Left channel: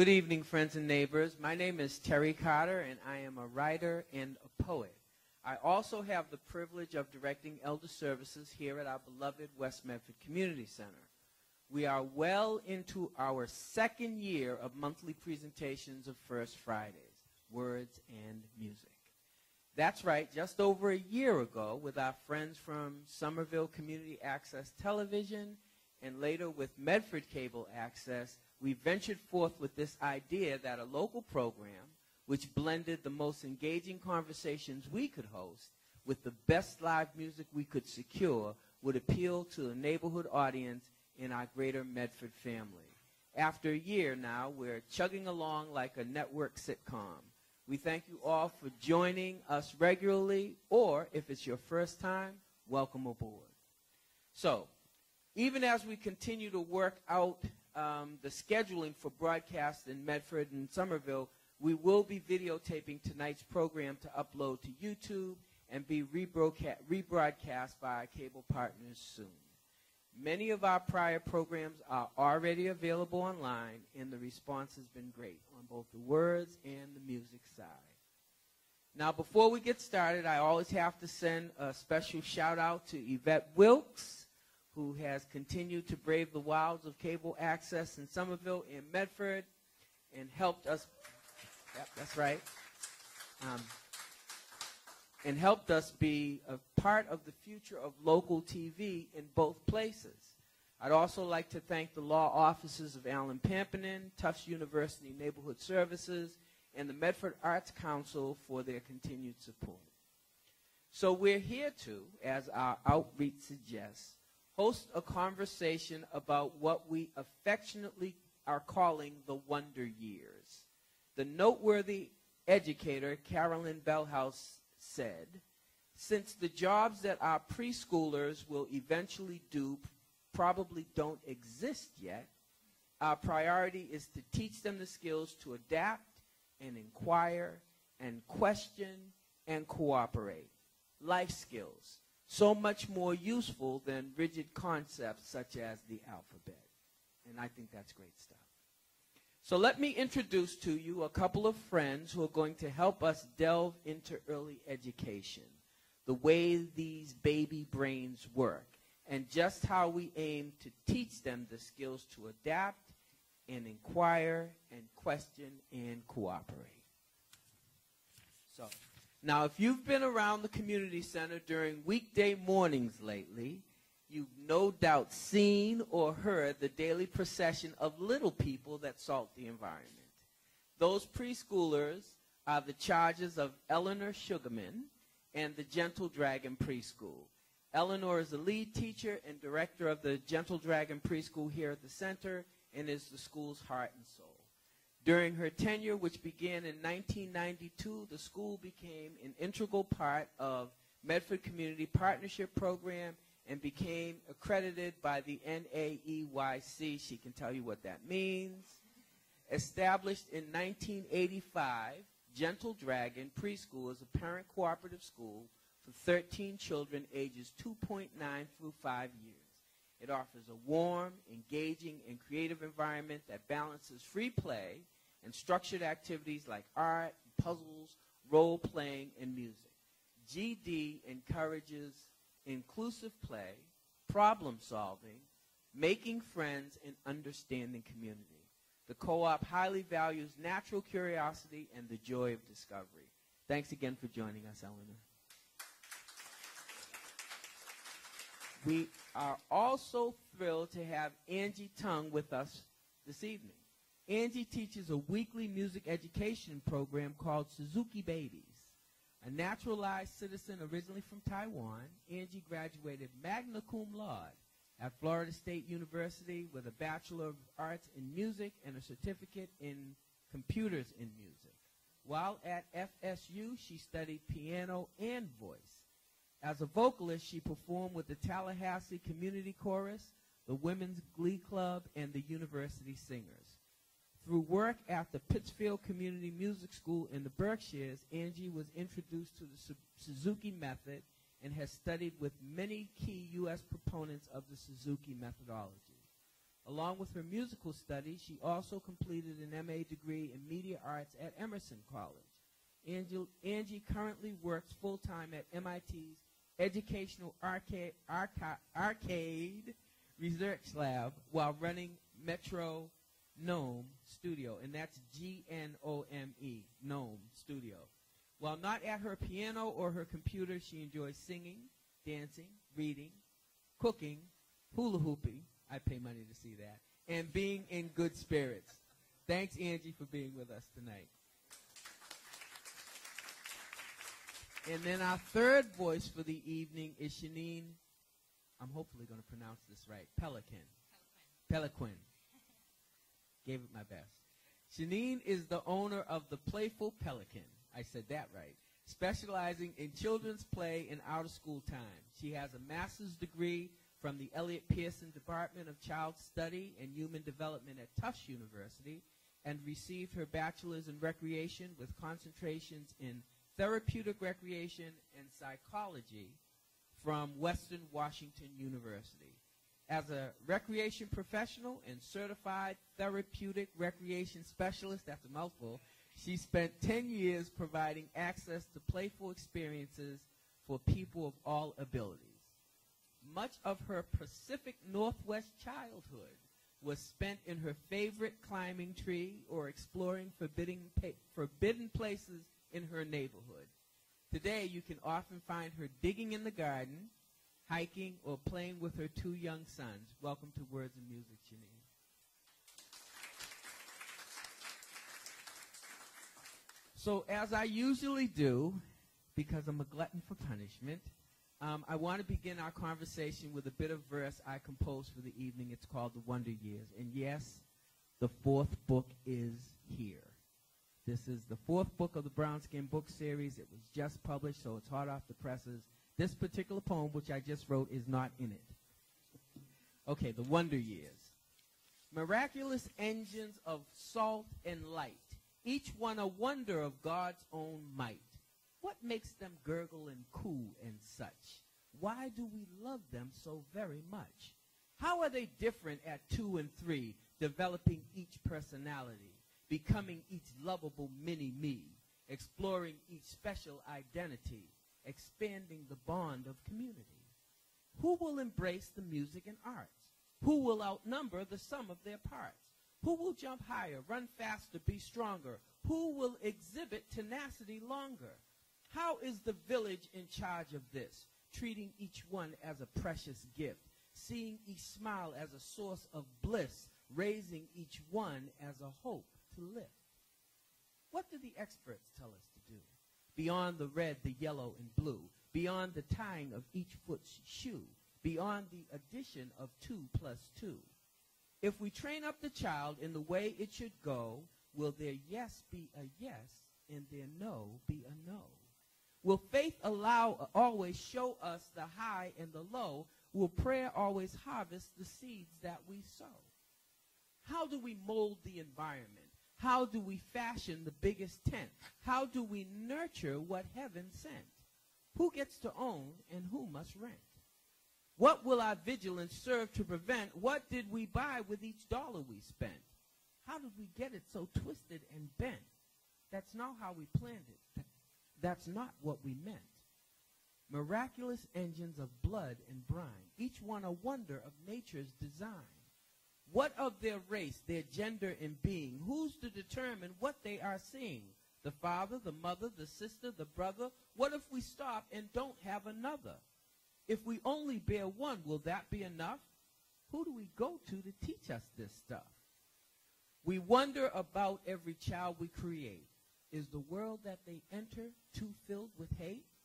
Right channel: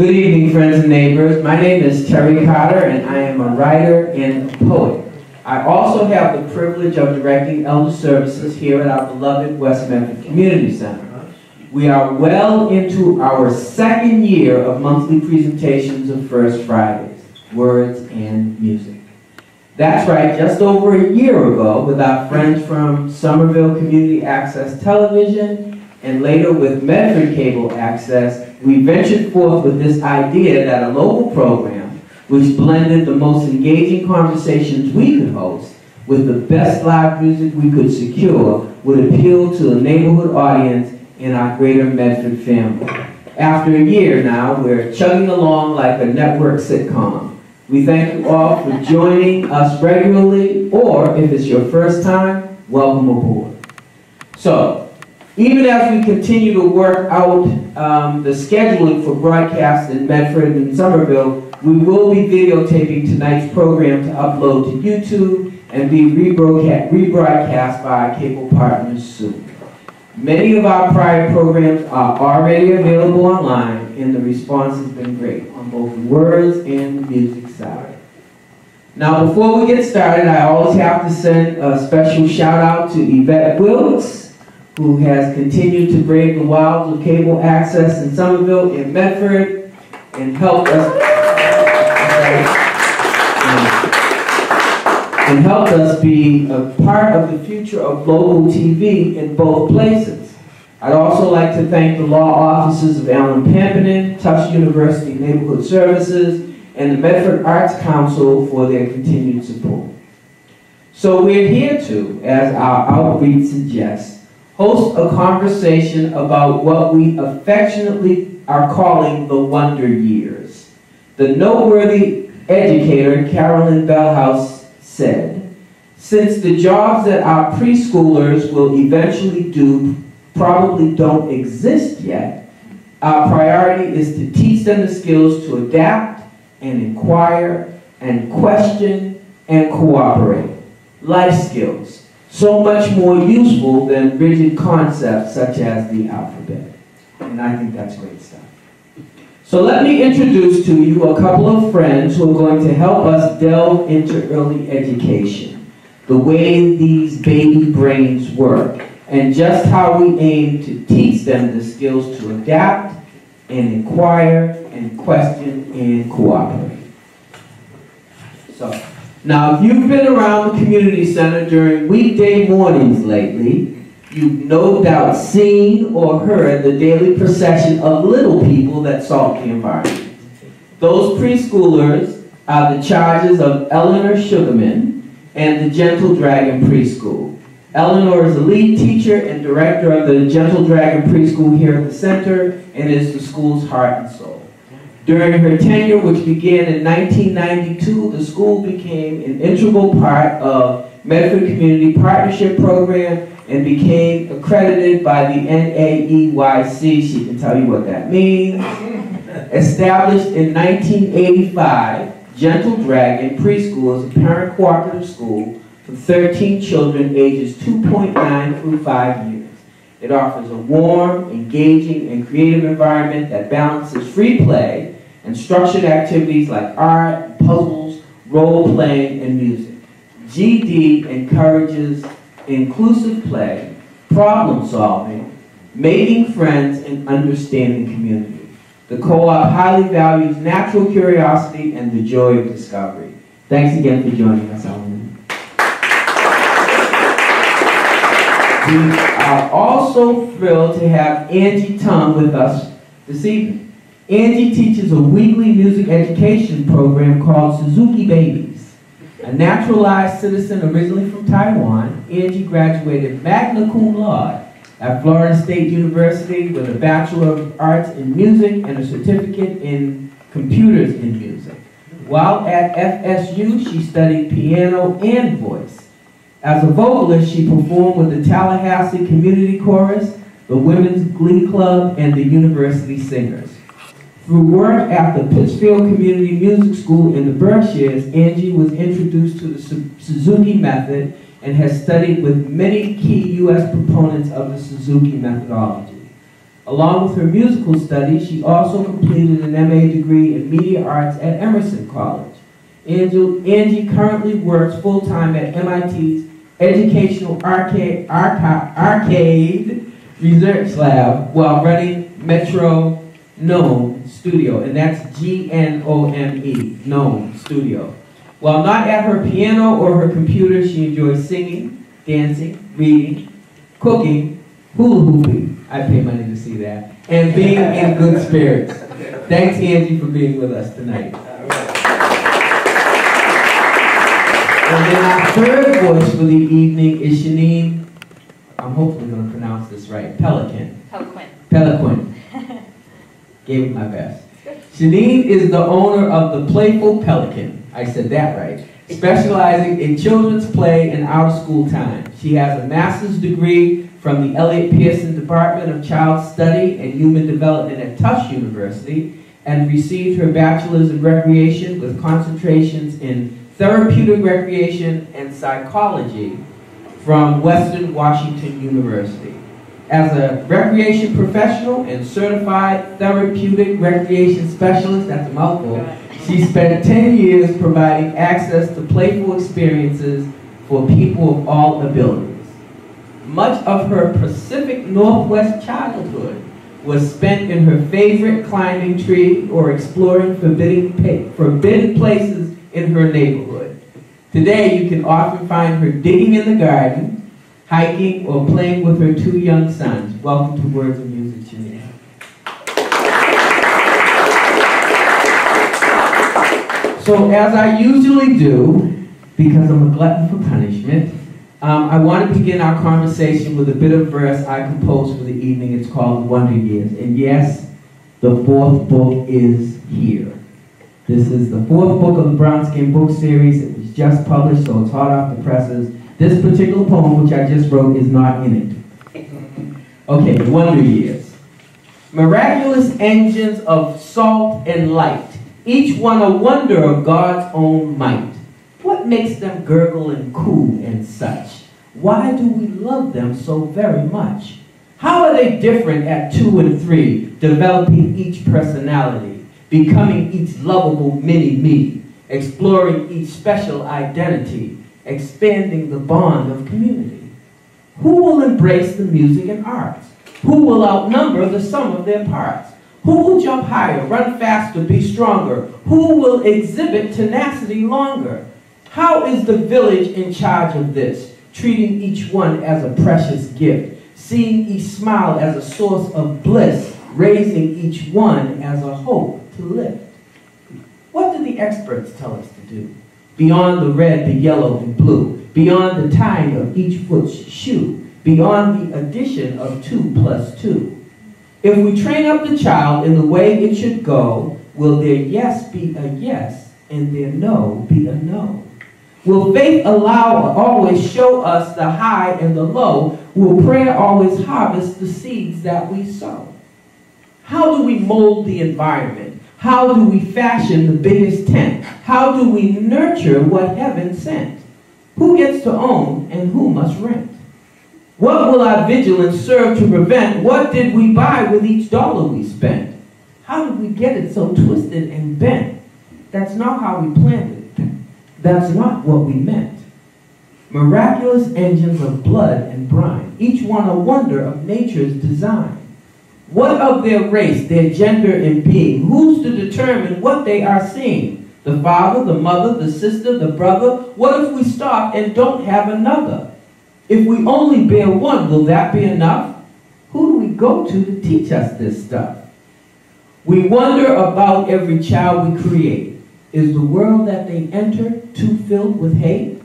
Good evening, friends and neighbors. My name is Terry Cotter, and I am a writer and a poet. I also have the privilege of directing elder services here at our beloved West Medford Community Center. We are well into our second year of monthly presentations of First Fridays, Words and Music. That's right, just over a year ago, with our friends from Somerville Community Access Television, and later with Medford Cable Access, we ventured forth with this idea that a local program, which blended the most engaging conversations we could host with the best live music we could secure, would appeal to the neighborhood audience in our greater Medford family. After a year now, we're chugging along like a network sitcom. We thank you all for joining us regularly, or if it's your first time, welcome aboard. So, even as we continue to work out the scheduling for broadcasts in Medford and Somerville, we will be videotaping tonight's program to upload to YouTube and be rebroadcast by our cable partners soon. Many of our prior programs are already available online, and the response has been great on both the words and the music side. Now, before we get started, I always have to send a special shout out to Yvette Wilkes, who has continued to brave the wilds of cable access in Somerville and Medford and helped us be a part of the future of local TV in both places. I'd also like to thank the law offices of Allen Pampinen, Tufts University Neighborhood Services, and the Medford Arts Council for their continued support. So we're here to, as our outreach suggests, host a conversation about what we affectionately are calling the Wonder Years. The noteworthy educator Carolyn Bellhouse said, "Since the jobs that our preschoolers will eventually do probably don't exist yet, our priority is to teach them the skills to adapt and inquire and question and cooperate. Life skills. So much more useful than rigid concepts such as the alphabet." And I think that's great stuff. So let me introduce to you a couple of friends who are going to help us delve into early education, the way these baby brains work, and just how we aim to teach them the skills to adapt and inquire and question and cooperate. So, now, if you've been around the community center during weekday mornings lately, you've no doubt seen or heard the daily procession of little people that salt the environment. Those preschoolers are the charges of Eleanor Sugarman and the Gentle Dragon Preschool. Eleanor is the lead teacher and director of the Gentle Dragon Preschool here at the center and is the school's heart and soul. During her tenure, which began in 1992, the school became an integral part of Medford Community Partnership Program and became accredited by the NAEYC. She can tell you what that means. Established in 1985, Gentle Dragon Preschool is a parent cooperative school for 13 children ages 2.9 through 5 years. It offers a warm, engaging, and creative environment that balances free play and structured activities like art, puzzles, role-playing, and music. GD encourages inclusive play, problem-solving, making friends, and understanding community. The co-op highly values natural curiosity and the joy of discovery. Thanks again for joining us, Eleanor. We are also thrilled to have Angie Tung with us this evening. Angie teaches a weekly music education program called Suzuki Babies. A naturalized citizen originally from Taiwan, Angie graduated magna cum laude at Florida State University with a Bachelor of Arts in Music and a certificate in Computers in Music. While at FSU, she studied piano and voice. As a vocalist, she performed with the Tallahassee Community Chorus, the Women's Glee Club, and the University Singers. Through work at the Pittsfield Community Music School in the Berkshires, Angie was introduced to the Suzuki method and has studied with many key U.S. proponents of the Suzuki methodology. Along with her musical studies, she also completed an MA degree in Media Arts at Emerson College. Angie currently works full-time at MIT's Educational Arcade Research Lab while running Metro Gnome Studio, and that's G-N-O-M-E, Gnome Studio. While not at her piano or her computer, she enjoys singing, dancing, reading, cooking, hula hooping, I pay money to see that, and being in good spirits. Thanks, Angie, for being with us tonight. And then our third voice for the evening is Shanine, I'm hopefully going to pronounce this right, Peliquin. Gave it my best. Shanine is the owner of the Playful Pelican, I said that right, specializing in children's play and out-of-school time. She has a master's degree from the Elliott Pearson Department of Child Study and Human Development at Tufts University, and received her bachelor's in recreation with concentrations in therapeutic recreation and psychology from Western Washington University. As a recreation professional and certified therapeutic recreation specialist, that's a mouthful, she spent 10 years providing access to playful experiences for people of all abilities. Much of her Pacific Northwest childhood was spent in her favorite climbing tree or exploring forbidden places in her neighborhood. Today, you can often find her digging in the garden, hiking, or playing with her 2 young sons. Welcome to Words of Music, Shanine. So as I usually do, because I'm a glutton for punishment, I want to begin our conversation with a bit of verse I composed for the evening. It's called Wonder Years. And yes, the 4th book is here. This is the 4th book of the Brown Skin book series. It was just published, so it's hot off the presses. This particular poem, which I just wrote, is not in it. Okay, the Wonder Years. Miraculous engines of salt and light, each one a wonder of God's own might. What makes them gurgle and coo and such? Why do we love them so very much? How are they different at 2 and 3, developing each personality, becoming each lovable mini-me, exploring each special identity, expanding the bond of community? Who will embrace the music and arts? Who will outnumber the sum of their parts? Who will jump higher, run faster, be stronger? Who will exhibit tenacity longer? How is the village in charge of this, treating each one as a precious gift, seeing each smile as a source of bliss, raising each one as a hope to lift? What do the experts tell us to do? Beyond the red, the yellow, and blue, beyond the tying of each foot's shoe, beyond the addition of 2 + 2. If we train up the child in the way it should go, will their yes be a yes and their no be a no? Will faith always show us the high and the low? Will prayer always harvest the seeds that we sow? How do we mold the environment? How do we fashion the biggest tent? How do we nurture what heaven sent? Who gets to own and who must rent? What will our vigilance serve to prevent? What did we buy with each dollar we spent? How did we get it so twisted and bent? That's not how we planned it. That's not what we meant. Miraculous engines of blood and brine, each one a wonder of nature's design. What of their race, their gender and being? Who's to determine what they are seeing? The father, the mother, the sister, the brother? What if we stop and don't have another? If we only bear one, will that be enough? Who do we go to teach us this stuff? We wonder about every child we create. Is the world that they enter too filled with hate?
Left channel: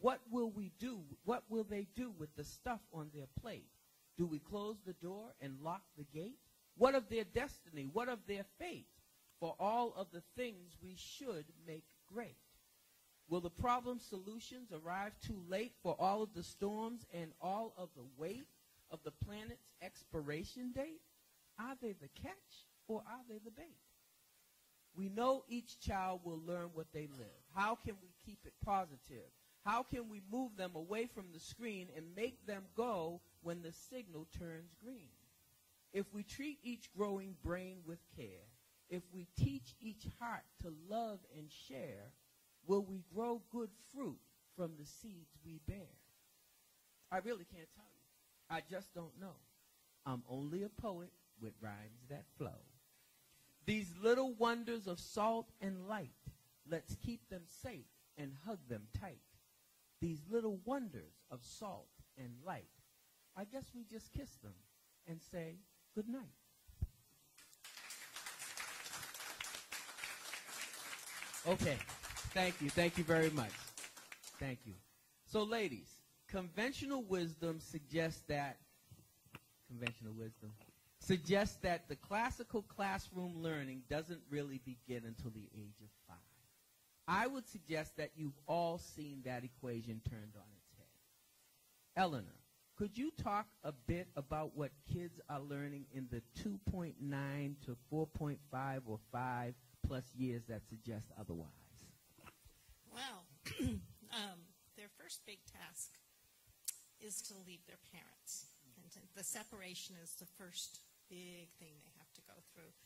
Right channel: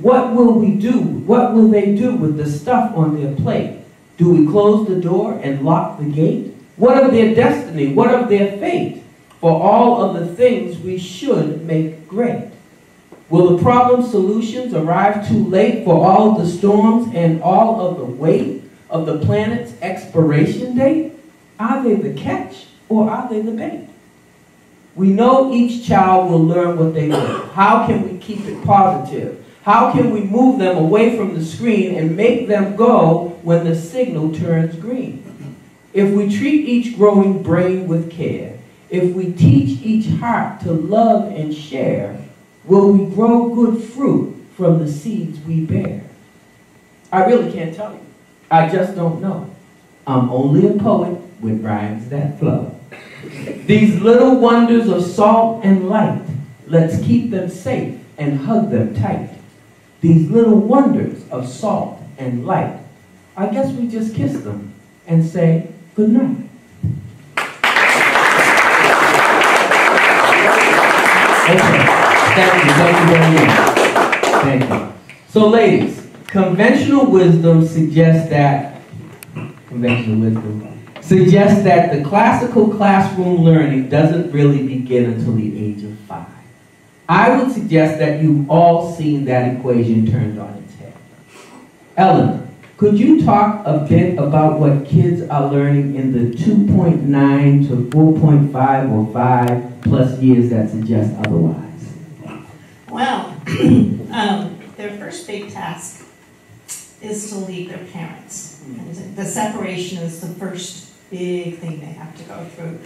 What will we do? What will they do with the stuff on their plate? Do we close the door and lock the gate? What of their destiny? What of their fate? For all of the things we should make great. Will the problem solutions arrive too late for all of the storms and all of the weight of the planet's expiration date? Are they the catch or are they the bait? We know each child will learn what they learn. How can we keep it positive? How can we move them away from the screen and make them go when the signal turns green? If we treat each growing brain with care, if we teach each heart to love and share, will we grow good fruit from the seeds we bear? I really can't tell you. I just don't know. I'm only a poet with rhymes that flow. These little wonders of salt and light, let's keep them safe and hug them tight. These little wonders of salt and light, I guess we just kiss them and say good night. Okay, thank you very much. Thank you. So ladies, conventional wisdom suggests that the classical classroom learning doesn't really begin until the age of 5. I would suggest that you've all seen that equation turned on its head. Ellen, could you talk a bit about what kids are learning in the 2.9 to 4.5 or 5+ years that suggest otherwise? Well, their first big task is to leave their parents. The separation is the first big thing they have to go through.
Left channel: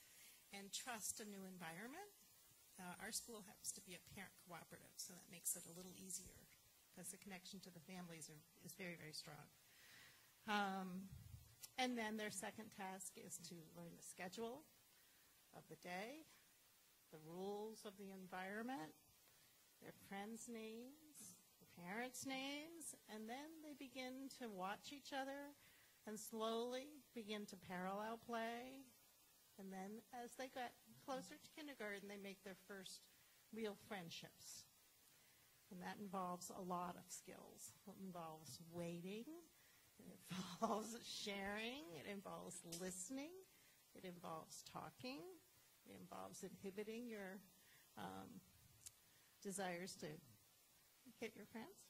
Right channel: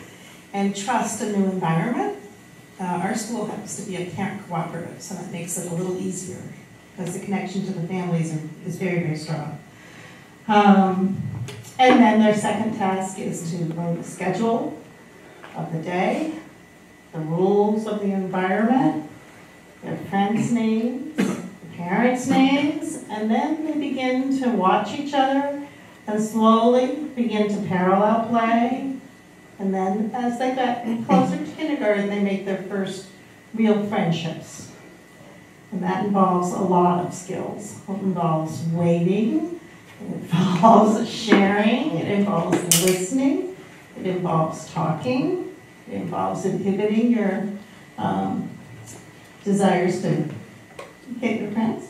And trust a new environment. Our school happens to be a parent cooperative, so that makes it a little easier because the connection to the families is very, very strong. And then their second task is to learn the schedule of the day, the rules of the environment, their friends' names, the parents' names, and then they begin to watch each other and slowly begin to parallel play. And then as they get closer to kindergarten, they make their first real friendships. And that involves a lot of skills. It involves waiting, it involves sharing, it involves listening, it involves talking, it involves inhibiting your desires to hit your friends,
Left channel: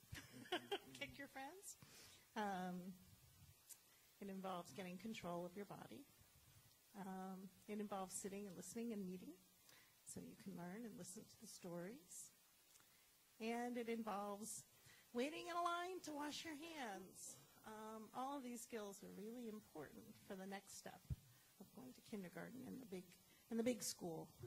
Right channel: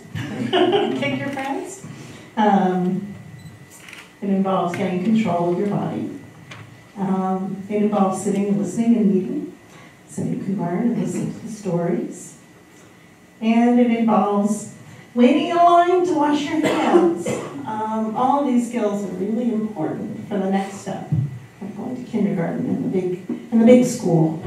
kick your friends. It involves getting control of your body. It involves sitting and listening and meeting, so you can learn and listen to the stories. And it involves waiting in line to wash your hands. All of these skills are really important for the next step of going to kindergarten in the big school.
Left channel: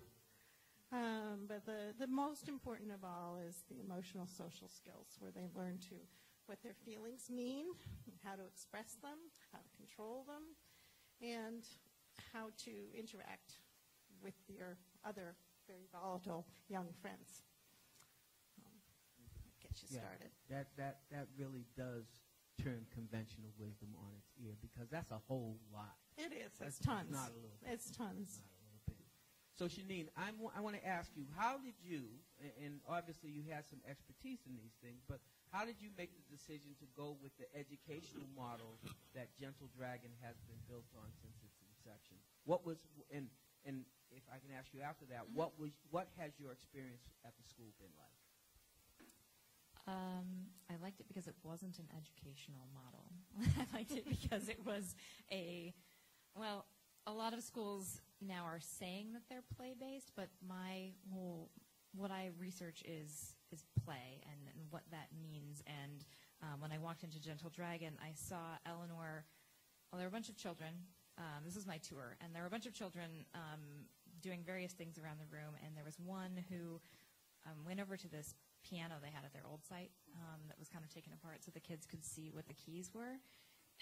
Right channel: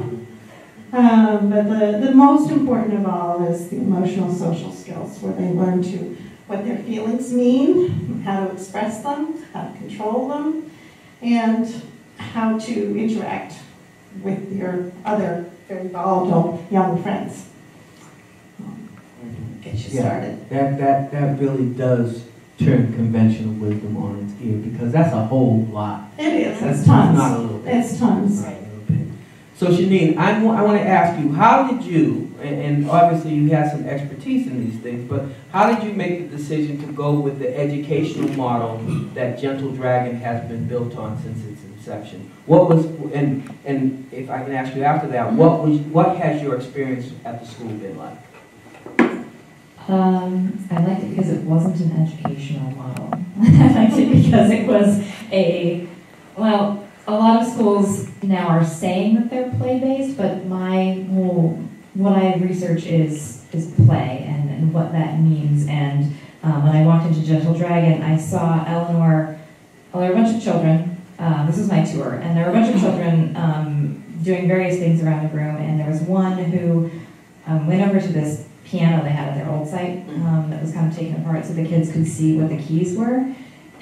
But the most important of all is the emotional social skills, where they learn what their feelings mean, how to express them, how to control them, and how to interact with your other very volatile young friends. Get you started. That really does turn conventional wisdom on its ear, because that's a whole lot. It is. It's tons. Not a little bit. It's tons. Right, a little bit. So Shanine, I want to ask you, how did you, and obviously you had some expertise in these things, but how did you make the decision to go with the educational model that Gentle Dragon has been built on since its inception? What was, and if I can ask you after that, what has your experience at the school been like? I liked it because it wasn't an educational model. I liked it because it was a lot of schools now are saying that they're play-based, but what I research is play and what that means. And when I walked into Gentle Dragon, I saw Eleanor, well, there were a bunch of children, this was my tour, and there were a bunch of children doing various things around the room, and there was one who went over to this piano they had at their old site that was kind of taken apart so the kids could see what the keys were.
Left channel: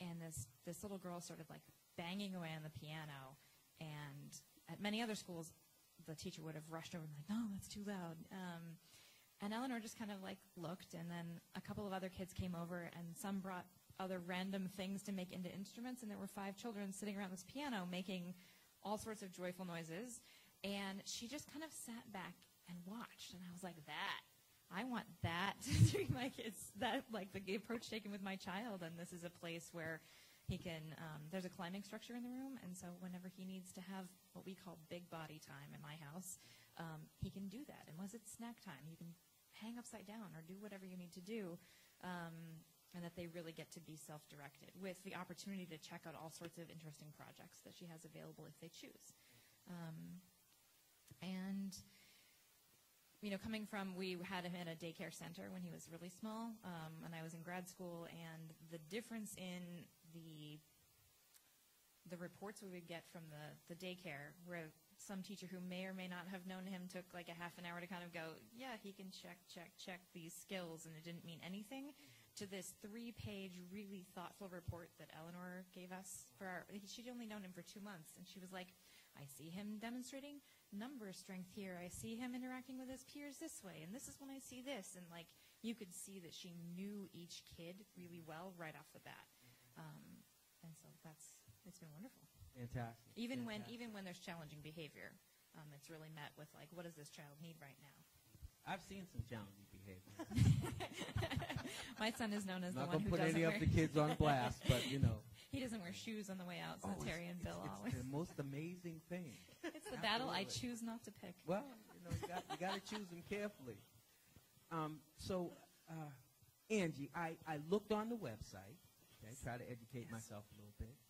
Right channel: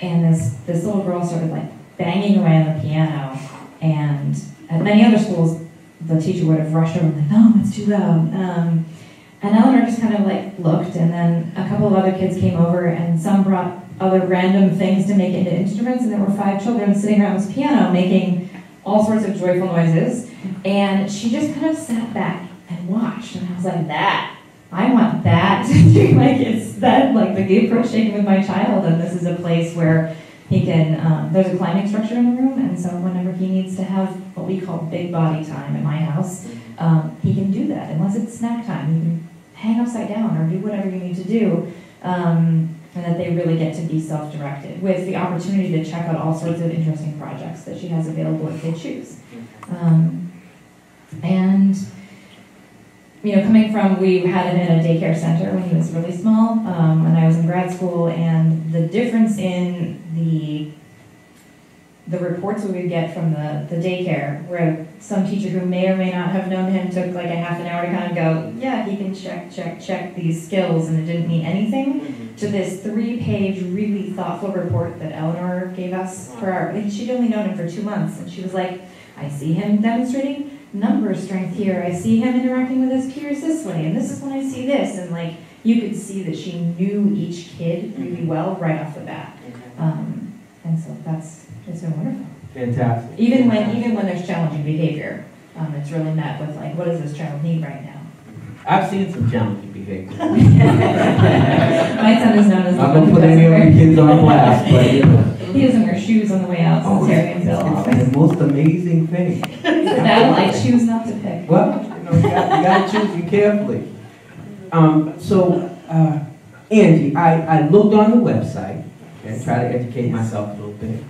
And this little girl started like banging away on the piano, and at many other schools the teacher would have rushed over and like, no, it's too loud. And Eleanor just kind of like looked, and then a couple of other kids came over, and some brought other random things to make into instruments, and there were 5 children sitting around this piano making all sorts of joyful noises. And she just kind of sat back and watched, and I was like, I want that to do like it's that like the gate for shaking with my child, and this is a place where He can, there's a climbing structure in the room, and so whenever he needs to have what we call big body time in my house, he can do that. Unless it's snack time, you can hang upside down or do whatever you need to do, and that they really get to be self-directed with the opportunity to check out all sorts of interesting projects that she has available if they choose. And you know, coming from, we had him in a daycare center when he was really small, when I was in grad school, and the difference in the reports we would get from the daycare, where some teacher who may or may not have known him took like a half an hour to kind of go, yeah, he can check these skills, and it didn't mean anything, to this 3-page, really thoughtful report that Eleanor gave us for our, she'd only known him for 2 months, and she was like, I see him demonstrating number strength here, I see him interacting with his peers this way, and this is when I see this, and like, you could see that she knew each kid really well right off the bat. And so it's been wonderful. Fantastic. Even when there's challenging behavior, it's really met with like, what does this child need right now? I've seen some challenging behavior. My son is known as I'm not going to put any of your kids on blast, but you know. He doesn't wear shoes on the way out, so Terry and Bill. It's the most amazing thing. That I choose not to pick. Well, you know, you got to choose them carefully. Angie, I looked on the website and tried to educate myself a little bit,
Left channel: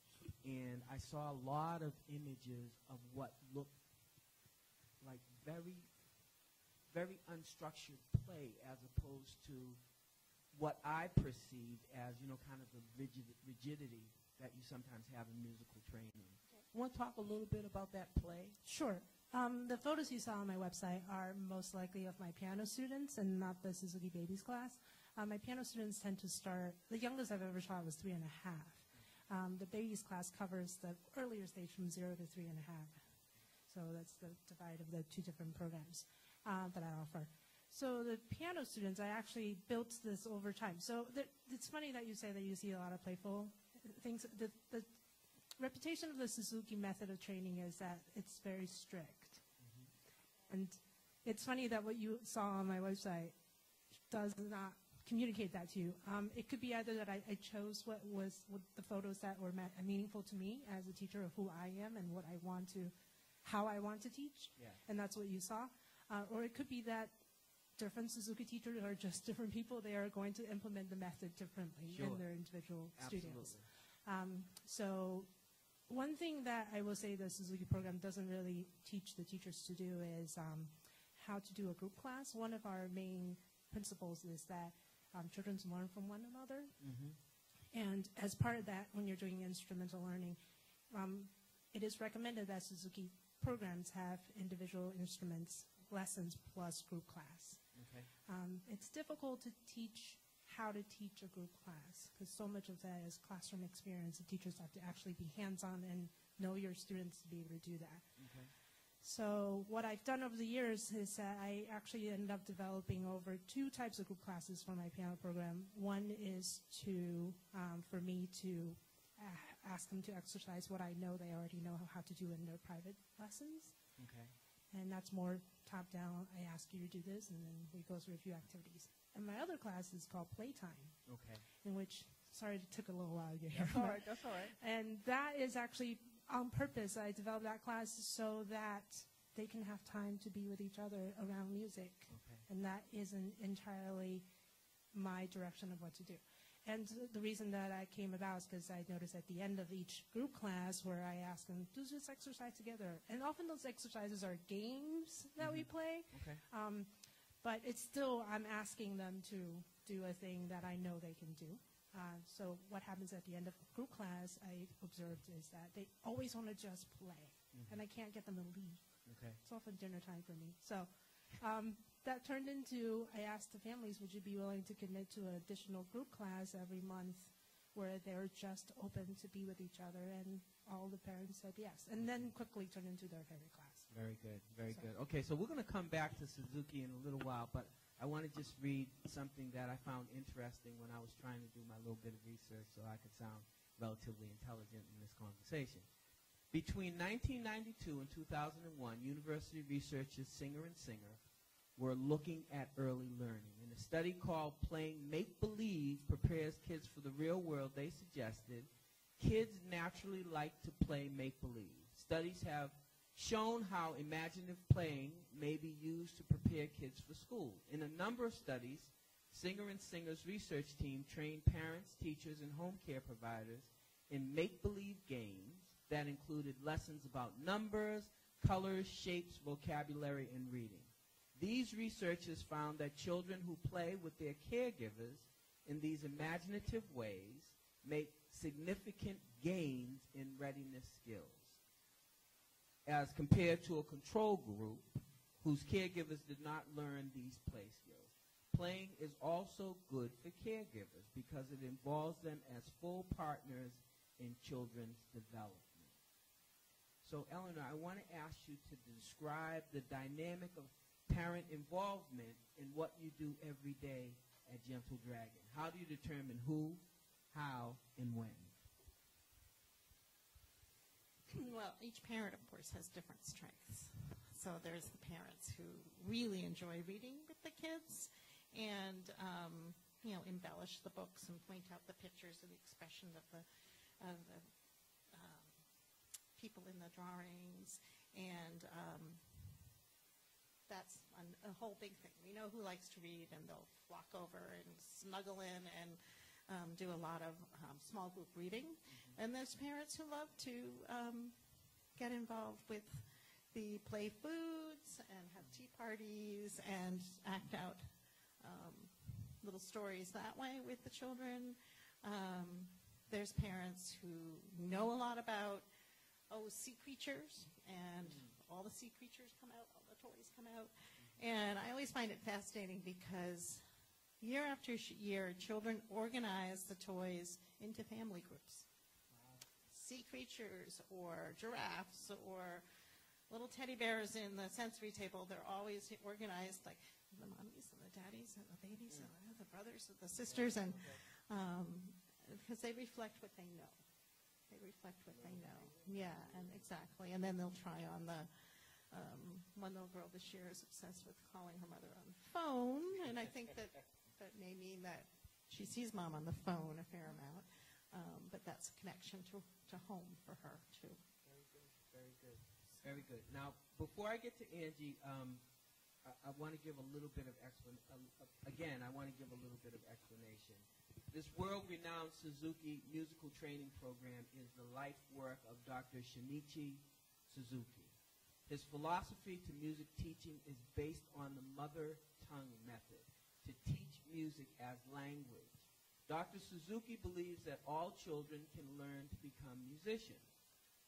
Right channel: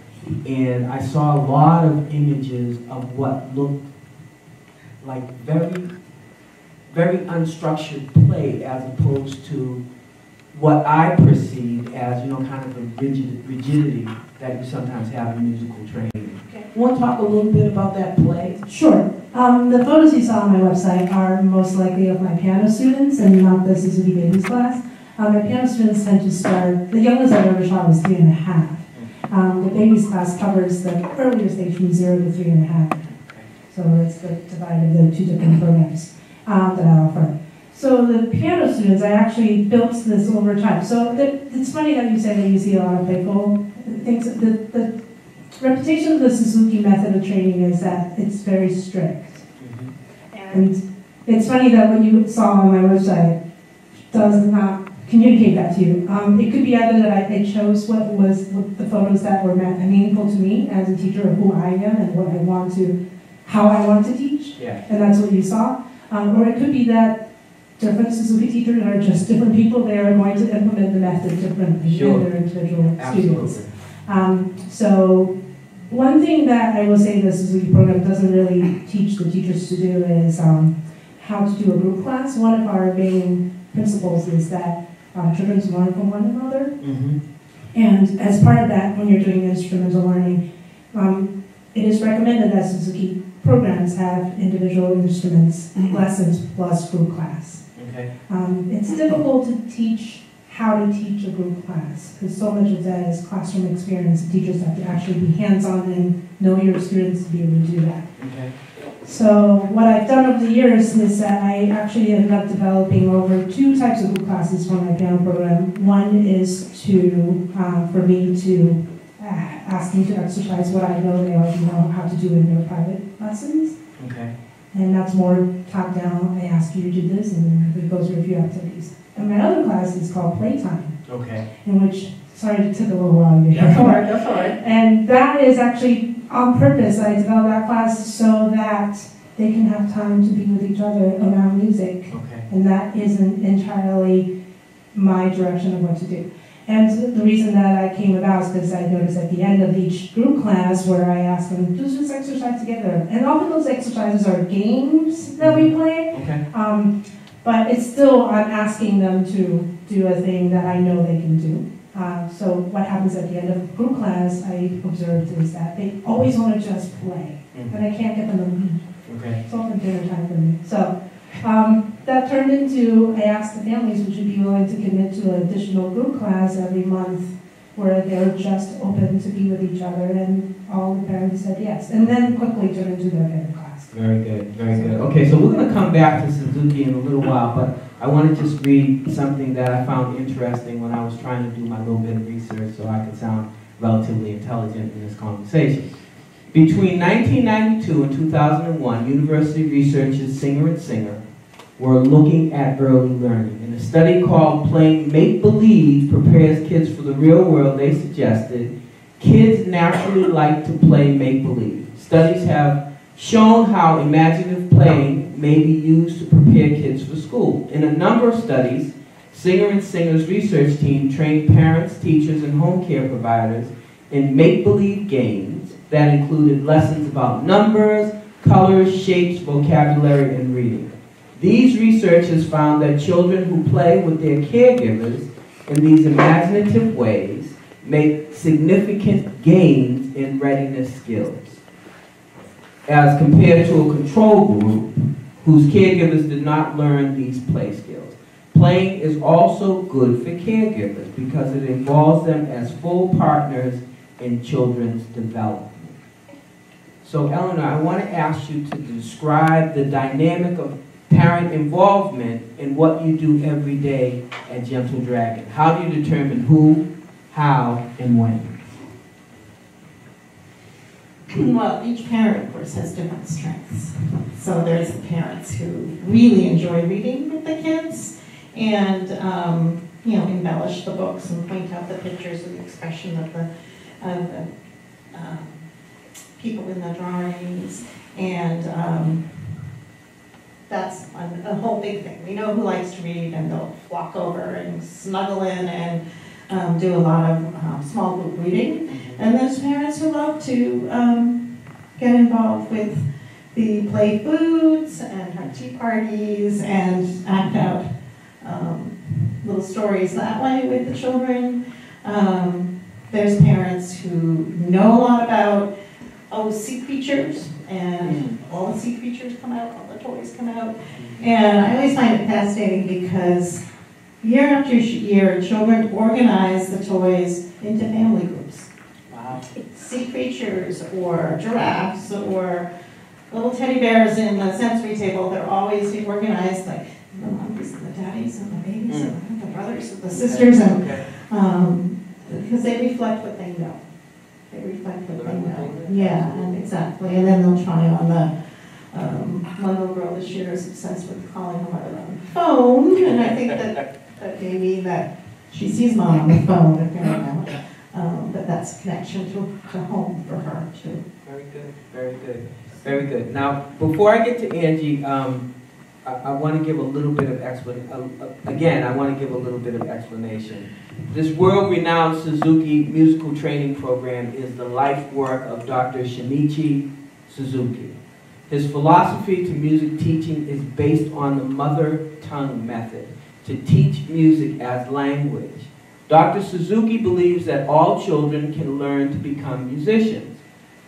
and I saw a lot of images of what looked like very, very unstructured play, as opposed to what I perceive as, you know, kind of the rigidity that you sometimes have in musical training. Okay. You want to talk a little bit about that play? Sure. The photos you saw on my website are most likely of my piano students and not the Suzuki Babies class. My piano students tend to start, the youngest I've ever taught was 3.5. The babies class covers the earlier stage from 0 to 3.5. So it's the divide of the 2 different programs that I offer. So the piano students, I actually built this over time. So it's funny that you say that you see a lot of playful things. The reputation of the Suzuki method of training is that it's very strict. And it's funny that what you saw on my website does not communicate that to you. It could be either that I chose what the photos that were meaningful to me as a teacher of who I am and what I want to, how I want to teach, and that's what you saw. Or it could be that different Suzuki teachers are just different people. They are going to implement the method differently in their individual students. So one thing that I will say the Suzuki program doesn't really teach the teachers to do is how to do a group class. One of our main principles is that children learn from one another. And as part of that, when you're doing instrumental learning, it is recommended that Suzuki programs have individual instruments lessons plus group class. It's difficult to teach how to teach a group class because so much of that is classroom experience. The teachers have to actually be hands-on and know your students to be able to do that. So what I've done over the years is that I actually ended up developing over 2 types of group classes for my piano program. One is for me to ask them to exercise what I know they already know how to do in their private lessons. And that's more top-down. I ask you to do this, and then it goes through a few activities. And my other class is called Playtime, in which, sorry, it took a little while to get here. That's all right. And that is actually on purpose. I developed that class so that they can have time to be with each other around music. And that isn't entirely my direction of what to do. And the reason that I came about is because I noticed at the end of each group class where I asked them, do this exercise together. And often those exercises are games that we play. But it's still, I'm asking them to do a thing that I know they can do. So what happens at the end of group class, I observed, is that they always want to just play. And I can't get them to leave. It's often dinner time for me. So that turned into, I asked the families, would you be willing to commit to an additional group class every month where they're just open to be with each other, and all the parents said yes. And then quickly turned into their favorite class. Very good, very good. Okay, so we're going to come back to Suzuki in a little while, but I want to just read something that I found interesting when I was trying to do my little bit of research so I could sound relatively intelligent in this conversation. Between 1992 and 2001, university researchers Singer and Singer were looking at early learning. In a study called Playing Make-Believe Prepares Kids for the Real World, they suggested Kids naturally like to play make-believe. Studies have shown how imaginative playing may be used to prepare kids for school. In a number of studies, Singer and Singer's research team trained parents, teachers, and home care providers in make-believe games that included lessons about numbers, colors, shapes, vocabulary, and reading. These researchers found that children who play with their caregivers in these imaginative ways make significant gains in readiness skills, as compared to a control group whose caregivers did not learn these play skills. Playing is also good for caregivers because it involves them as full partners in children's development. So Eleanor, I want to ask you to describe the dynamic of parent involvement in what you do every day at Gentle Dragon. How do you determine who, how, and when? Well, each parent, of course, has different strengths. So there's parents who really enjoy reading with the kids and, embellish the books and point out the pictures and the expression of the people in the drawings. And that's a whole big thing. We know who likes to read, and they'll walk over and snuggle in and do a lot of small group reading. And there's parents who love to get involved with the play foods and have tea parties and act out little stories that way with the children. There's parents who know a lot about sea creatures, and all the sea creatures come out, all the toys come out. And I always find it fascinating because year after year, children organize the toys into family groups. Wow. Sea creatures or giraffes or little teddy bears in the sensory table, they're always organized like the mommies and the daddies and the babies and the brothers and the sisters, and because they reflect what they know. They reflect what they know. Yeah, and exactly. And then they'll try on the one little girl this year is obsessed with calling her mother on the phone, and I think that may mean that she sees mom on the phone apparently. But that's a connection to home for her too. Very good, very good, very good. Now, before I get to Angie, I want to give a little bit of explanation. Again, I want to give a little bit of explanation. This world-renowned Suzuki musical training program is the life work of Dr. Shinichi Suzuki. His philosophy to music teaching is based on the mother tongue method, to teach music as language. Dr. Suzuki believes that all children can learn to become musicians.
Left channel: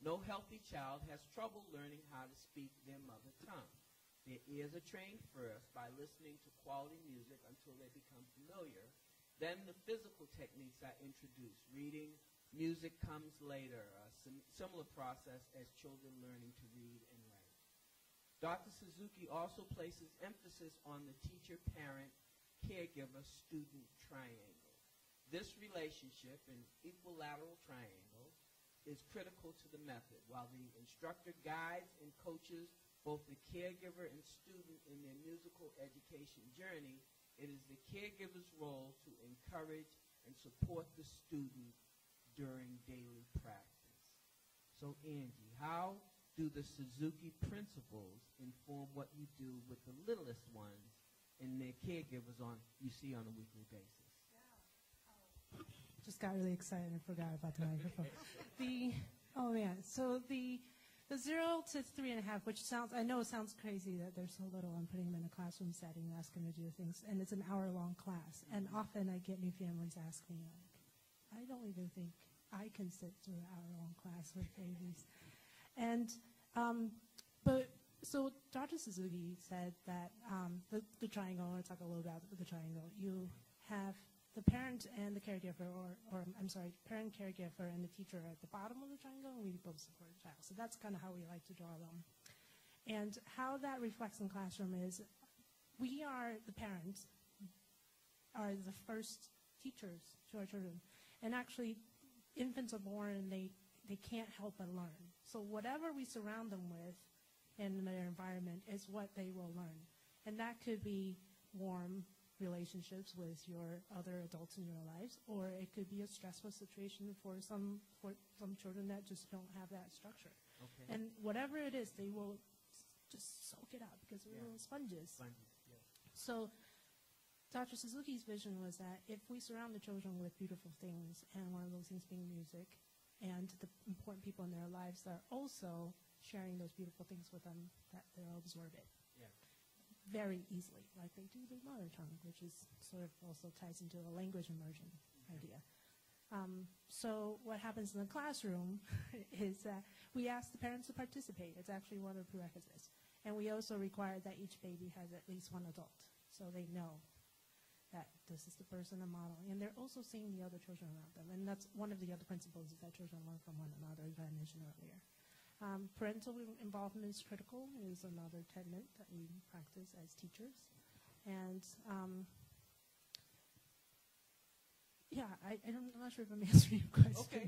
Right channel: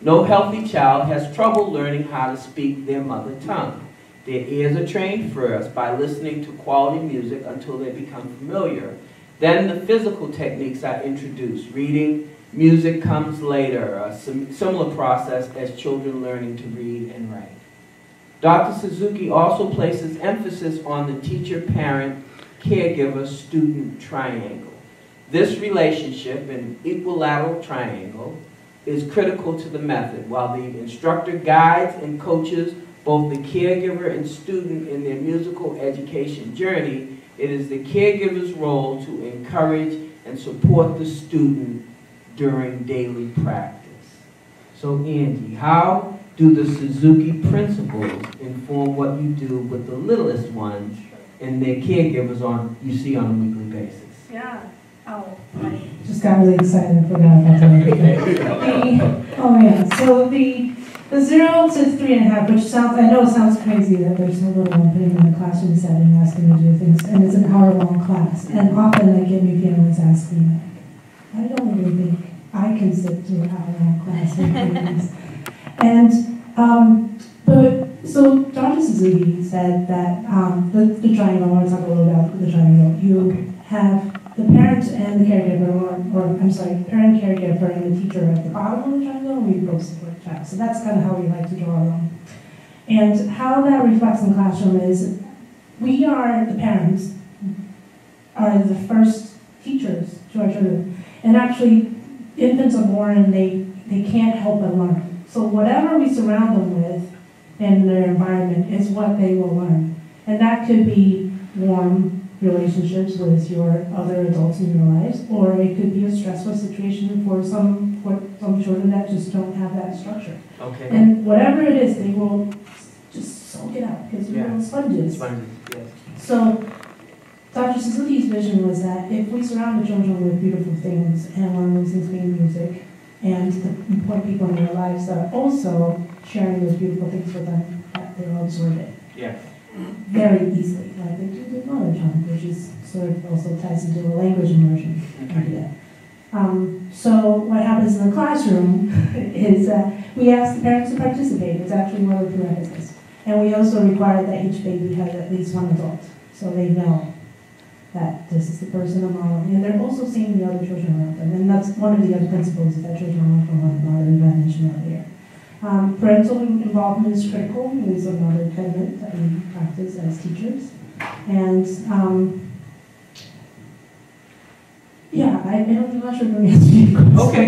No healthy child has trouble learning how to speak their mother tongue. Their ears are trained first by listening to quality music until they become familiar. Then the physical techniques are introduced. Reading music comes later, a similar process as children learning to read and write. Dr. Suzuki also places emphasis on the teacher-parent, caregiver-student triangle. This relationship, an equilateral triangle, is critical to the method. While the instructor guides and coaches both the caregiver and student in their musical education journey, it is the caregiver's role to encourage and support the student during daily practice. So Angie, how do the Suzuki principles inform what you do with the littlest ones and their caregivers you see on a weekly basis? Yeah. Oh, I just got really excited and forgot about that. So the 0 to 3.5, which I know sounds crazy that there's no little one putting in the classroom setting asking to do things, and it's an hour-long class. And often I get new families asking me, I don't really think I can sit through an hour-long class with families. So Dr. Suzuki said that the triangle, I want to talk a little about the triangle. You have the parent and the caregiver, parent, caregiver, and the teacher at the bottom of the triangle, and we both support the child. So that's kind of how we like to draw them. And how that reflects in the classroom is we are, the parents, are the first teachers to our children. And actually, infants are born and they can't help but learn. So whatever we surround them with in their environment is what they will learn. And that could be warm relationships with your other adults in your lives, or it could be a stressful situation for some for some children that just don't have that structure. Okay. And whatever it is, they will just soak it up because we're Yeah. little sponges. Sponges, yes. So Dr. Suzuki's vision was that if we surround the children with beautiful things, and one of those things being music, and the important people in their lives that are also sharing those beautiful things with them, that they'll absorb it Yeah. very easily, like they do with knowledge, which is sort of also ties into the language immersion idea. So what happens in the classroom is we ask the parents to participate. It's actually one of the prerequisites. And we also require that each baby has at least one adult, so they know that this is the person I'm modeling. And they're also seeing the other children around them. And that's one of the other principles, is that children learn from one another, as I mentioned earlier. Parental involvement is critical. Is another tenet that we practice as teachers. And yeah, I'm not sure if I'm answering your question. Okay.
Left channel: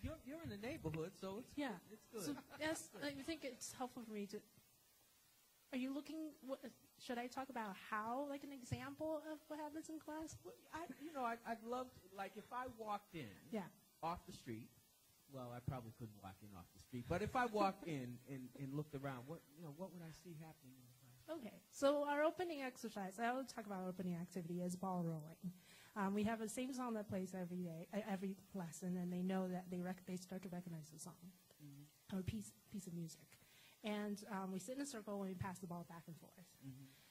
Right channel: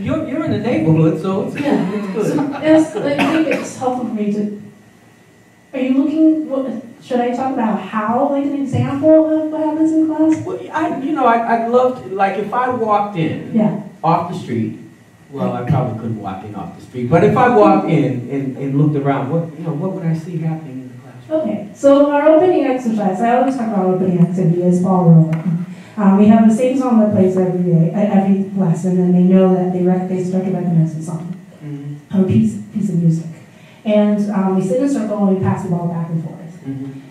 You're in the neighborhood, so it's good. Yeah. It's good. So, yes, I think it's helpful for me to. Are you looking? Should I talk about how, like an example of what happens in class? Well, I'd love to, like, if I walked in off the street. Well, I probably couldn't walk in off the street, but if I walked in and looked around, what would I see happening in the classroom? Okay, so our opening exercise. I always talk about opening activity as ball rolling. We have the same song that plays every day, every lesson, and they know that they start to recognize the song, a piece of music. And we sit in a circle and we pass the ball back and forth.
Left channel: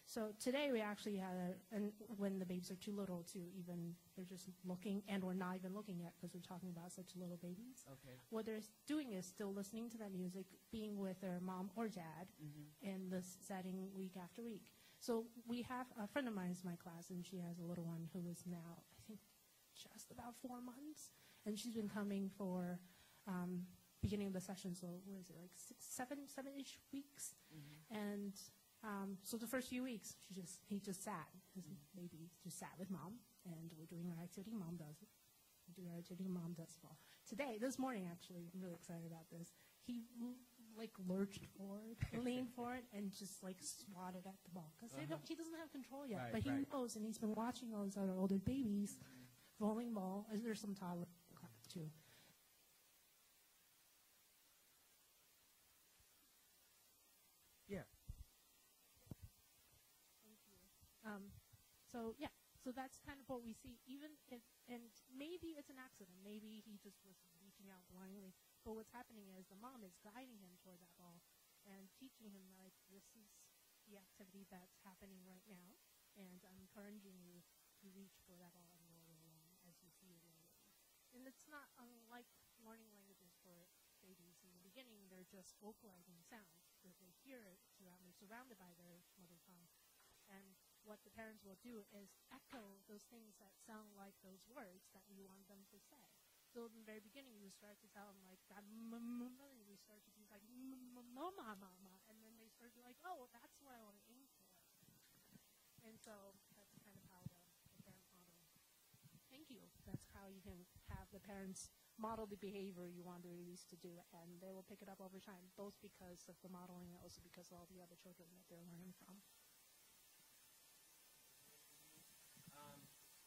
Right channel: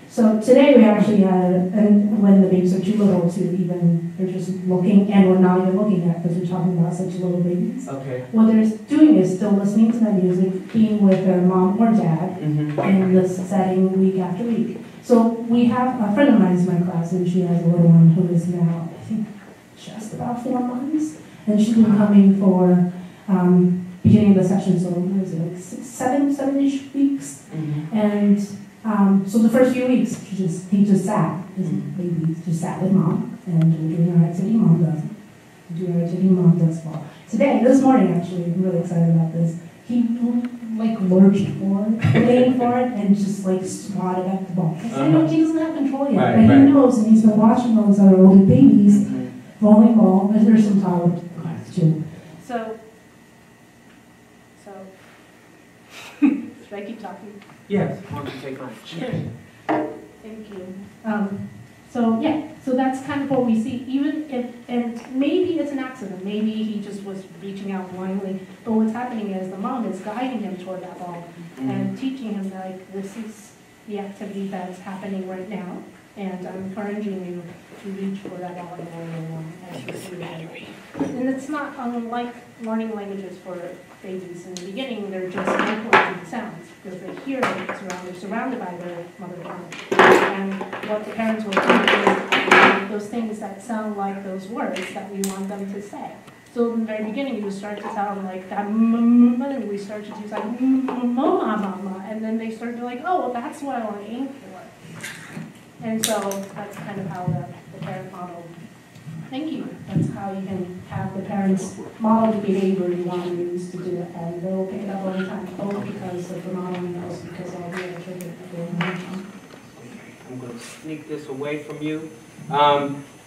So today we actually had, and when the babies are too little to even, they're just looking, and we're not even looking at because we're talking about such little babies. Okay. What they're doing is still listening to that music, being with their mom or dad in this setting week after week. So we have a friend of mine in my class, and she has a little one who is now, I think, just about 4 months. And she's been coming for beginning of the session, so what is it, like 7-ish weeks? And so the first few weeks, he just sat. His baby just sat with mom, and we're doing our activity mom does. We're doing our activity mom does well. Today, this morning actually, I'm really excited about this. He like lurched forward, waiting for it, and just like swatted at the ball. Because I know he doesn't have control yet, but he knows, and he's been watching all those other older babies rolling ball, and there's some toddler class too. So, should I keep talking? Yes. Why don't you take mine? Thank you. So that's kind of what we see, even if, and maybe it's an accident, maybe he just was reaching out blindly, but what's happening is the mom is guiding him toward that ball and teaching him that, like, this is the activity that's happening right now, and I'm encouraging you to reach for that ball as you see it. And it's not unlike learning languages for babies. In the beginning, they're just vocalizing sounds because they hear it, they're surrounded by their mother tongue. And what the parents will do is those things that sound like those words that we want them to say. So in the very beginning, you start to sound like that, and we start to use like mama, and then they start to like, oh, well, that's what I want to aim for. And so that's kind of how the parent model. Thank you. That's how you can have the parents model the behavior you want to use to do it, and they'll pick it up over time, both because of the modeling and also because all the other children are doing it. I'm going to sneak this away from you.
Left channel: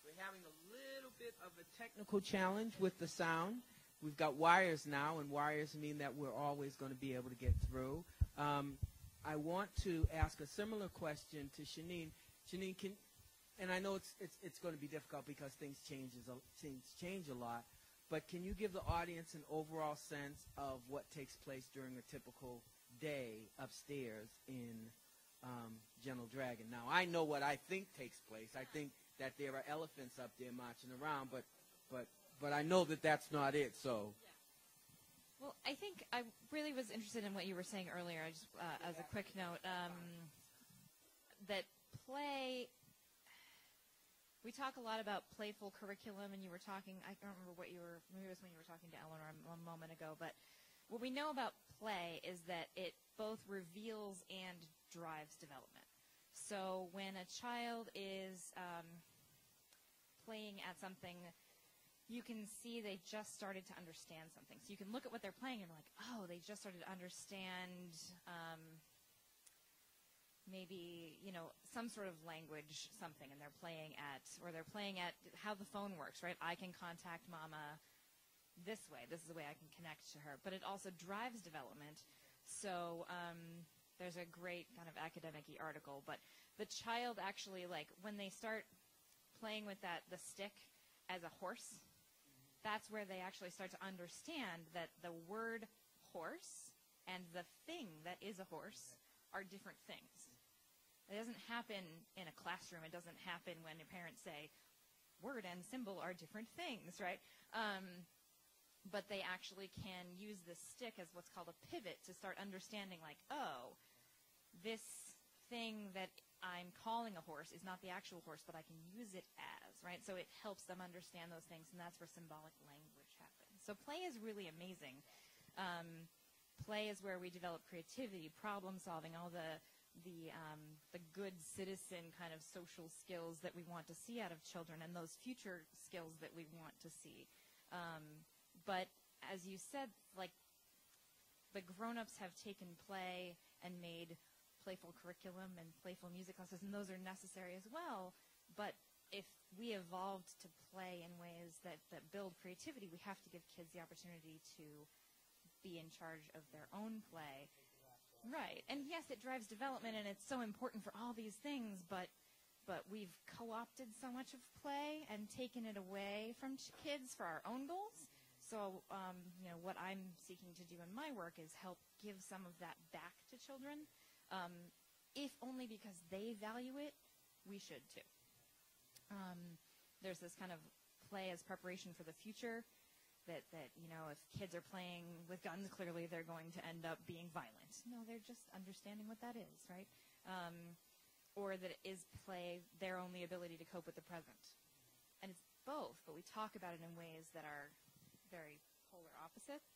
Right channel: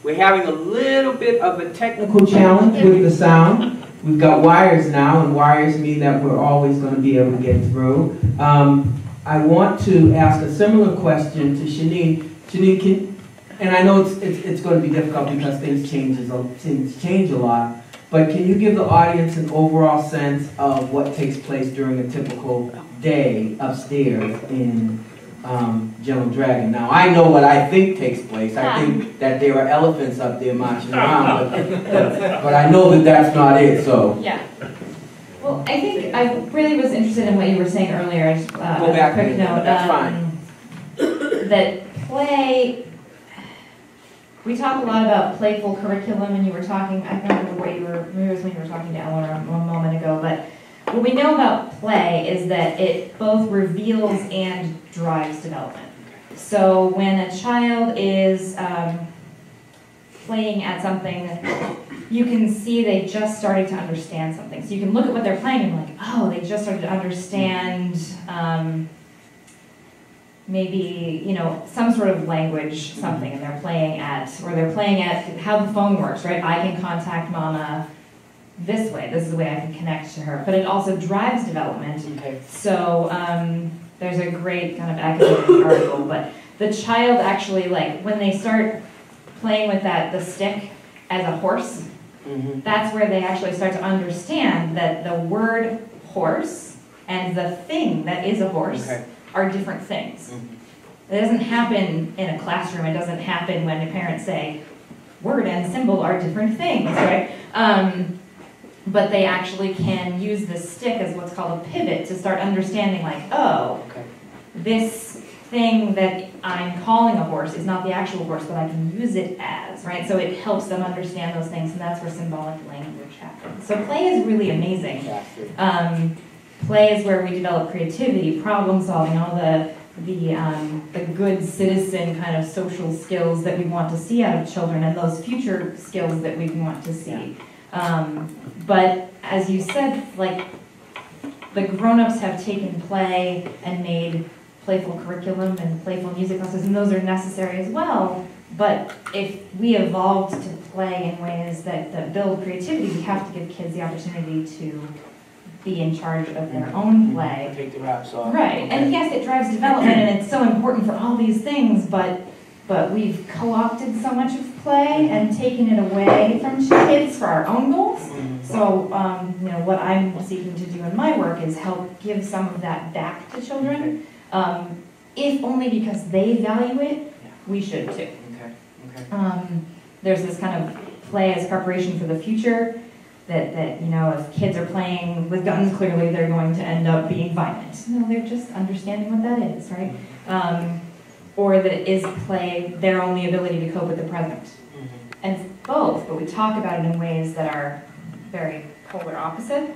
We're having a little bit of a technical challenge with the sound. We've got wires now, and wires mean that we're always going to be able to get through. I want to ask a similar question to Shanine. Shanine, and I know it's going to be difficult because things change a lot, but can you give the audience an overall sense of what takes place during a typical day upstairs in Gentle Dragon? Now, I know what I think takes place. I think that there are elephants up there marching around, but I know that that's not it, so. Yeah. Well, I think I really was interested in what you were saying earlier. Just, Go back a quick note. That's fine. That play, we talk a lot about playful curriculum, and you were talking, I don't remember what you were, maybe it was when you were talking to Eleanor a moment ago, but what we know about play is that it both reveals and drives development. So when a child is playing at something, you can see they just started to understand something. So you can look at what they're playing and like, oh, they just started to understand maybe, you know, some sort of language, something, and they're playing at, or they're playing at how the phone works, right? I can contact mama this way. This is the way I can connect to her. But it also drives development. Okay. So there's a great kind of academic article, but the child actually, like, when they start playing with the stick as a horse, that's where they actually start to understand that the word horse and the thing that is a horse are different things. It doesn't happen in a classroom. It doesn't happen when the parents say, word and symbol are different things, right? But they actually can use the stick as what's called a pivot to start understanding, like, oh, this thing that I'm calling a horse is not the actual horse, but I can use it as, right? So it helps them understand those things, and that's where symbolic language happens. So play is really amazing. Play is where we develop creativity, problem solving, all the good citizen kind of social skills that we want to see out of children, and those future skills that we want to see. But as you said, like, the grown-ups have taken play and made playful curriculum and playful music classes, and those are necessary as well. But if we evolved to play in ways that build creativity, we have to give kids the opportunity to be in charge of their own play. Take the wraps off. Right, and yes, it drives development, and it's so important for all these things, but we've co-opted so much of play and taken it away from kids for our own goals. So, you know, what I'm seeking to do in my work is help give some of that back to children. If only because they value it, we should too. There's this kind of play as preparation for the future, that you know, if kids are playing with guns, clearly they're going to end up being violent. No, they're just understanding what that is, right? Or that is play their only ability to cope with the present. And it's both, but we talk about it in ways that are very polar opposite.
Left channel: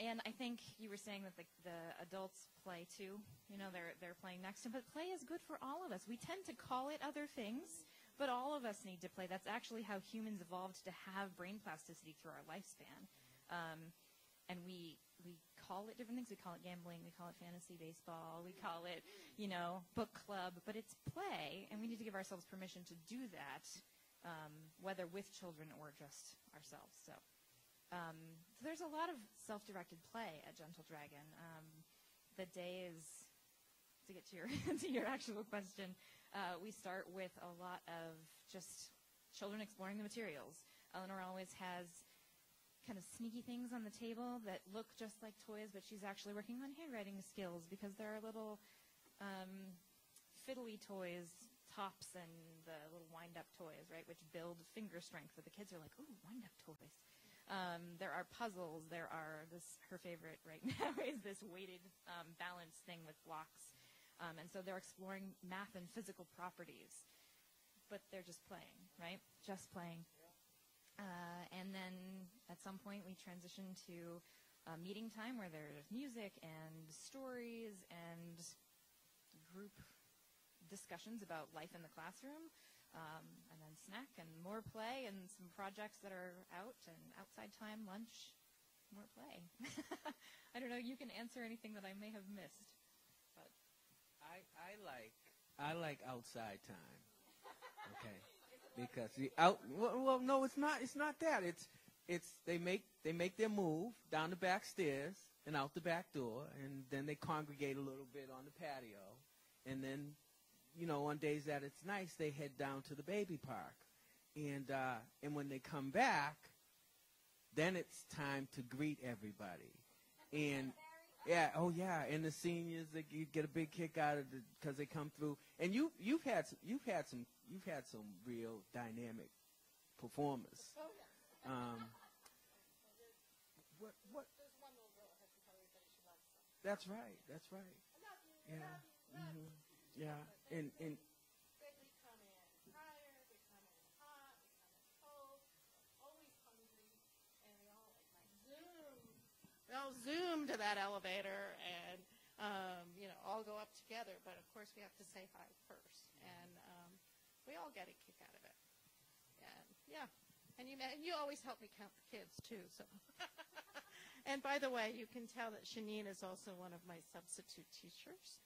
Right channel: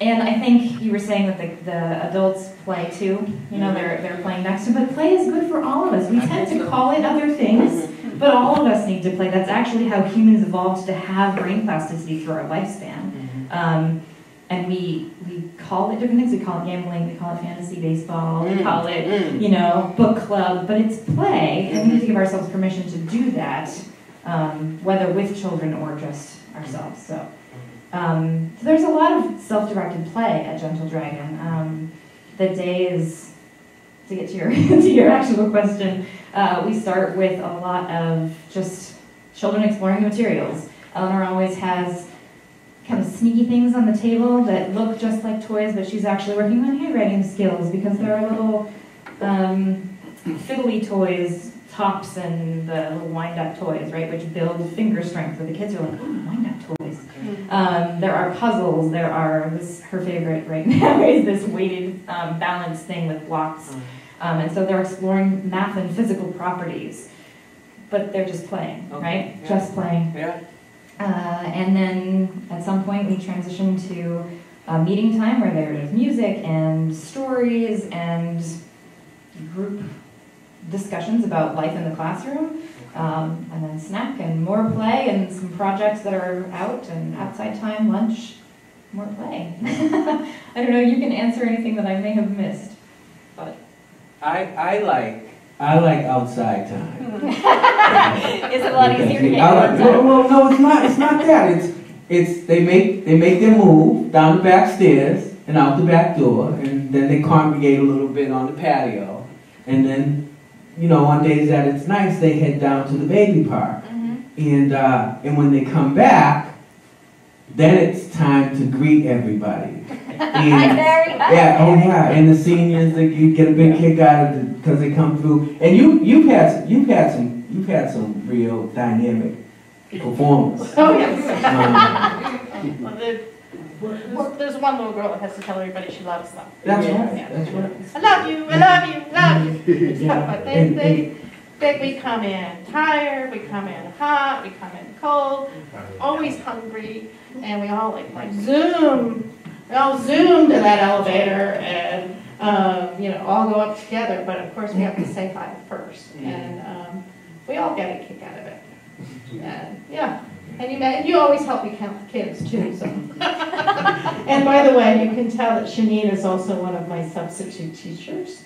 And I think you were saying that the adults play too. You know, they're playing next to, but play is good for all of us. We tend to call it other things, but all of us need to play. That's actually how humans evolved to have brain plasticity through our lifespan. And we call it different things. We call it gambling, we call it fantasy baseball, we call it, you know, book club, but it's play, and we need to give ourselves permission to do that, whether with children or just ourselves. So there's a lot of self-directed play at Gentle Dragon. The days, to get to your actual question, we start with a lot of just children exploring the materials. Eleanor always has kind of sneaky things on the table that look just like toys, but she's actually working on handwriting skills, because there are little fiddly toys, tops, and the little wind-up toys, right, which build finger strength, where the kids are like, oh, wind-up toys. There are puzzles, there are, her favorite right now is this weighted balance thing with blocks. And so they're exploring math and physical properties, but they're just playing, right? Yeah. Just playing. Yeah. And then at some point we transition to a meeting time where there's music and stories and group discussions about life in the classroom, and then snack and more play and some projects that are out and outside time, lunch, more play. I don't know, you can answer anything that I may have missed, but. I like outside time. Is it a lot easier to get outside? Well, no, it's not that. It's they make their move down the back stairs and out the back door, and then they congregate a little bit on the patio, and then, you know, on days that it's nice, they head down to the baby park, and when they come back, then it's time to greet everybody. And, and the seniors, that you get a big kick out of it because they come through, and you've had some real dynamic performers. Oh yes. Well, there's one little girl that has to tell everybody she loves them. That's right. Yeah. That's right. I love you. I love you. Love you. But we come in tired. We come in hot. We come in cold. Always hungry, and we all like zoom. We all zoom to that elevator and, you know, all go up together. But of course, we have to say hi first. And we all get a kick out of it. And, yeah. And you always help me count the kids, too. So. And by the way, you can tell that Shanine is also one of my substitute teachers.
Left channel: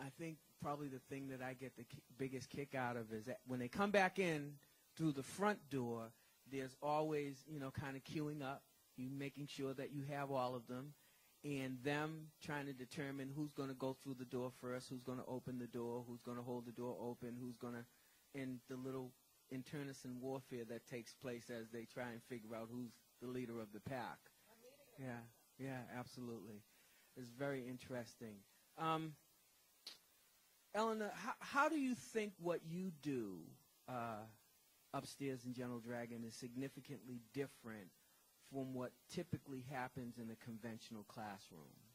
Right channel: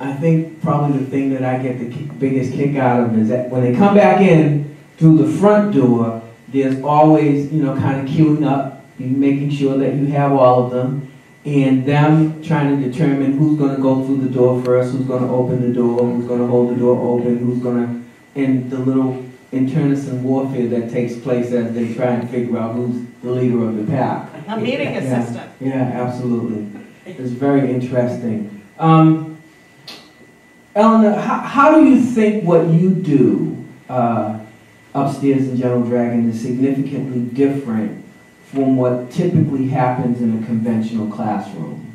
I think probably the thing that I get the biggest kick out of is that when they come back in, through the front door, there's always, you know, kind of queuing up, making sure that you have all of them, and them trying to determine who's going to go through the door first, who's going to open the door, who's going to hold the door open, who's going to, and the little internecine warfare that takes place as they try and figure out who's the leader of the pack. A meeting assistant. Yeah, absolutely. It's very interesting. Eleanor, how do you think what you do upstairs in General Dragon is significantly different from what typically happens in a conventional classroom?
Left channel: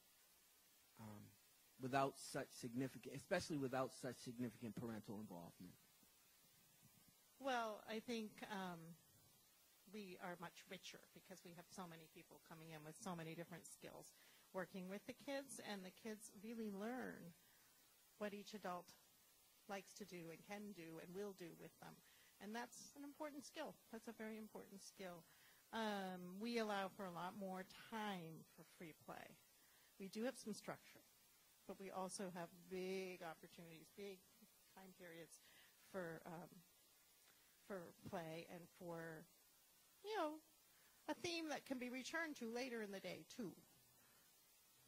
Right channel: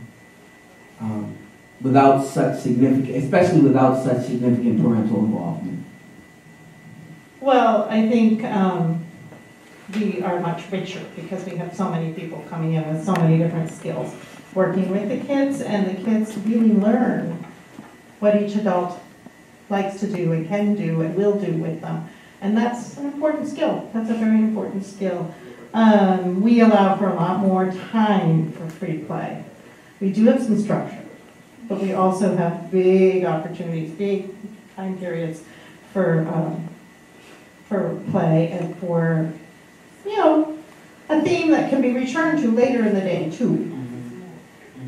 Without such significant, especially without such significant parental involvement. Well, I think we are much richer because we have so many people coming in with so many different skills, working with the kids, and the kids really learn what each adult likes to do and can do and will do with them. And that's an important skill. That's a very important skill. We allow for a lot more time for free play. We do have some structure, but we also have big opportunities, big time periods for play and for, you know, a theme that can be returned to later in the day too.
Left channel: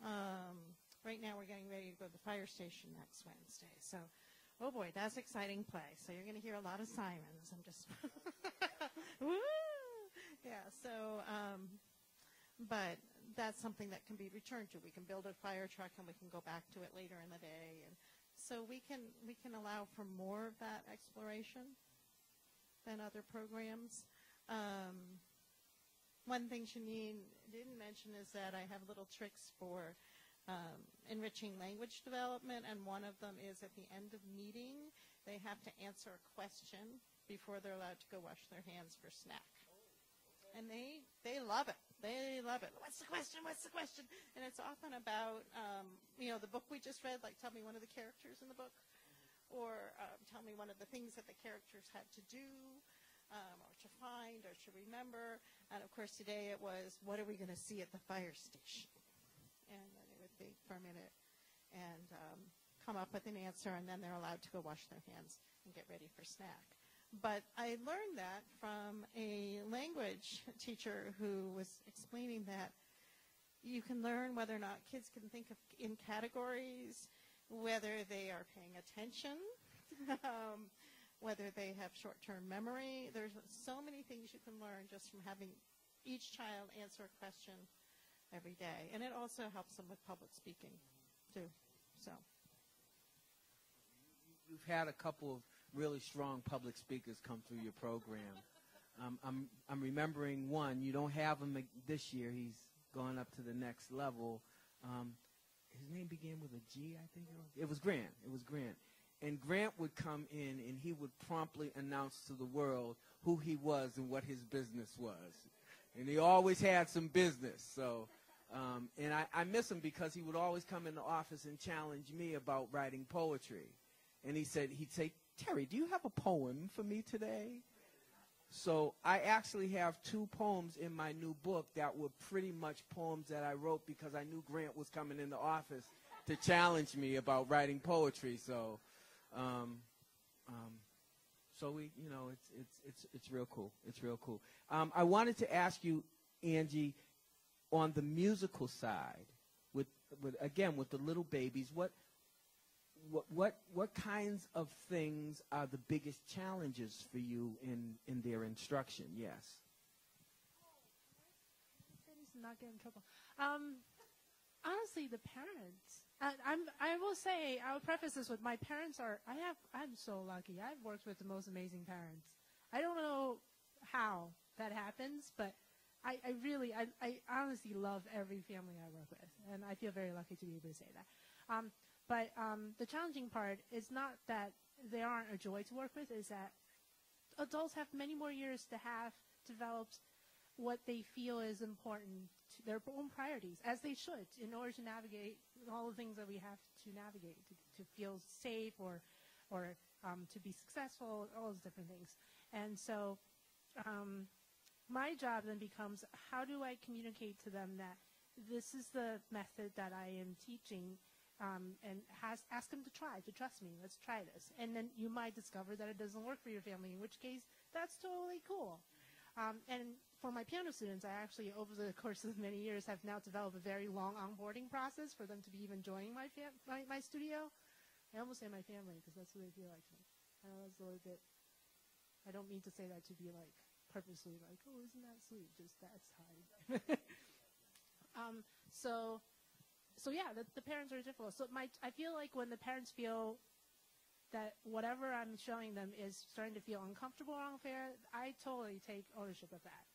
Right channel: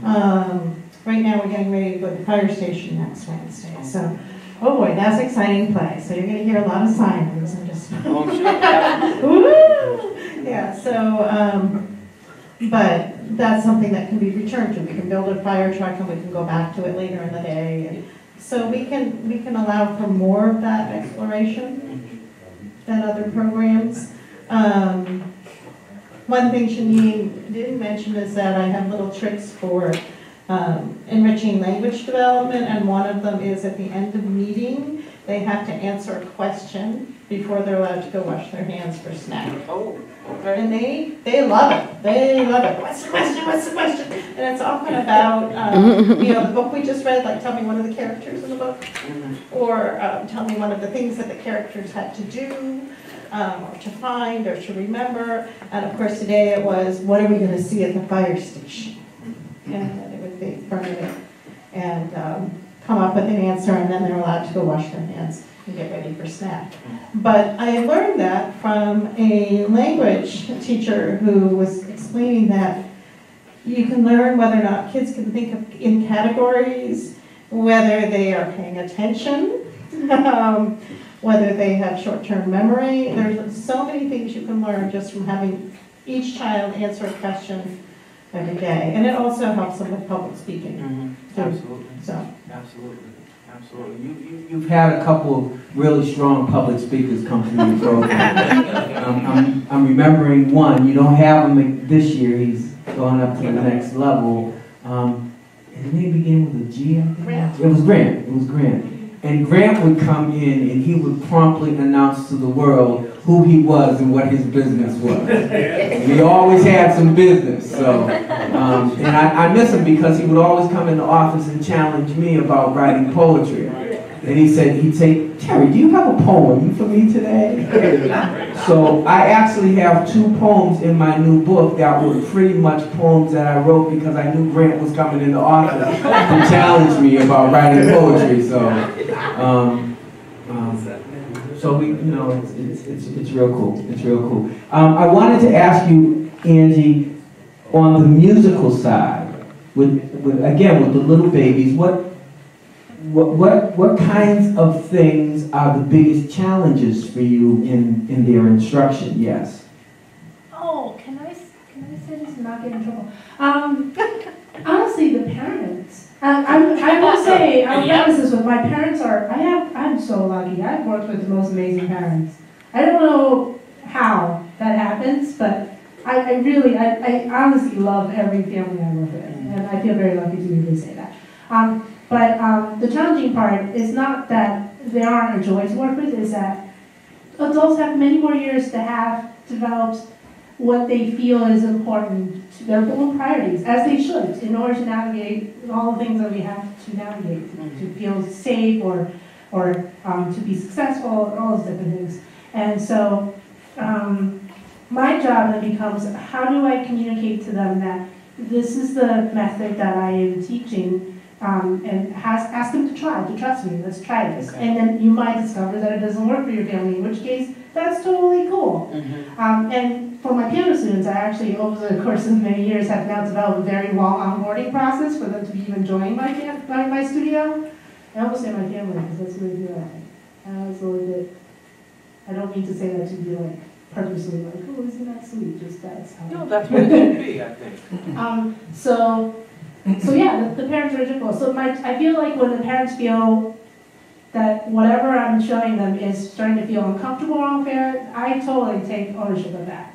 Right now we're getting ready to go to the fire station next Wednesday, so, oh boy, that's exciting play. So you're gonna hear a lot of sirens and just, woo! Yeah, so, but that's something that can be returned to. We can build a fire truck and we can go back to it later in the day. And so we can allow for more of that exploration than other programs. One thing Shanine didn't mention is that I have little tricks for enriching language development, and one of them is at the end of meeting, they have to answer a question before they're allowed to go wash their hands for snack. Oh, okay. And they love it. They love it. What's the question? What's the question? And it's often about, you know, the book we just read, like tell me one of the characters in the book, or tell me one of the things that the characters had to do, or to find, or to remember. And of course today it was, what are we going to see at the fire station? And it would be affirmative. And come up with an answer, and then they're allowed to go wash their hands and get ready for snack. But I learned that from a language teacher who was explaining that you can learn whether or not kids can think of in categories, whether they are paying attention, whether they have short-term memory. There's so many things you can learn just from having each child answer a question every day. And it also helps them with public speaking. Absolutely. So. Absolutely. You've had a couple of really strong public speakers come through your program. I'm remembering one. You don't have him this year. He's going up to the next level. His name began with a G, I think? Grant. It was Grant. It was Grant. And Grant would come in and he would promptly announce to the world who he was and what his business was. And he always had some business. So, and I miss him because he would always come in the office and challenge me about writing poetry. And he'd say, Terry, do you have a poem for me today? So I actually have 2 poems in my new book that were pretty much poems that I wrote because I knew Grant was coming in the office to challenge me about writing poetry. So we, you know, it's real cool. It's real cool. I wanted to ask you, Angie, on the musical side, with the little babies, what kinds of things are the biggest challenges for you in their instruction? Yes. Oh, can I say this and not get in trouble? Honestly, the parents. I will say, I'll preface this with my parents I'm so lucky. I've worked with the most amazing parents. I don't know how that happens, but I honestly love every family I work with, and I feel very lucky to be able to say that. But the challenging part is not that they aren't a joy to work with, is that adults have many more years to have developed what they feel is important to their own priorities, as they should, in order to navigate all the things that we have to navigate, to feel safe or to be successful, all those different things. And so my job then becomes, how do I communicate to them that this is the method that I am teaching, and ask them to trust me, let's try this. Okay. And then you might discover that it doesn't work for your family, in which case that's totally cool. And for my piano students, I actually, over the course of many years, have now developed a very long onboarding process for them to be even join my studio. I almost say my family, because that's really good. That's a little bit, I don't mean to say that to be like, purposely like, oh, isn't that sweet? Just that's how. No, that's what it should be, I think. So yeah, the parents are ridiculous. So I feel like when the parents feel that whatever I'm showing them is starting to feel uncomfortable or unfair, I totally take ownership of that.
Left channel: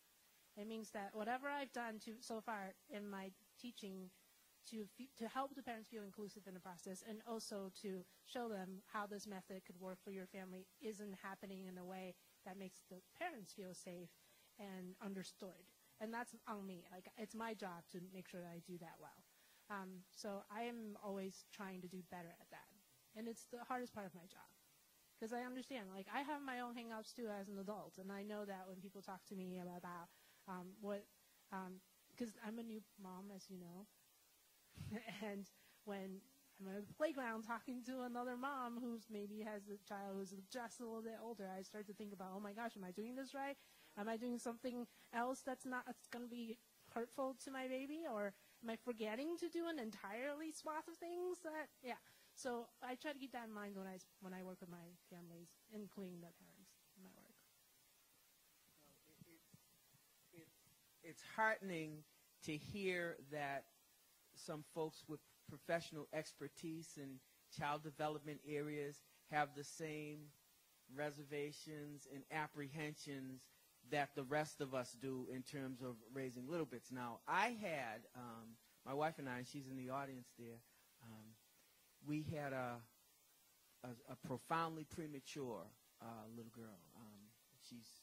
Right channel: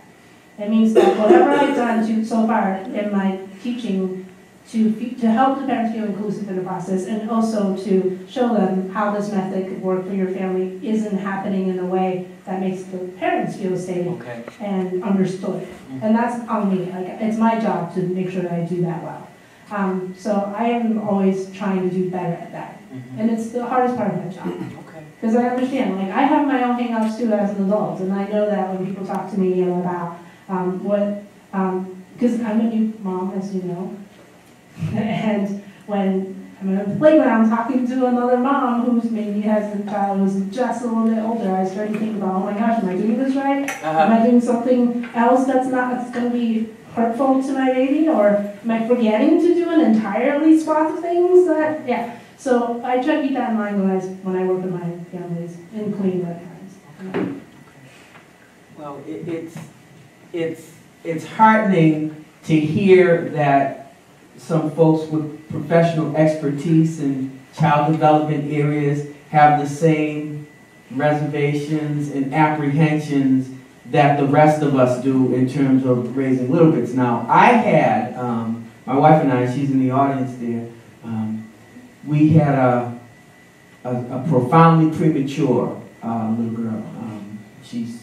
It means that whatever I've done so far in my teaching to help the parents feel inclusive in the process, and also to show them how this method could work for your family isn't happening in a way that makes the parents feel safe and understood. And that's on me. Like, it's my job to make sure that I do that well. So I am always trying to do better at that. And it's the hardest part of my job. Because I understand, like, I have my own hang-ups too as an adult, and I know that when people talk to me about because I'm a new mom, as you know, and when I'm at the playground talking to another mom who's maybe has a child who's just a little bit older, I start to think about, oh my gosh, am I doing this right? Am I doing something else that's going to be hurtful to my baby? Or am I forgetting to do an entirely swath of things that, yeah. So I try to keep that in mind when I work with my families, including their parents. Well, it's heartening to hear that some folks with professional expertise in child development areas have the same reservations and apprehensions that the rest of us do in terms of raising little bits. Now, I had, my wife and I, she's in the audience there, we had a profoundly premature little girl. She's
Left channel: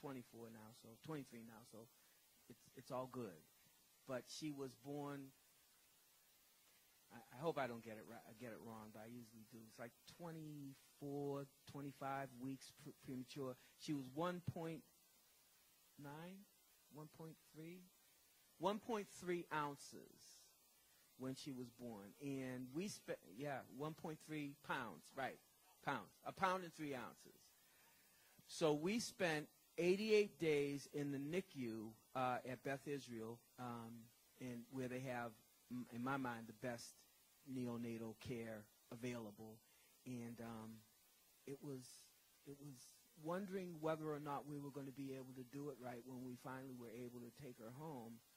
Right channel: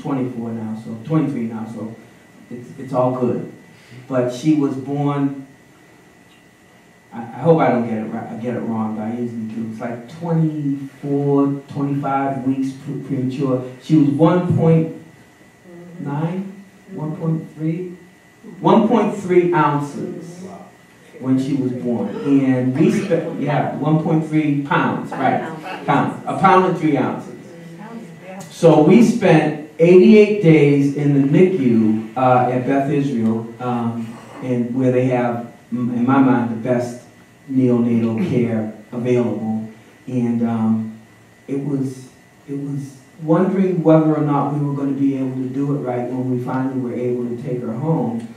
24 now, so 23 now, so it's all good. But she was born, I hope I don't get it right, I get it wrong, but I usually do. It's like 24, 25 weeks premature. She was 1.9, 1.3 ounces when she was born. And we spent, 1.3 pounds, right? Pounds, a pound and 3 ounces. So we spent 88 days in the NICU at Beth Israel, and where they have, in my mind, the best neonatal care available. And it was wondering whether or not we were going to be able to do it right when we finally were able to take her home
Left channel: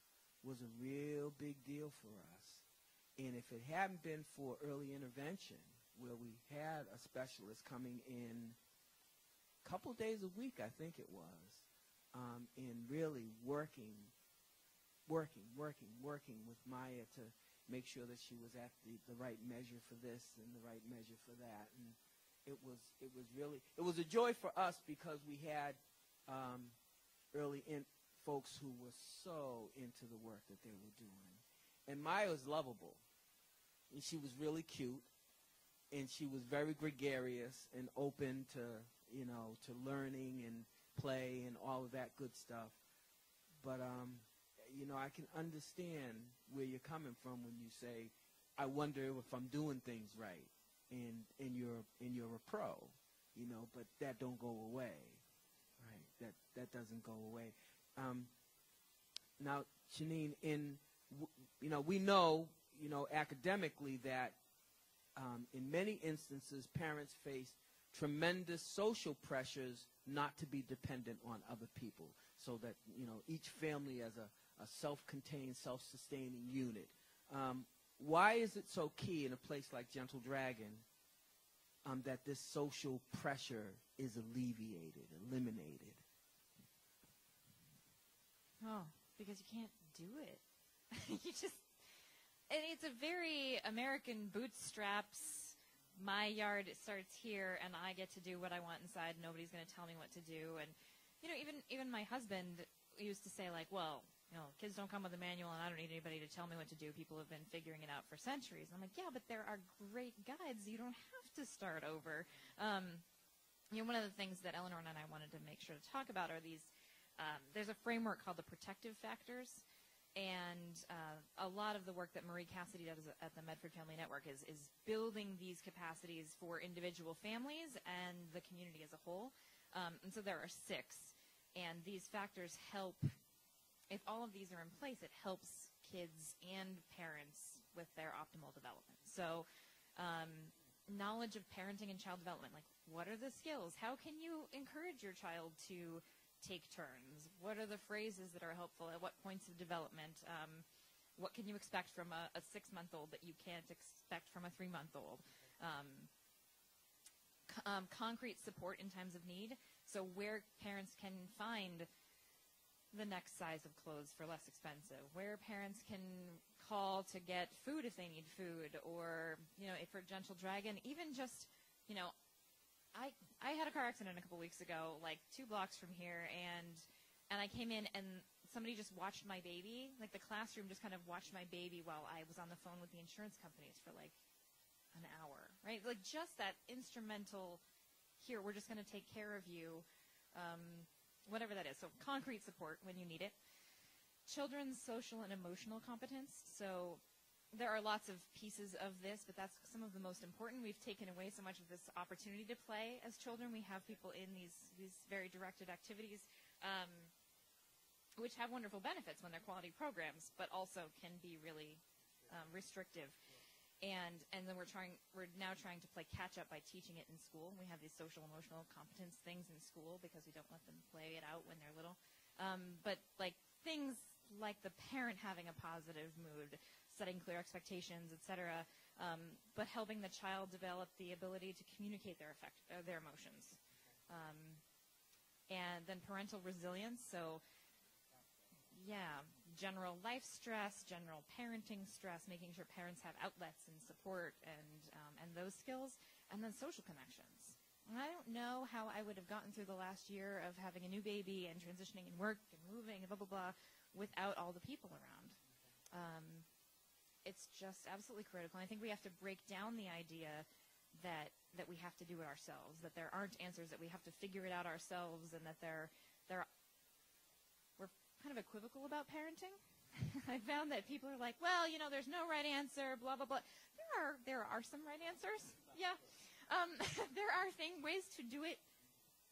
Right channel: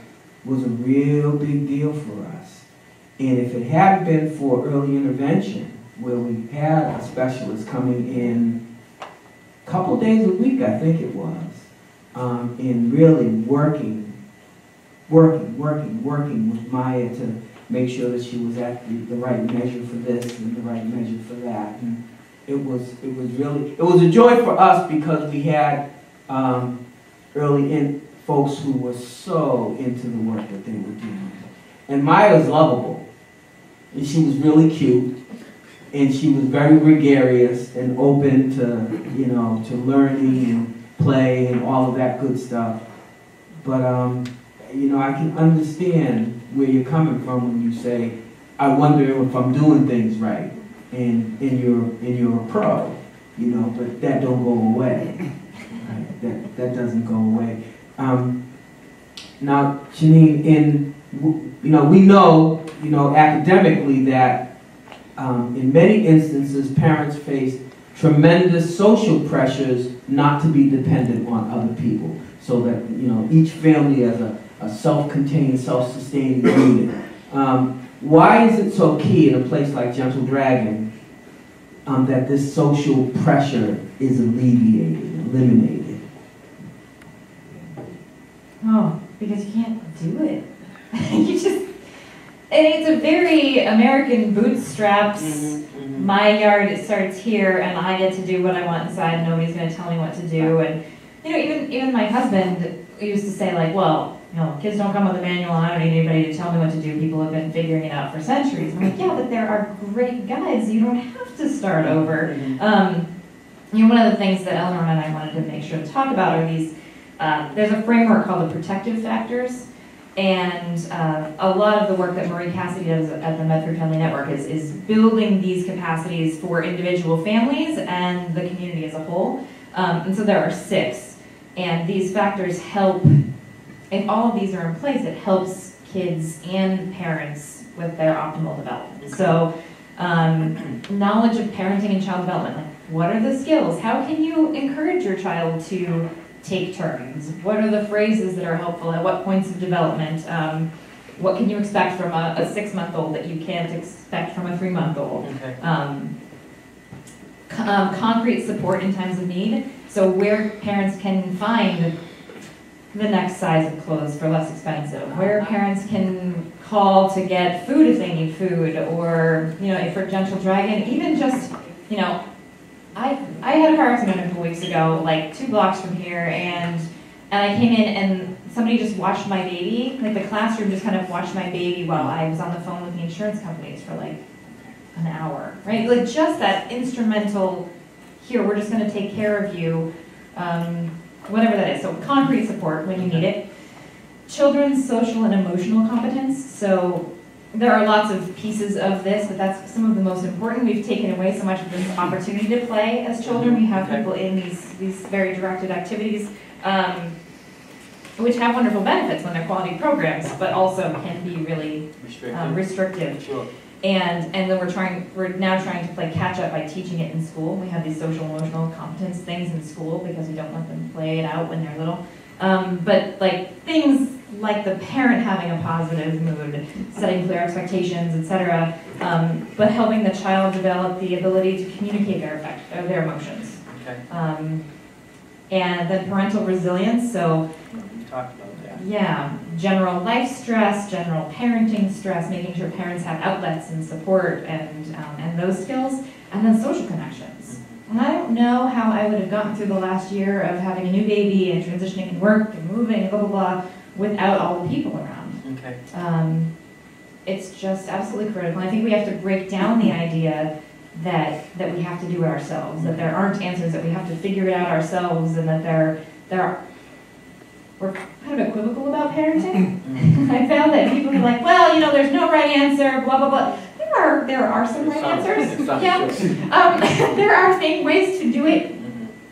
was a real big deal for us. And if it hadn't been for early intervention, where we had a specialist coming in a couple days a week, I think it was, and really working with Maya to make sure that she was at the right measure for this and the right measure for that. And it was a joy for us because we had early folks who were so into the work that they were doing. And Maya was lovable, and she was really cute, and she was very gregarious and open to, to learning and play and all of that good stuff. But I can understand where you're coming from when you say, I wonder if I'm doing things right, and you're a pro, but that don't go away. Right? That doesn't go away. Now, Janine, we know, academically that in many instances parents face tremendous social pressures not to be dependent on other people, so that each family has a self-contained, self-sustaining unit. Why is it so key in a place like Gentle Dragon that this social pressure is eliminated? Oh, because you can't do it. And it's a very American bootstraps. My yard, it starts here, and I get to do what I want inside. Nobody's going to tell me what to do. And even my husband used to say, like, well, kids don't come with a manual, and I don't need anybody to tell me what to do. People have been figuring it out for centuries. I'm like, yeah, but there are great guides. You don't have to start over. One of the things that Eleanor and I wanted to make sure to talk about are these. There's a framework called the protective factors. And a lot of the work that Marie Cassidy does at the Medford Family Network is building these capacities for individual families and the community as a whole. And so there are 6. And these factors help, if all of these are in place, it helps kids and parents with their optimal development. So knowledge of parenting and child development, like what are the skills? How can you encourage your child to take turns? What are the phrases that are helpful at what points of development? What can you expect from a 6-month-old that you can't expect from a 3-month-old? Okay. Concrete support in times of need. So where parents can find the next size of clothes for less expensive, where parents can call to get food if they need food, or, you know, for Gentle Dragon, even just, you know, I had a car accident a couple weeks ago, like 2 blocks from here, and I came in and somebody just watched my baby, like the classroom just kind of watched my baby while I was on the phone with the insurance companies for like an hour, right? Like just that instrumental, here, we're just gonna take care of you, whatever that is. So concrete support when you need it. Children's social and emotional competence. So there are lots of pieces of this, but that's some of the most important. We've taken away so much of this opportunity to play as children. We have people in these very directed activities, which have wonderful benefits when they're quality programs, but also can be really restrictive. Sure. And then we're now trying to play catch up by teaching it in school. We have these social emotional competence things in school because we don't let them play it out when they're little. But like things like the parent having a positive mood, setting clear expectations, etc. But helping the child develop the ability to communicate their emotions. Okay. And then parental resilience. So you talked about that. Yeah, general life stress, general parenting stress, making sure parents have outlets and support and those skills, and then social connections. And I don't know how I would have gotten through the last year of having a new baby and transitioning and work and moving and blah, blah, blah, without all the people around. Okay. It's just absolutely critical. I think we have to break down the idea that we have to do it ourselves, that there aren't answers, that we have to figure it out ourselves, and that we're kind of equivocal about parenting. I found that people are like, well, you know, there's no right answer, blah, blah, blah. There are some right answers. Yeah. There are ways to do it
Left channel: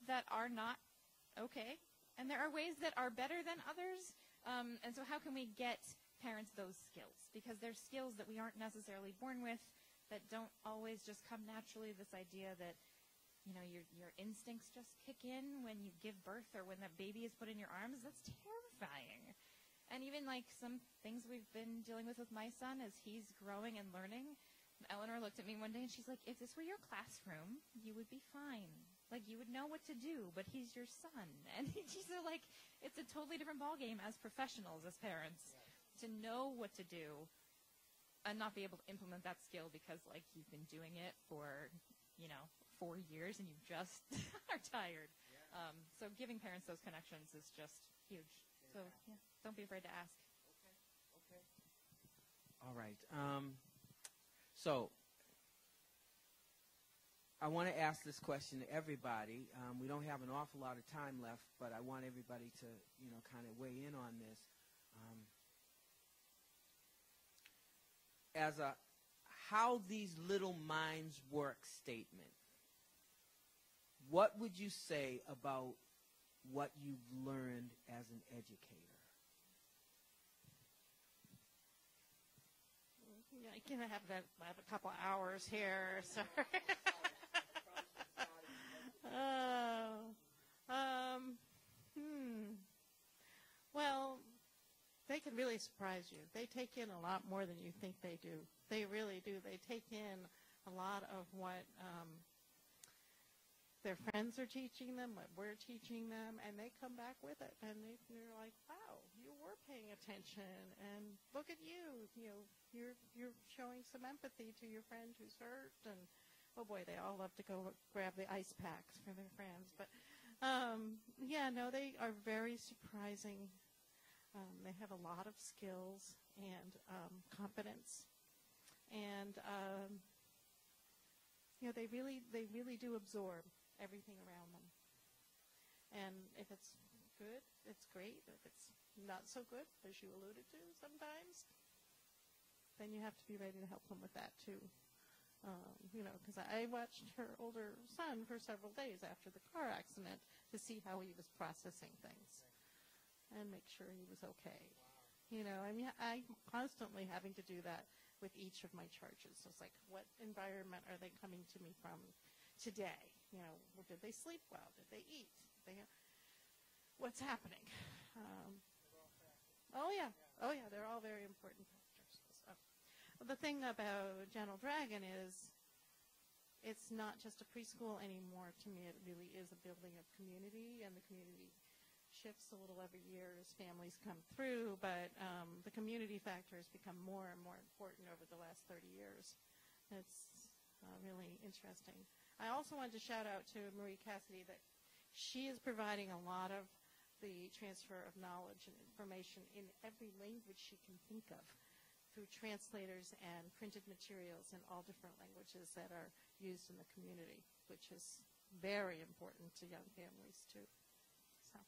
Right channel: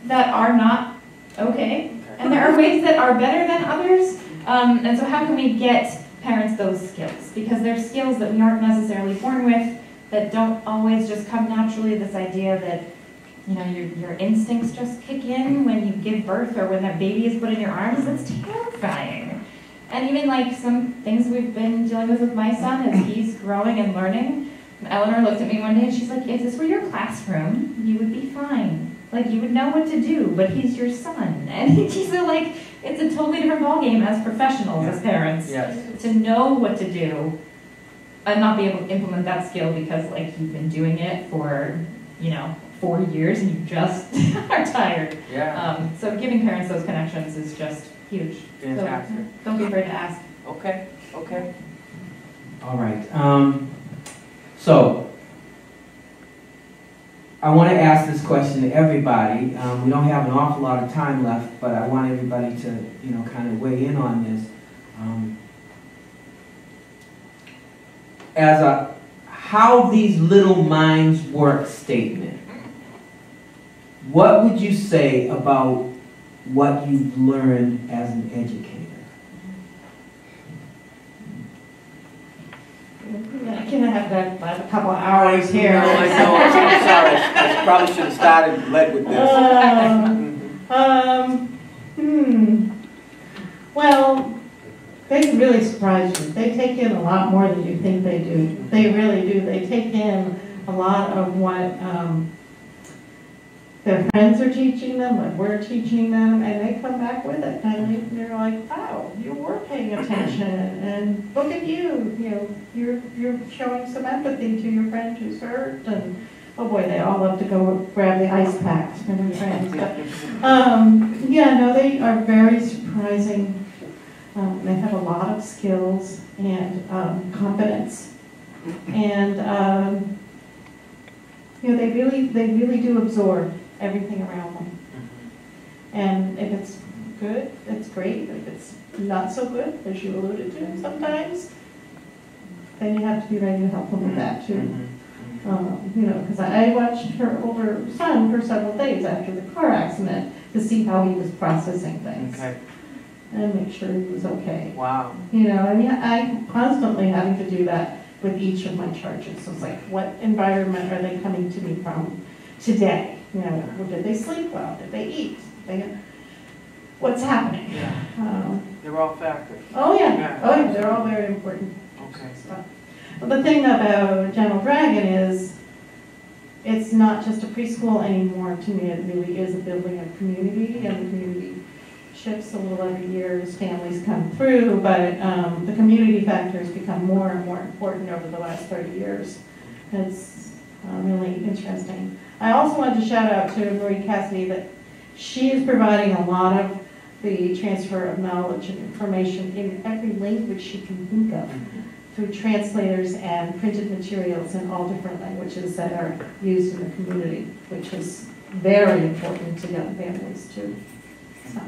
that are not okay. And there are ways that are better than others. And so how can we get parents those skills? Because they're skills that we aren't necessarily born with, that don't always just come naturally. This idea that, you know, your instincts just kick in when you give birth or when that baby is put in your arms. That's terrifying. And even like some things we've been dealing with my son as he's growing and learning. Eleanor looked at me one day and she's like, if this were your classroom, you would be fine. Like, you would know what to do, but he's your son. And she's like, it's a totally different ballgame as professionals, as parents, to know what to do and not be able to implement that skill because, like, you've been doing it for, you know, 4 years and you just are tired. Yeah. So giving parents those connections is just huge. Fantastic. So don't be afraid to ask. Okay. Okay. All right. So I want to ask this question to everybody. We don't have an awful lot of time left, but I want everybody to, you know, kind of weigh in on this. As a how these little minds work statement, what would you say about what you've learned as an educator? Can I have that a couple hours here? No, I know. I'm sorry. I probably should have led with this. Well, they can really surprise you. They take in a lot more than you think they do. They really do. They take in a lot of what their friends are teaching them, what we're teaching them, and they come back with it. And they're like, wow, you were paying attention, and look at you. You know, you're showing some empathy to your friend who's hurt, and oh boy, they all love to go grab the ice packs for their friends. But, yeah, no, they are very surprising. They have a lot of skills and confidence, and you know, they really do absorb everything around them. And if it's good, it's great. If it's not so good, as you alluded to sometimes, then you have to be ready to help them with that too. You know, because I watched her older son for several days after the car accident to see how he was processing things. Okay. And make sure he was okay. Wow. You know, and yeah, I'm constantly having to do that with each of my charges. So it's like, what environment are they coming to me from today? You know, did they sleep well? Did they eat? What's happening? Yeah. They're all factors. Oh yeah. Yeah. Oh yeah, they're all very important. Okay. So, but the thing about Gentle Dragon is, it's not just a preschool anymore. To me, it really is a building of community, and the community shifts a little every year as families come through, but the community factor has become more and more important over the last 30 years. It's really interesting. I also wanted to shout out to Marie Cassidy that she is providing a lot of the transfer of knowledge and information in every language she can think of, through translators and printed materials in all different languages that are used in the community, which is very important to young families too. So.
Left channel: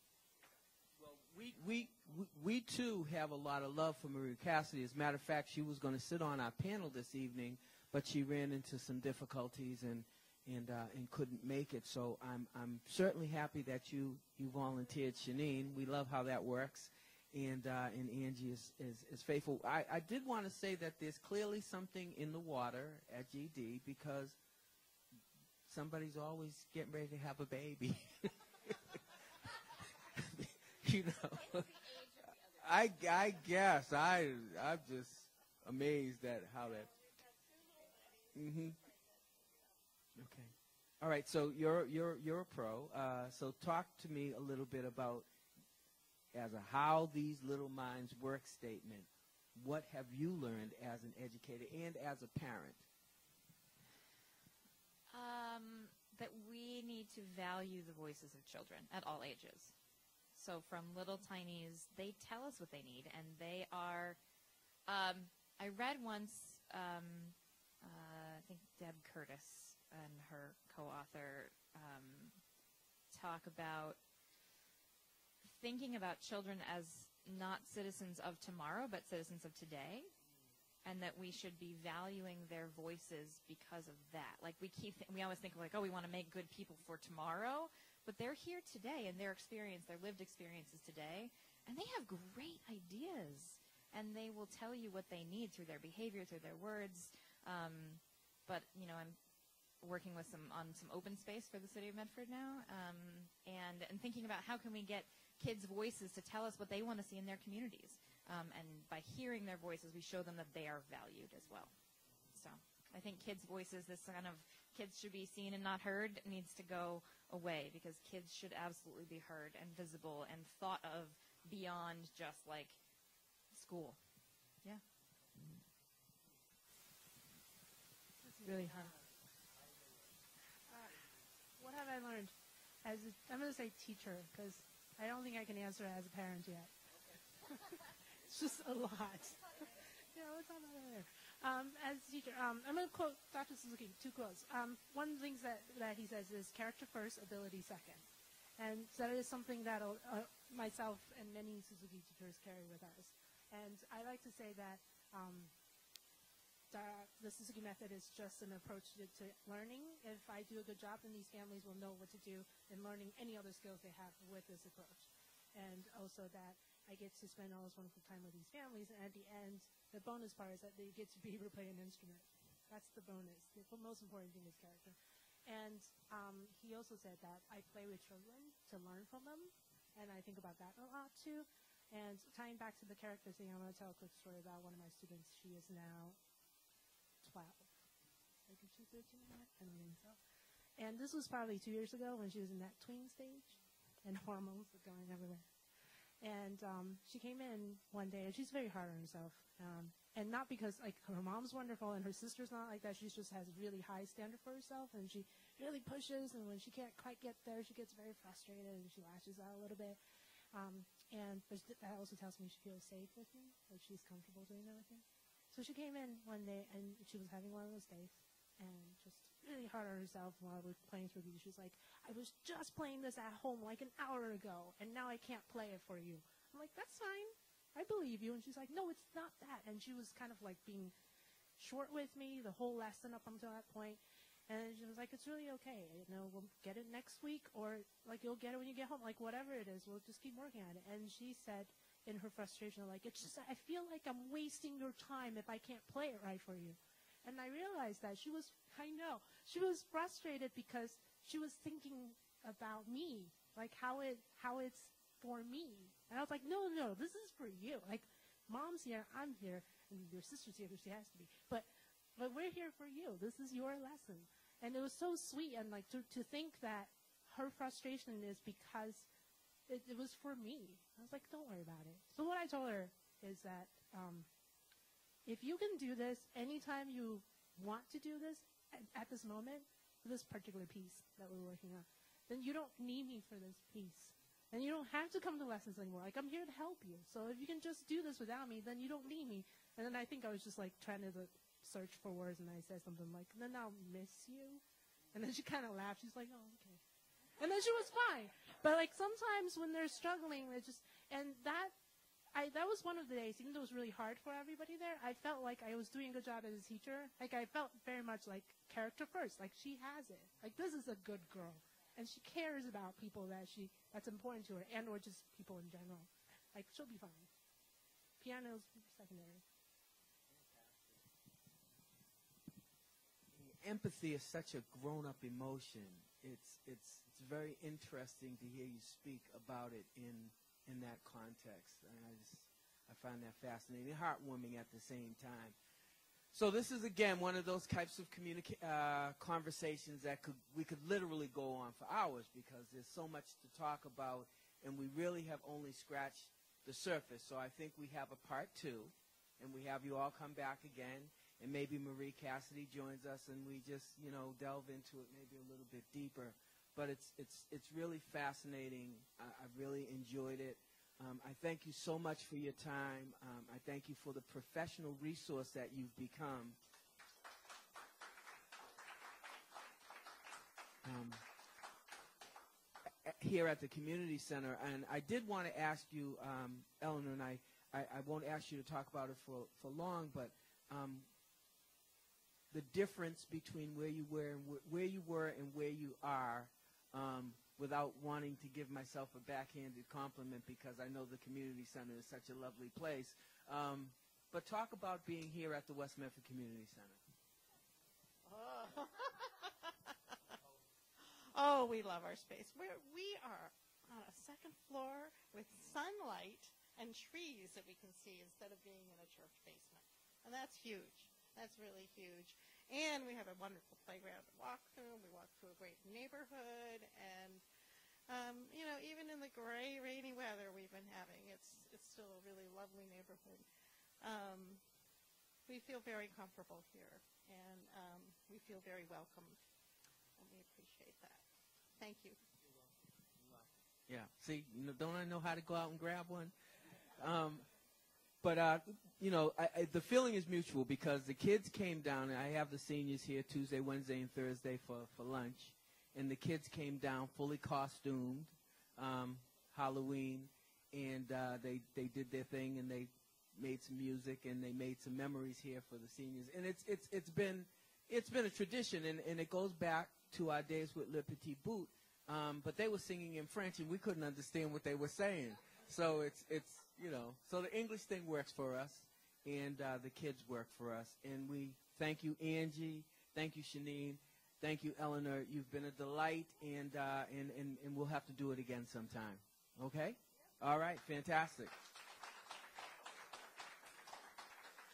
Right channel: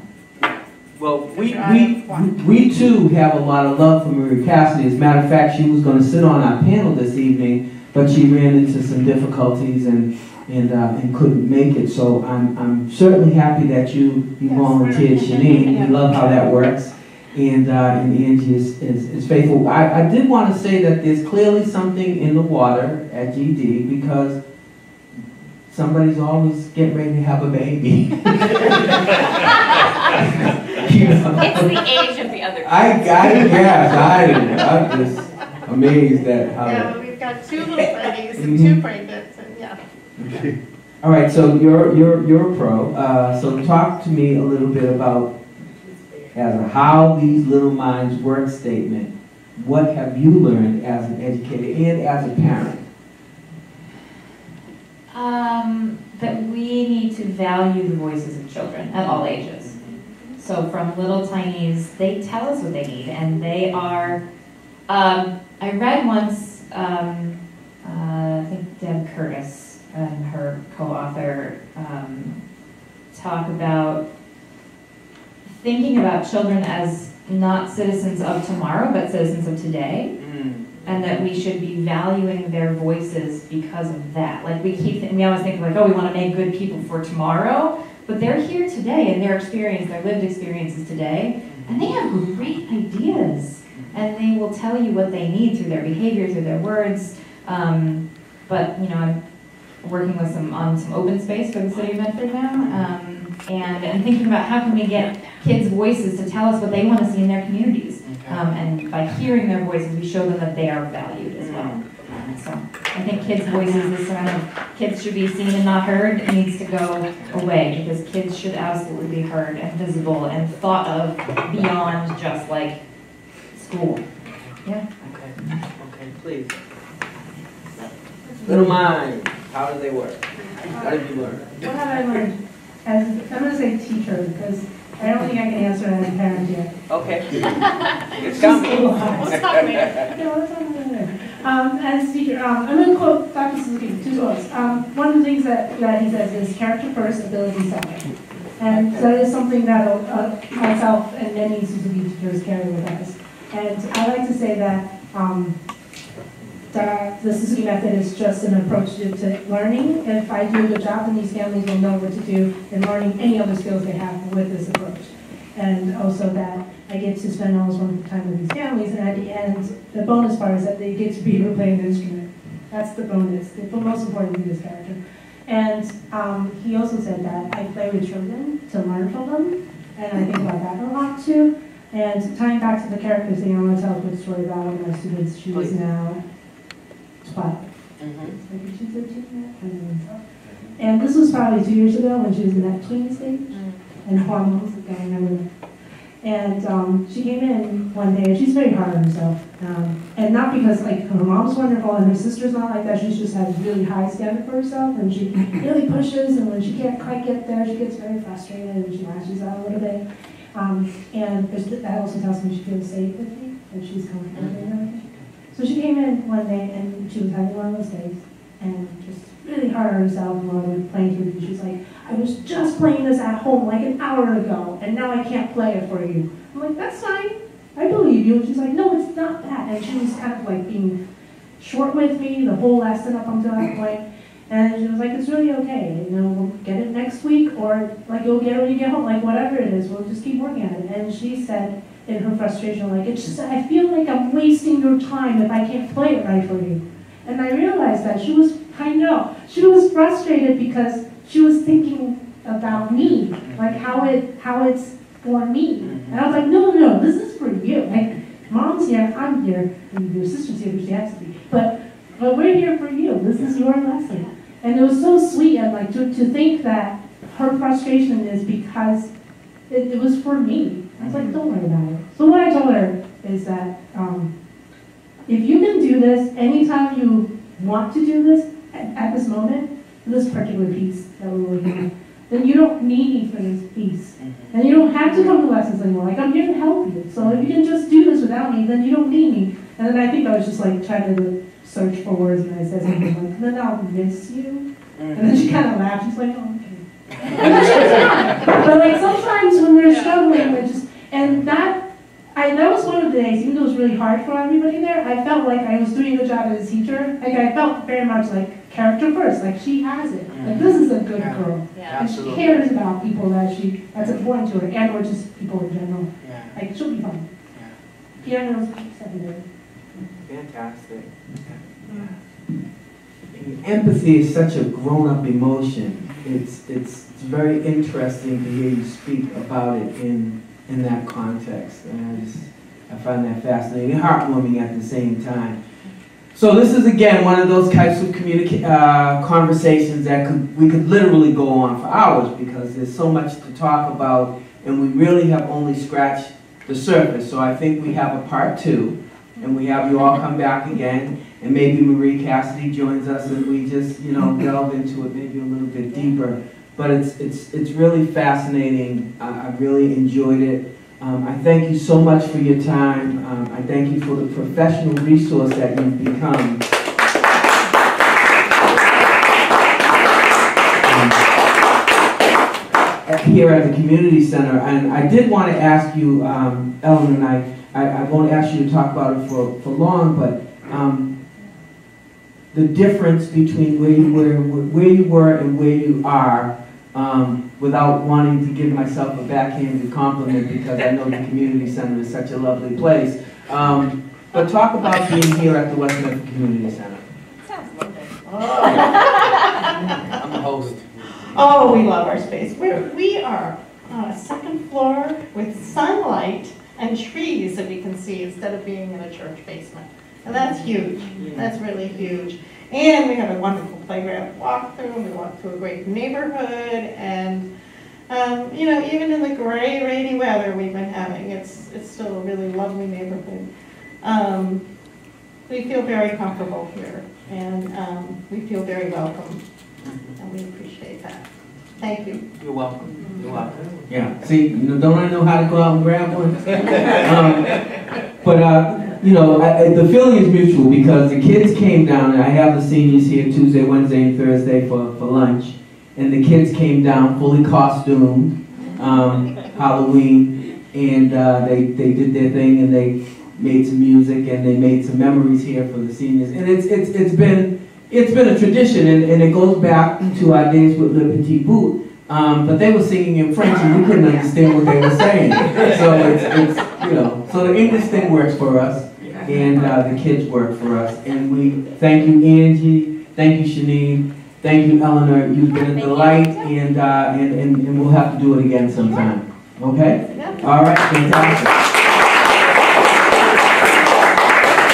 Well, we too have a lot of love for Marie Cassidy. As a matter of fact, she was going to sit on our panel this evening, but she ran into some difficulties and couldn't make it. So I'm certainly happy that you volunteered, Shanine. We love how that works. And Angie is faithful. I did want to say that there's clearly something in the water at GD, because somebody's always getting ready to have a baby. You know? It's the age of the other kids. I'm just amazed at how. Yeah, we've got 2 little babies and 2 pregnant, and yeah. Okay. All right, so you're a pro. So talk to me a little bit about how these little minds work statement. What have you learned as an educator and as a parent? That we need to value the voices of children at all ages. So from little tinies, they tell us what they need, and they are, I read once, I think Deb Curtis and her co-author talk about thinking about children as not citizens of tomorrow, but citizens of today. And that we should be valuing their voices because of that. Like we always think like, oh, we want to make good people for tomorrow, but they're here today, and their experience, their lived experiences today, and they have great ideas, and they will tell you what they need through their behavior, through their words. But you know, I'm working with on some open space for the city of Medford now, and thinking about how can we get kids' voices to tell us what they want to see in their communities. And by hearing their voices, we show them that they are valued as well. So I think kids' voices, this kind of kids should be seen and not heard, it needs to go away, because kids should absolutely be heard and visible and thought of beyond just like school. Yeah. Okay, please. Little mind, how do they work? What have you learned? What have I learned? I'm going to say teacher, because I don't think I can answer as a parent yet. Okay. It's coming. We'll talk later. Yeah, let's talk about it. As a teacher, I'm going to quote Dr. Suzuki, 2 quotes. One of the things that he says is character first, ability second. And that is something that myself and many Suzuki teachers carry with us. And I like to say that the Suzuki method is just an approach to learning. If I do a good job, then these families will know what to do in learning any other skills they have with this approach. And also that I get to spend all this wonderful time with these families, and at the end, the bonus part is that they get to be able to play an instrument. That's the bonus. The most important thing is character. And he also said that I play with children to learn from them, and I think about that a lot too. And tying back to the character thing, I want to tell a quick story about one of my students. She is now 12. She's 13 now. And this was probably 2 years ago when she was in that tween stage, and hormones are going everywhere. And she came in one day, and she's very hard on herself. And not because like her mom's wonderful and her sister's not like that, she just has really high standard for herself, and she really pushes, and when she can't quite get there, she gets very frustrated and she lashes out a little bit. And that also tells me she feels safe with me, and she's comfortable and everything. So she came in one day, and she was having one of those days, and just really hard on herself while we were playing through. She's like, I was just playing this at home like an hour ago, and now I can't play it for you. I'm like, that's fine. I believe you. And she's like, no, it's not that. And she was kind of like being short with me the whole lesson up until that point. And she was like, it's really okay, you know, we'll get it next week, or like you'll get it when you get home, like whatever it is, we'll just keep working at it. And she said in her frustration, like, it's just, I feel like I'm wasting your time if I can't play it right for you. And I realized that she was frustrated because she was thinking about me, like how it's for me. And I was like, no, this is for you. Like, mom's here, I'm here, and your sister's here because she has to be. But we're here for you. This is your lesson. And it was so sweet, and like to think that her frustration is because it was for me. I was like, don't worry about it. So what I told her is that if you can do this anytime you want to do this at this moment, this particular piece that we're working on, then you don't need me for this piece. And you don't have to come to lessons anymore. Like, I'm here to help you. So if you can just do this without me, then you don't need me. And then I think I was just like trying to search for words, and I said something like, then I'll miss you. And then she kind of laughed. She's like, oh, okay. But like sometimes when they're struggling, they're just, and that was one of the days, even though it was really hard for everybody there, I felt like I was doing a good job as a teacher. Like I felt very much like character first, like she has it. Like this is a good girl. Yeah. And she cares about people that's important to her, and or just people in general. Yeah. Like she'll be fine. Piano's secondary. Fantastic. Empathy is such a grown-up emotion. It's very interesting to hear you speak about it in that context, and I find that fascinating, heartwarming at the same time. So this is again one of those types of conversations that we could literally go on for hours, because there's so much to talk about, and we really have only scratched the surface. So I think we have a part 2, and we have you all come back again, and maybe Marie Cassidy joins us, and we just delve into it maybe a little bit deeper. But it's really fascinating. I really enjoyed it. I thank you so much for your time. I thank you for the professional resource that you've become. Here at the community center, and I did want to ask you, Ellen, and I won't ask you to talk about it for long, but the difference between where you were and where you are, without wanting to give myself a backhanded compliment, because I know the community center is such a lovely place. But talk about being here at the West Medford Community Center. Sounds lovely. I'm the host. Oh, we love our space. We are on a second floor with sunlight and trees that we can see instead of being in a church basement. And that's huge. That's really huge. And we have a wonderful playground to walk through. We walk through a great neighborhood, and even in the gray, rainy weather we've been having, it's still a really lovely neighborhood. We feel very comfortable here, and we feel very welcome, and we appreciate that. Thank you. You're welcome. You're welcome. Yeah. See, don't I know how to go out and grab one? The feeling is mutual, because the kids came down, and I have the seniors here Tuesday, Wednesday, and Thursday for lunch, and the kids came down fully costumed, Halloween, and they did their thing, and they made some music, and they made some memories here for the seniors, and it's been a tradition, and it goes back to our days with Le Petit Bout. But they were singing in French, and we couldn't understand what they were saying. So so the English thing works for us, and the kids work for us. And we thank you, Angie. Thank you, Shanine. Thank you, Eleanor. You've been a delight, and we'll have to do it again sometime. Okay? All right. Fantastic.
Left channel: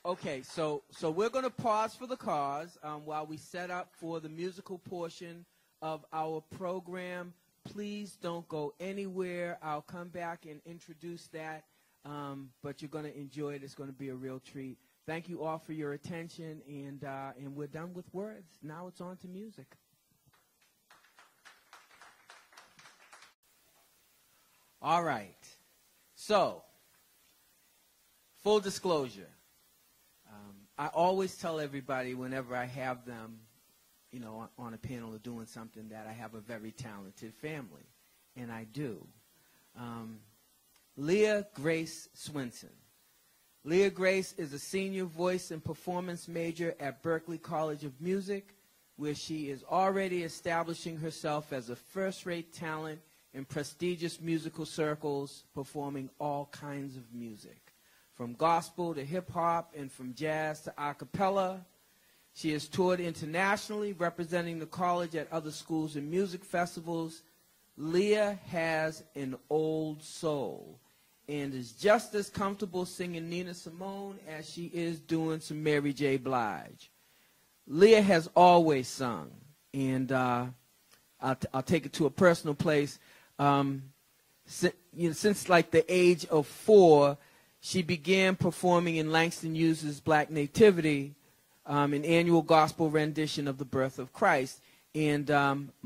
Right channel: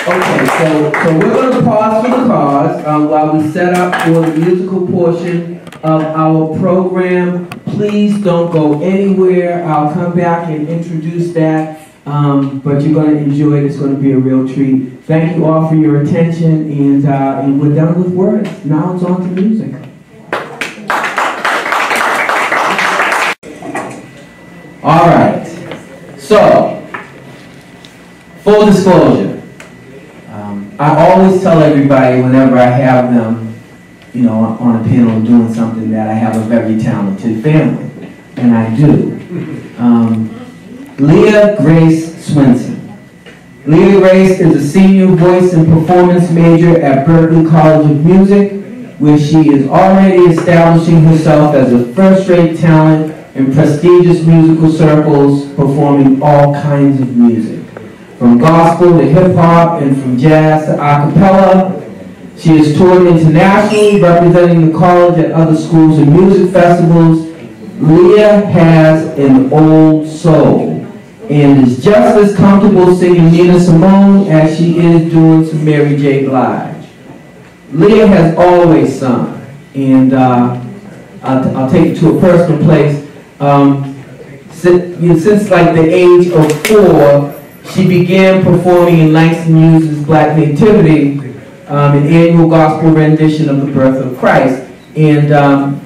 Okay, so we're going to pause for the cause while we set up for the musical portion of our program. Please don't go anywhere. I'll come back and introduce that, but you're going to enjoy it. It's going to be a real treat. Thank you all for your attention, and we're done with words. Now it's on to music. All right. So, full disclosure. I always tell everybody whenever I have them, on a panel doing something, that I have a very talented family, and I do. Leah Grace Swinson. Leah Grace is a senior voice and performance major at Berklee College of Music, where she is already establishing herself as a first-rate talent in prestigious musical circles, performing all kinds of music, from gospel to hip-hop and from jazz to a cappella. She has toured internationally, representing the college at other schools and music festivals. Leah has an old soul and is just as comfortable singing Nina Simone as she is doing some Mary J. Blige. Leah has always sung, and I'll take you to a personal place. Since like the age of 4, she began performing in Langston Hughes' Black Nativity, an annual gospel rendition of the birth of Christ. And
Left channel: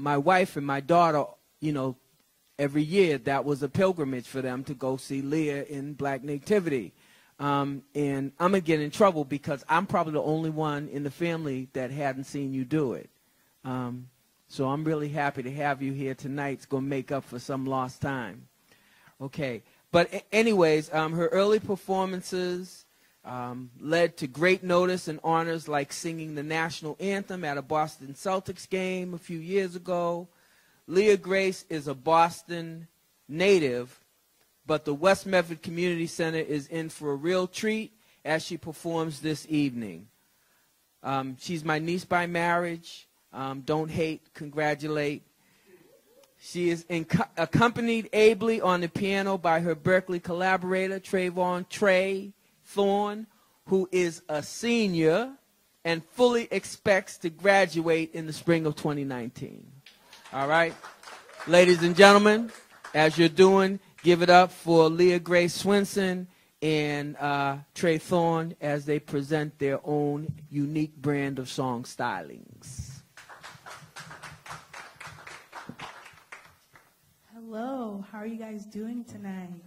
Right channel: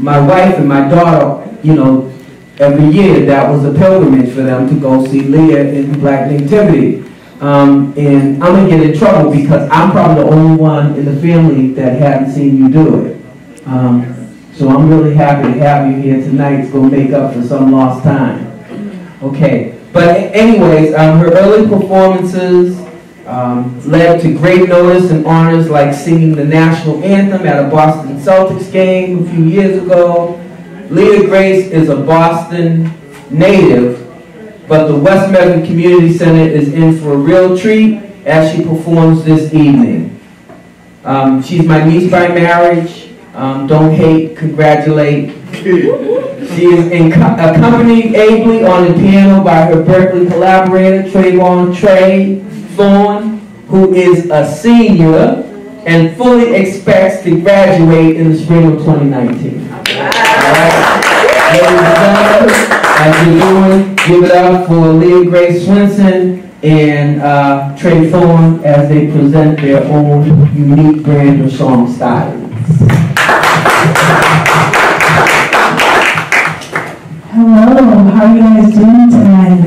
my wife and my daughter, you know, every year that was a pilgrimage for them to go see Leah in Black Nativity. And I'm going to get in trouble because I'm probably the only one in the family that hadn't seen you do it. So I'm really happy to have you here tonight to go make up for some lost time. Okay, but anyways, her early performances led to great notice and honors like singing the national anthem at a Boston Celtics game a few years ago. Leah Grace is a Boston native, but the West Medford Community Center is in for a real treat as she performs this evening. She's my niece by marriage. Don't hate, congratulate. She is accompanied ably on the piano by her Berklee collaborator, Trey Thorne, who is a senior and fully expects to graduate in the spring of 2019. Alright, ladies and gentlemen, as you're doing, give it up for Leah Grace Swinson and Trey Thorne as they present their own unique brand of song styles. Hello, how are you guys doing tonight?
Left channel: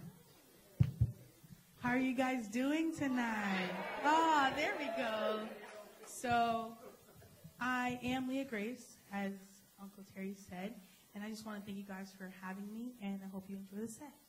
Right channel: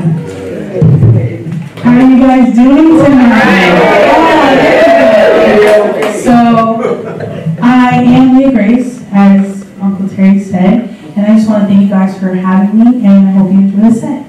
How are you guys doing tonight? So, I am Leah Grace, as Uncle Terry said, and I just want to thank you guys for having me, and I hope you enjoy the set.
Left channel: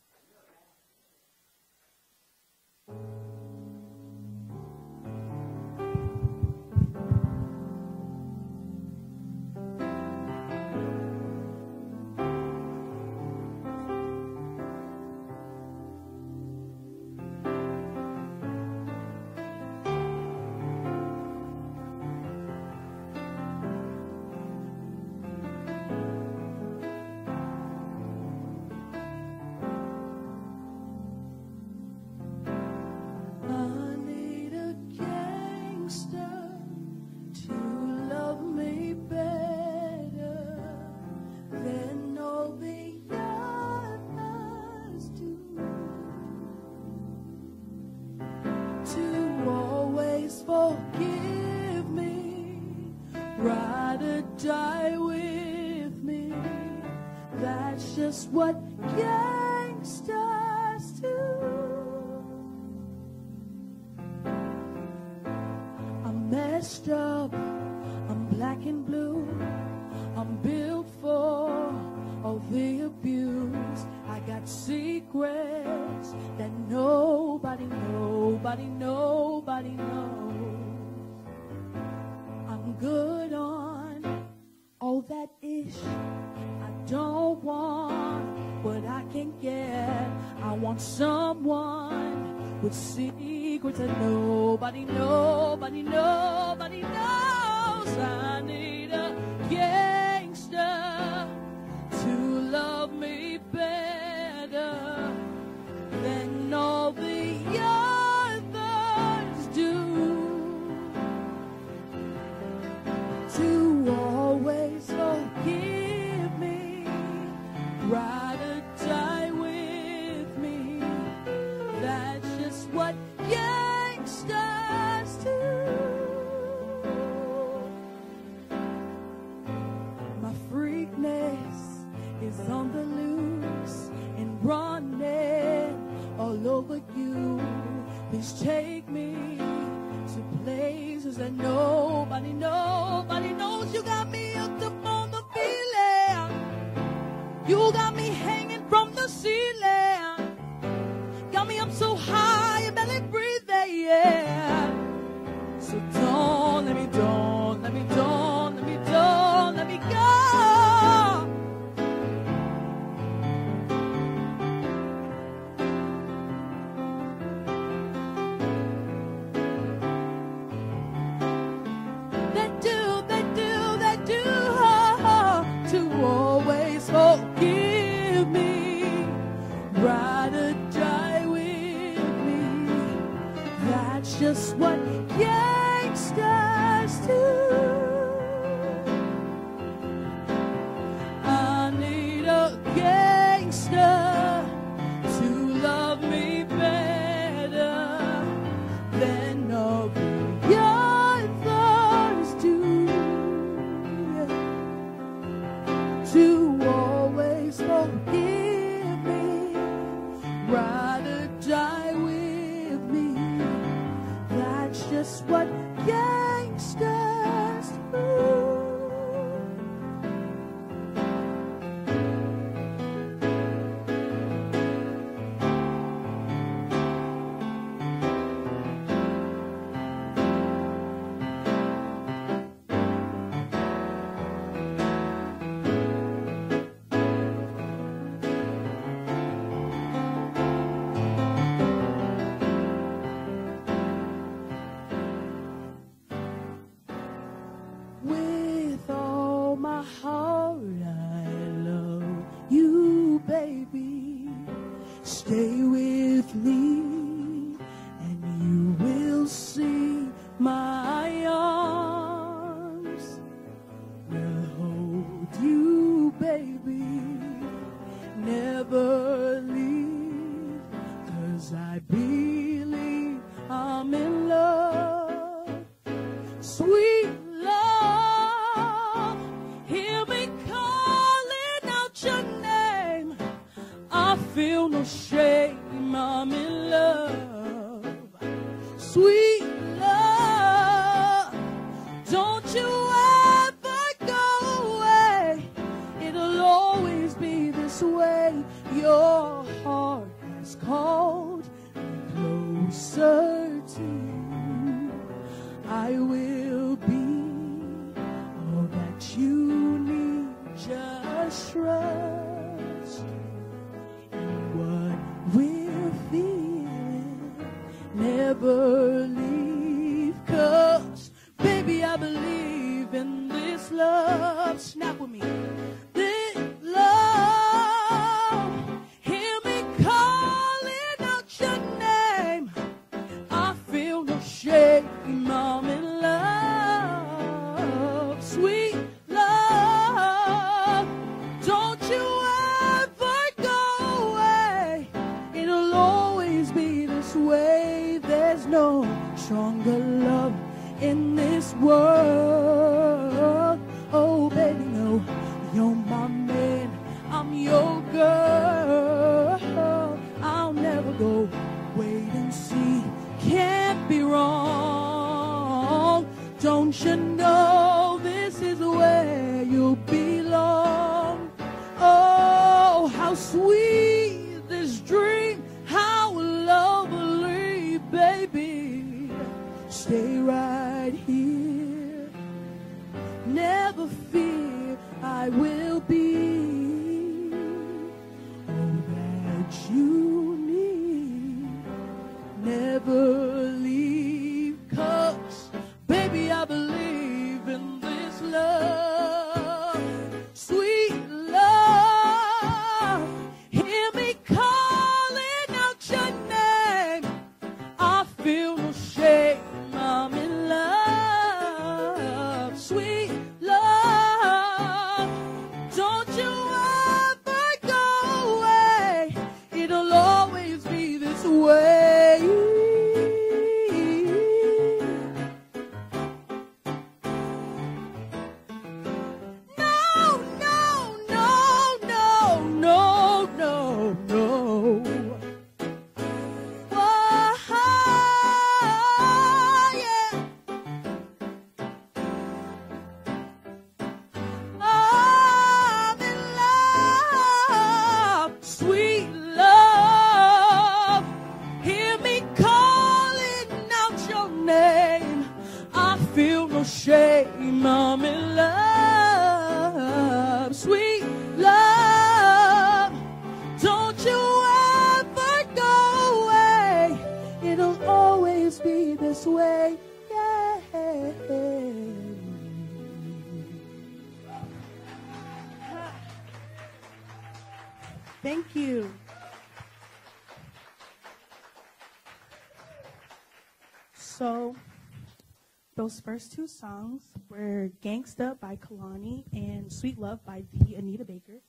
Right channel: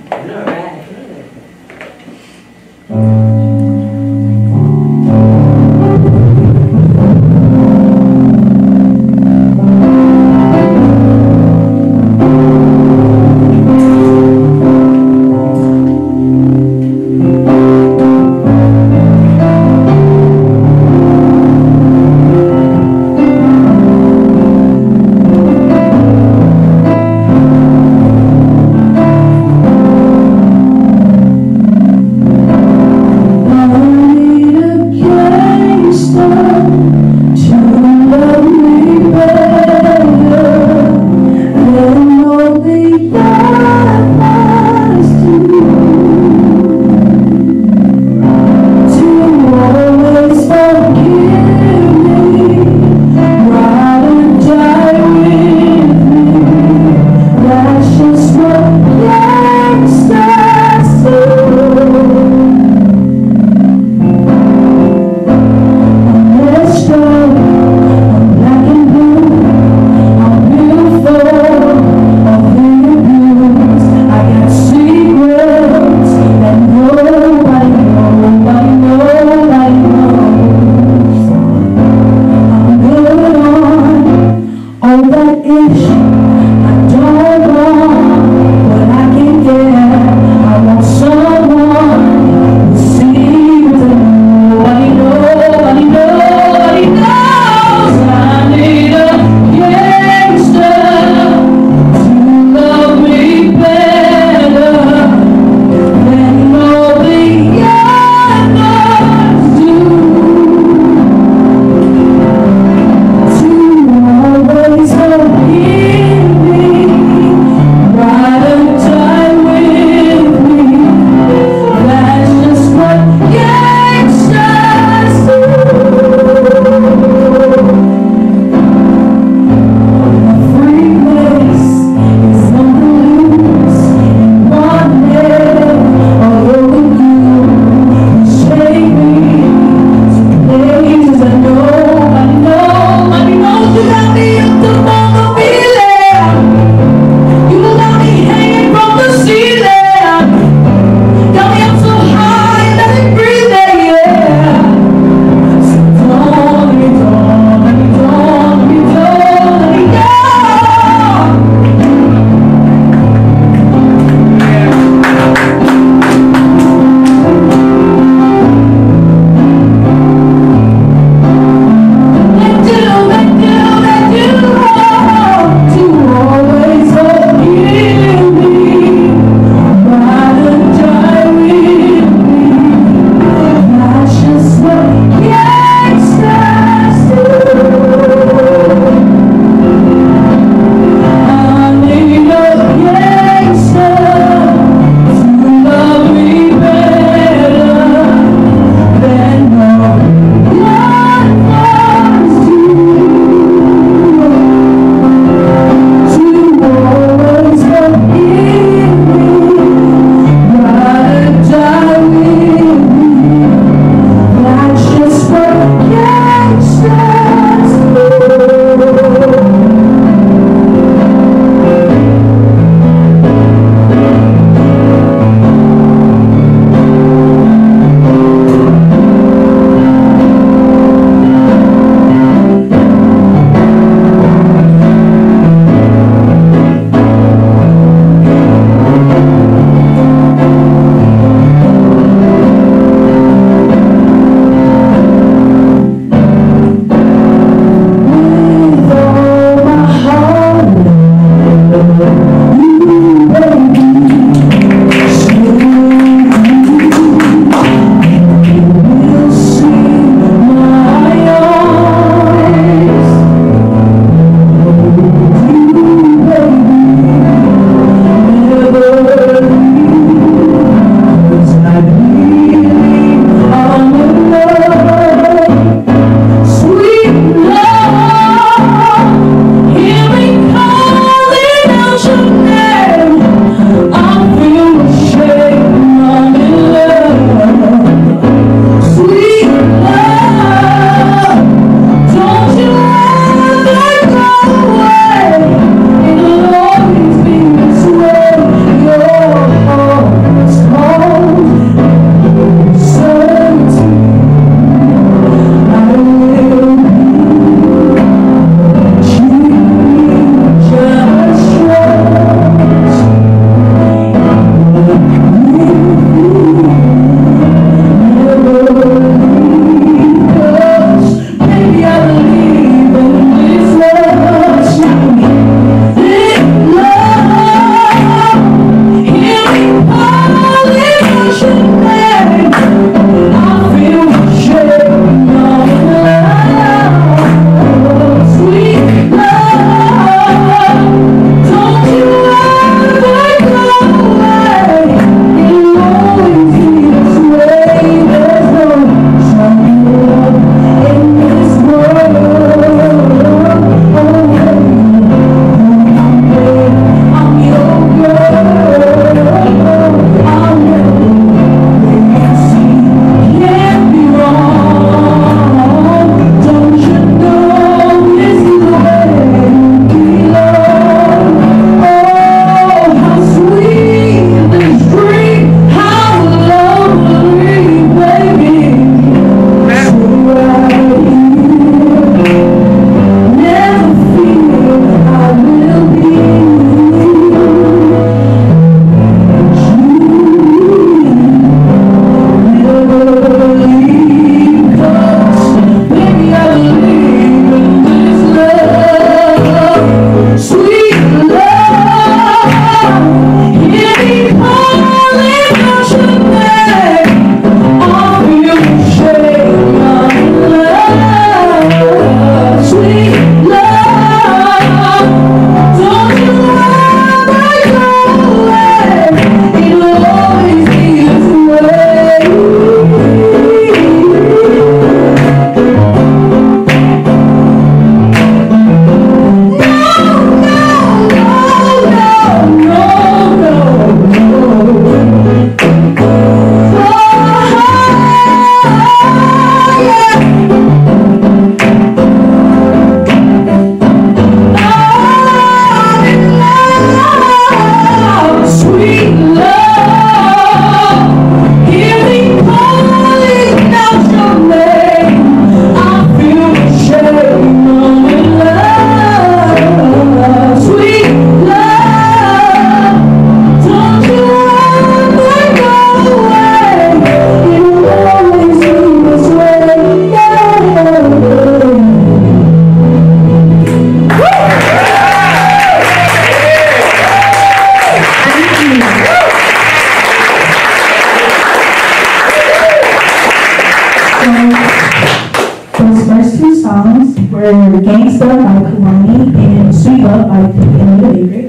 first two songs were Gangsta by Kalani and Sweet Love by Anita Baker.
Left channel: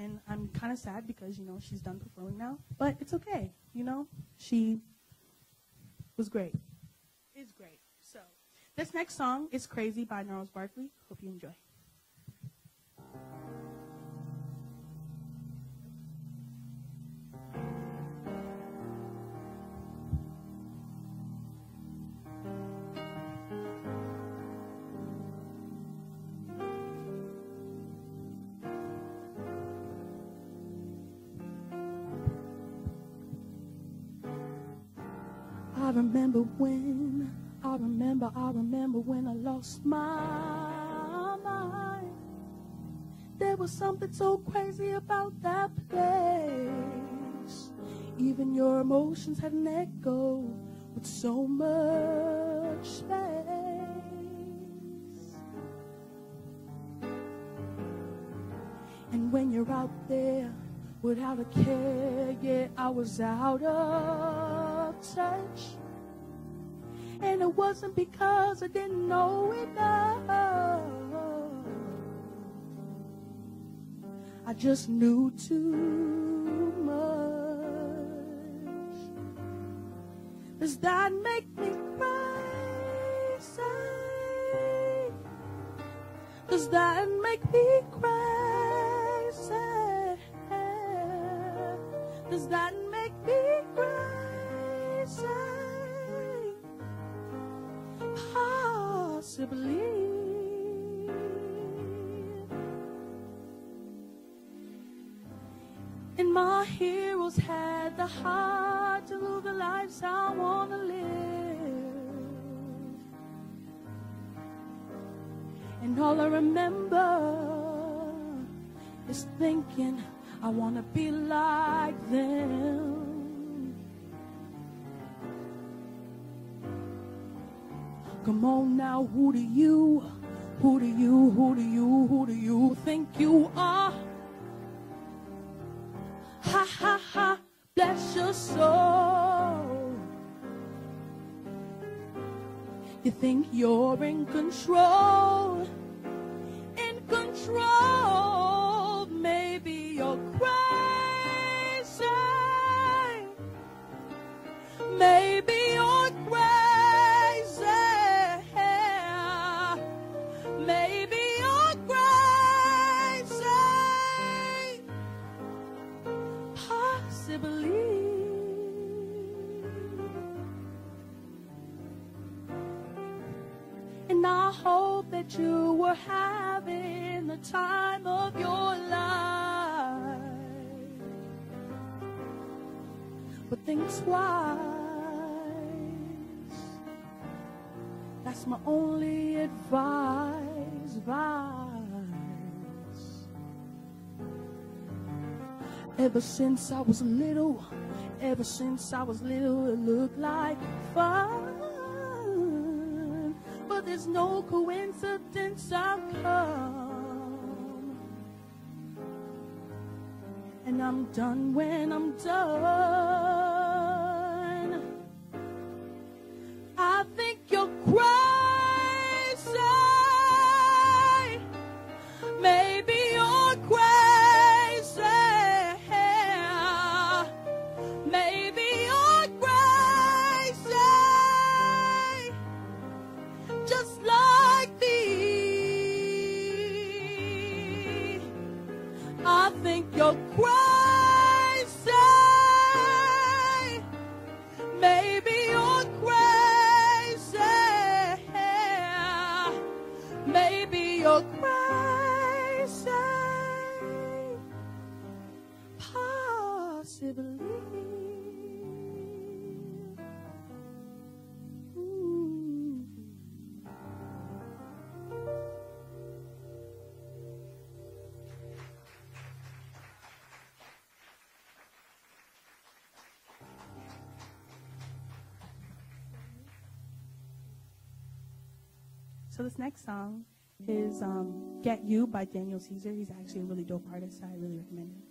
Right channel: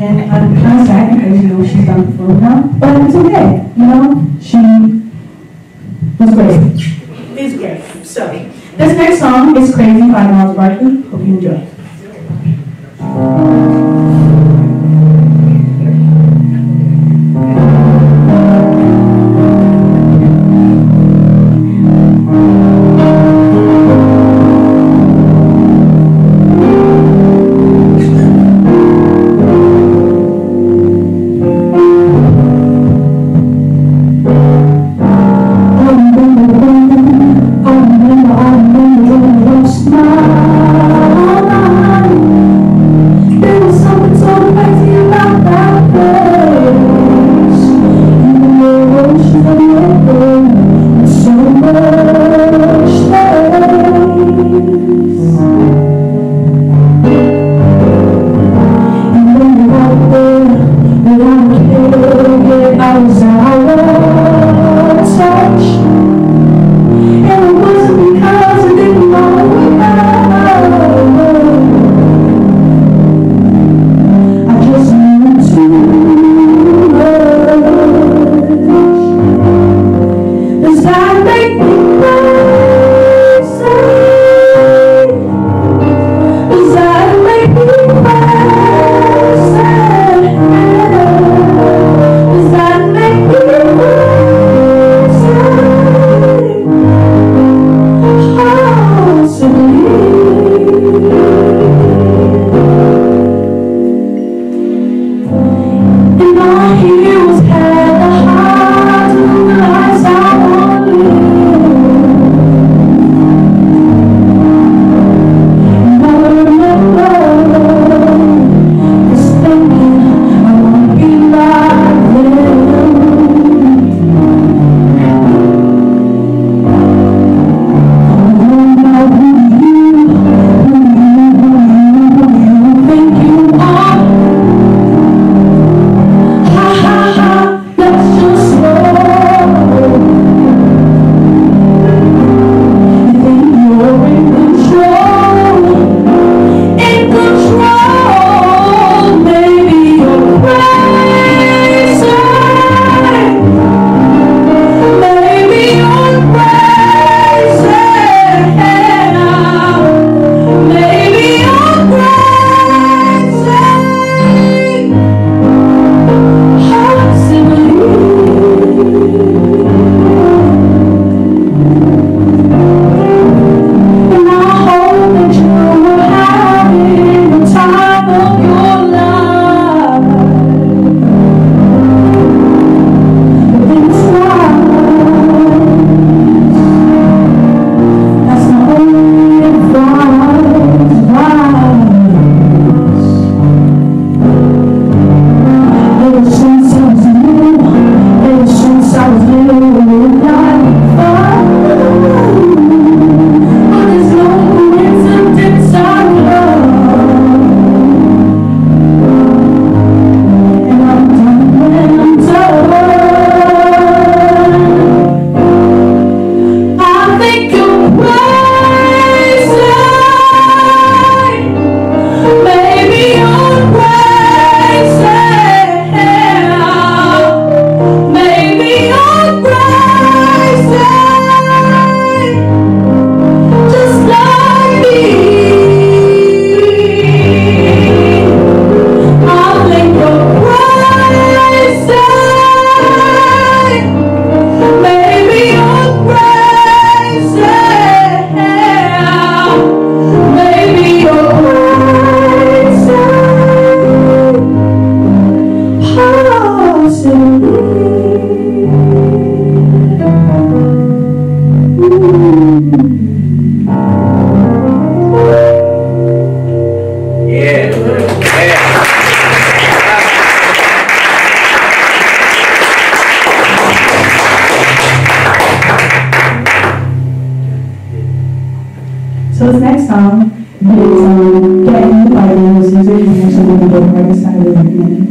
And I'm kind of sad because, you know, she's done before now, but it's okay. You know, she was great. It's great. So, this next song is Crazy by Miles Barkley. Hope you enjoy. So this next song is Get You by WMCC. You can actually look at the right side of the beginning.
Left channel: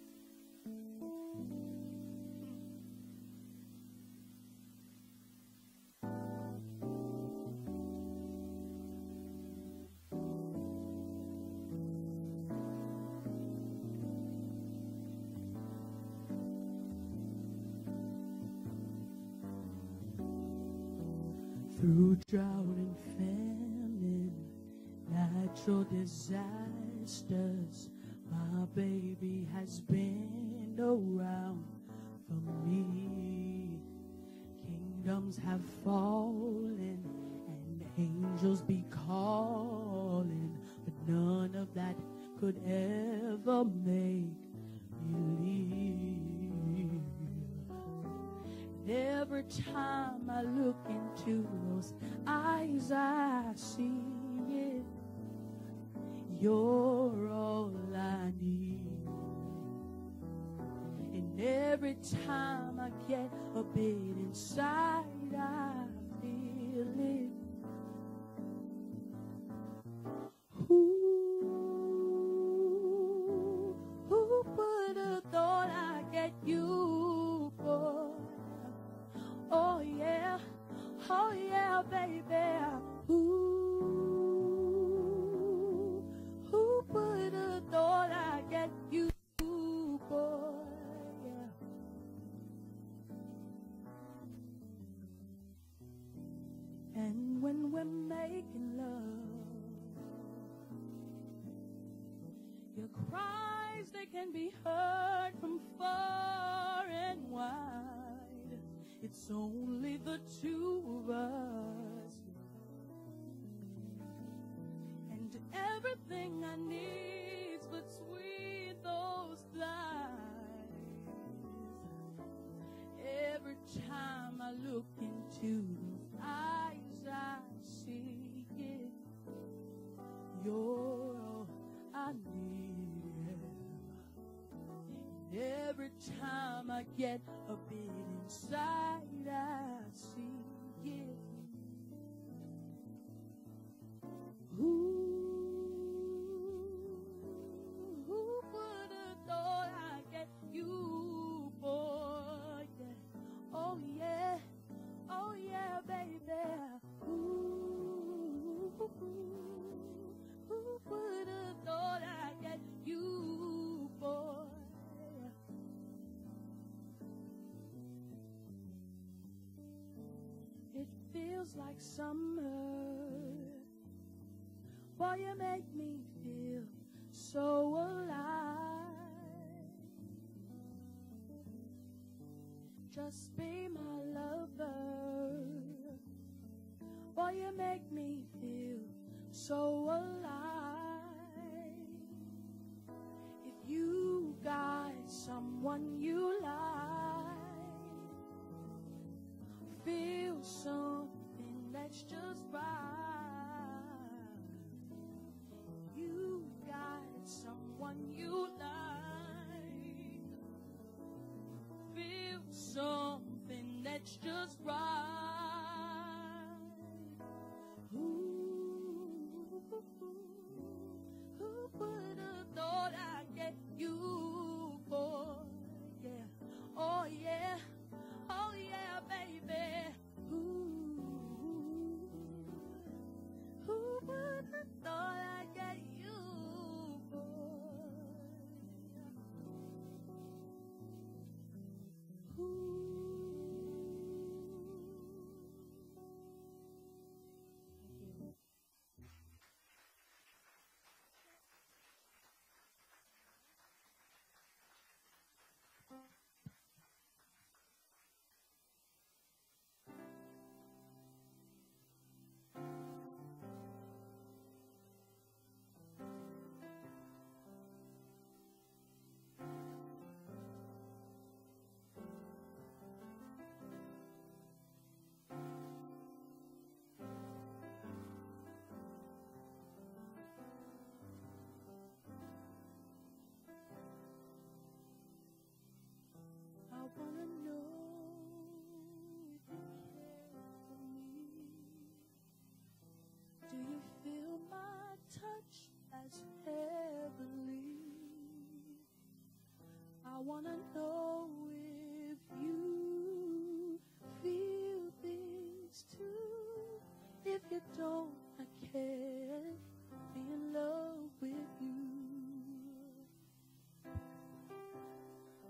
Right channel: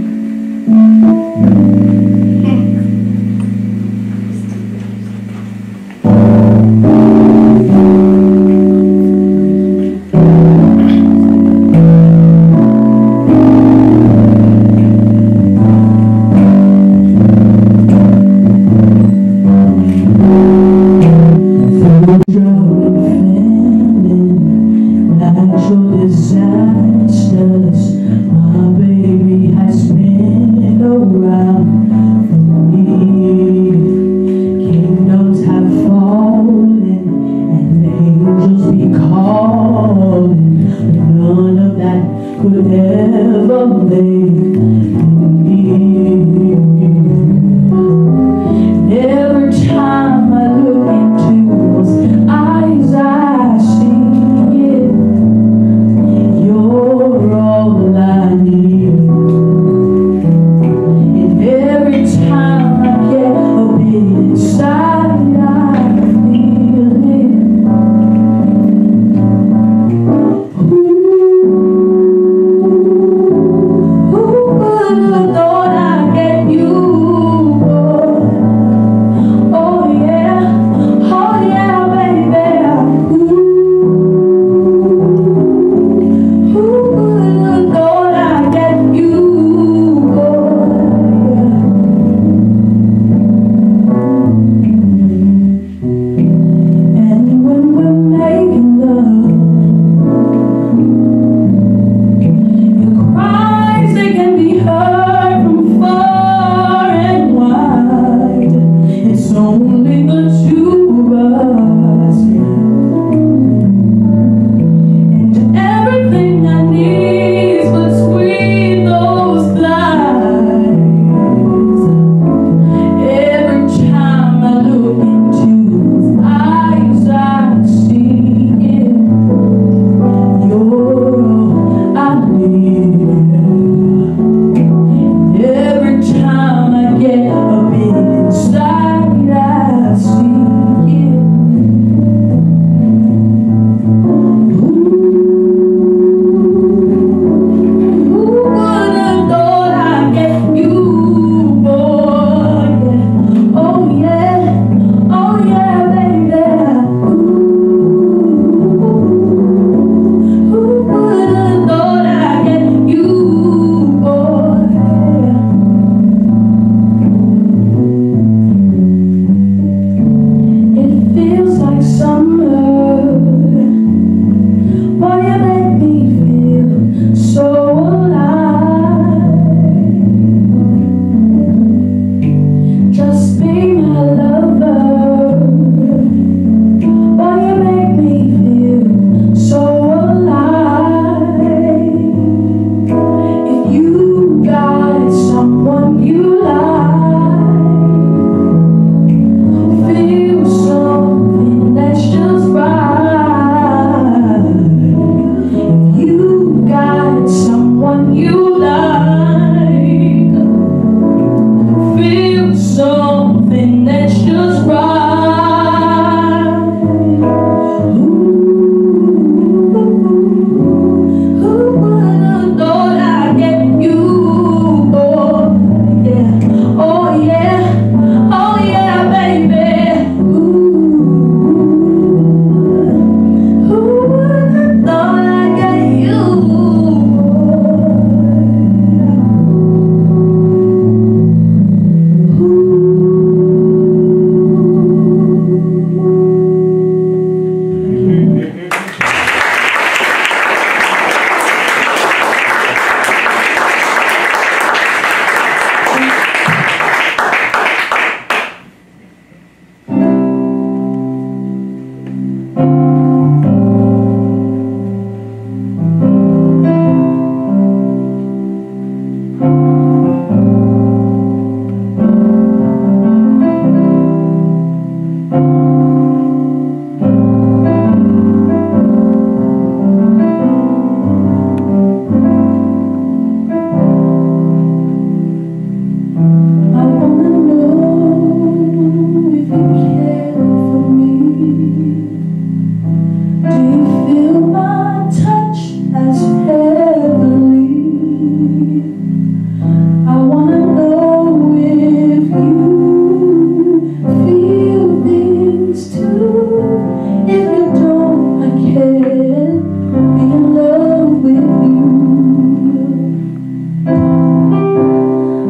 be in love with you.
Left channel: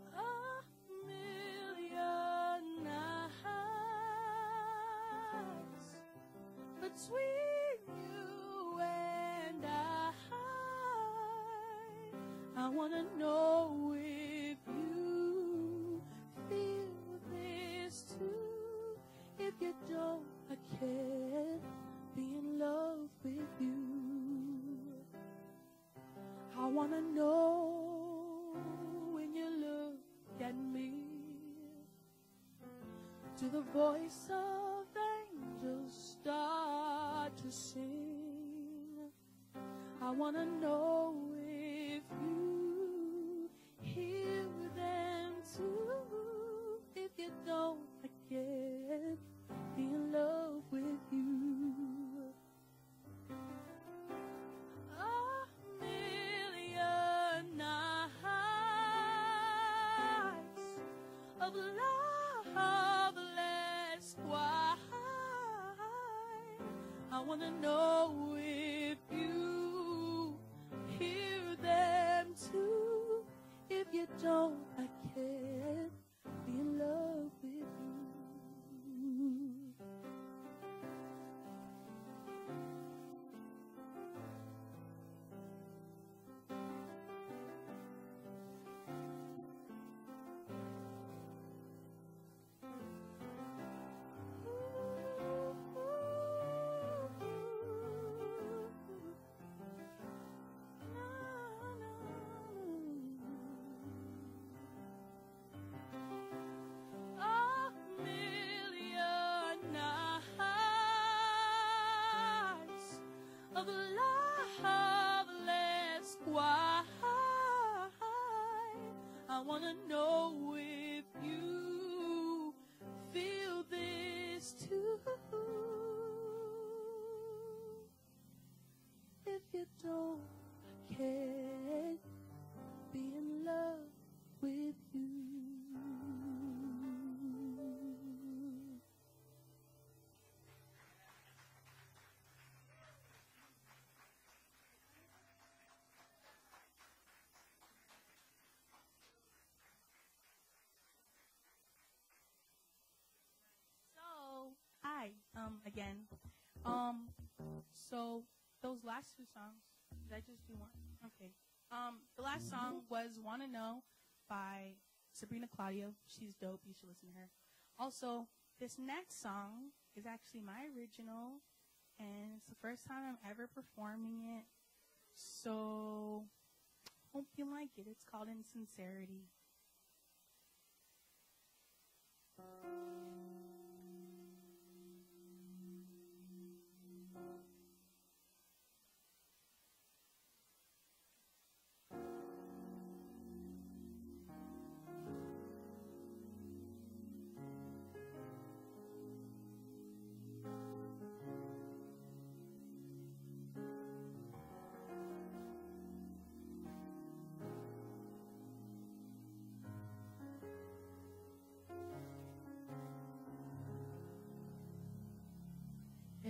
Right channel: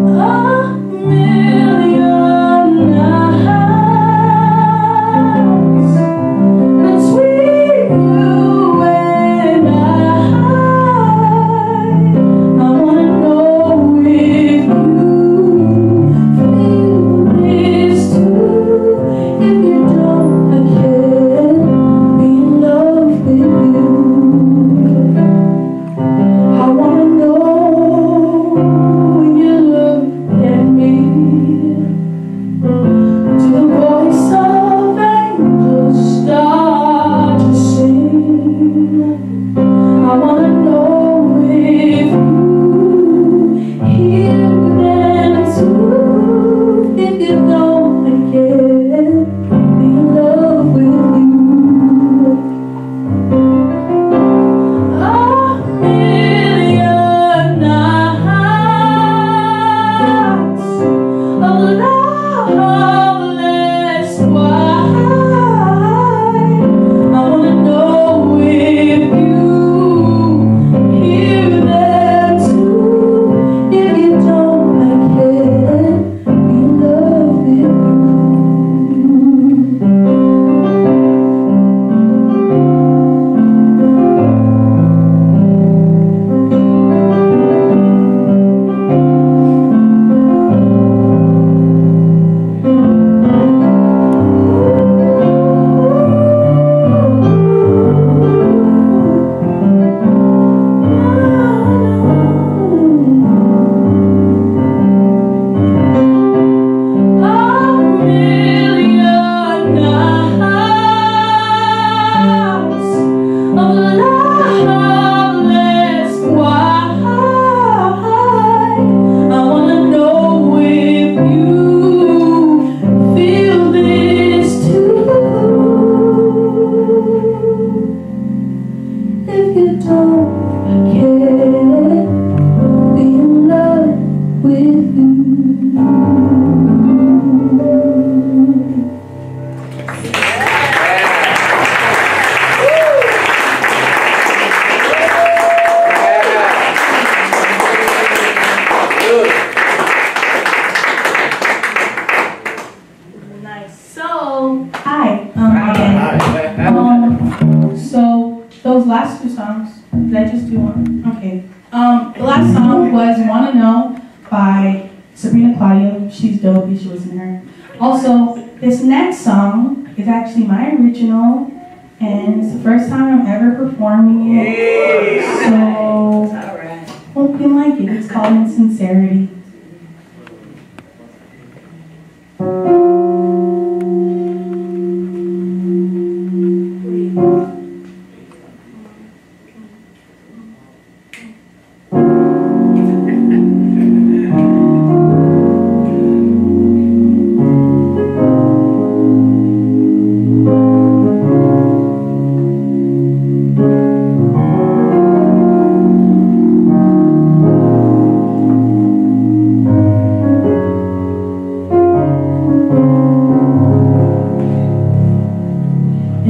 A million nights between you and I wanna know if you feel this too. If you don't, I can't be in love with you. I wanna know when you look at me. Do the voice of angels start to sing? I wanna know if you hear them too. If you don't, I can't be in love with you. A million nights of loveless wine. I wanna know if you hear them too. If you don't, I can't be in love with you. A million nights of loveless wine. I wanna know if you feel this too. If you don't, I can't be in love with you. Nice. So, hi, again. So those last two songs, did I just do one? Okay. The last song was "Wanna Know" by Sabrina Claudio. She's dope. You should listen to her. Also, this next song is actually my original, and it's the first time I'm ever performing it. So, hope you like it. It's called "Insincerity."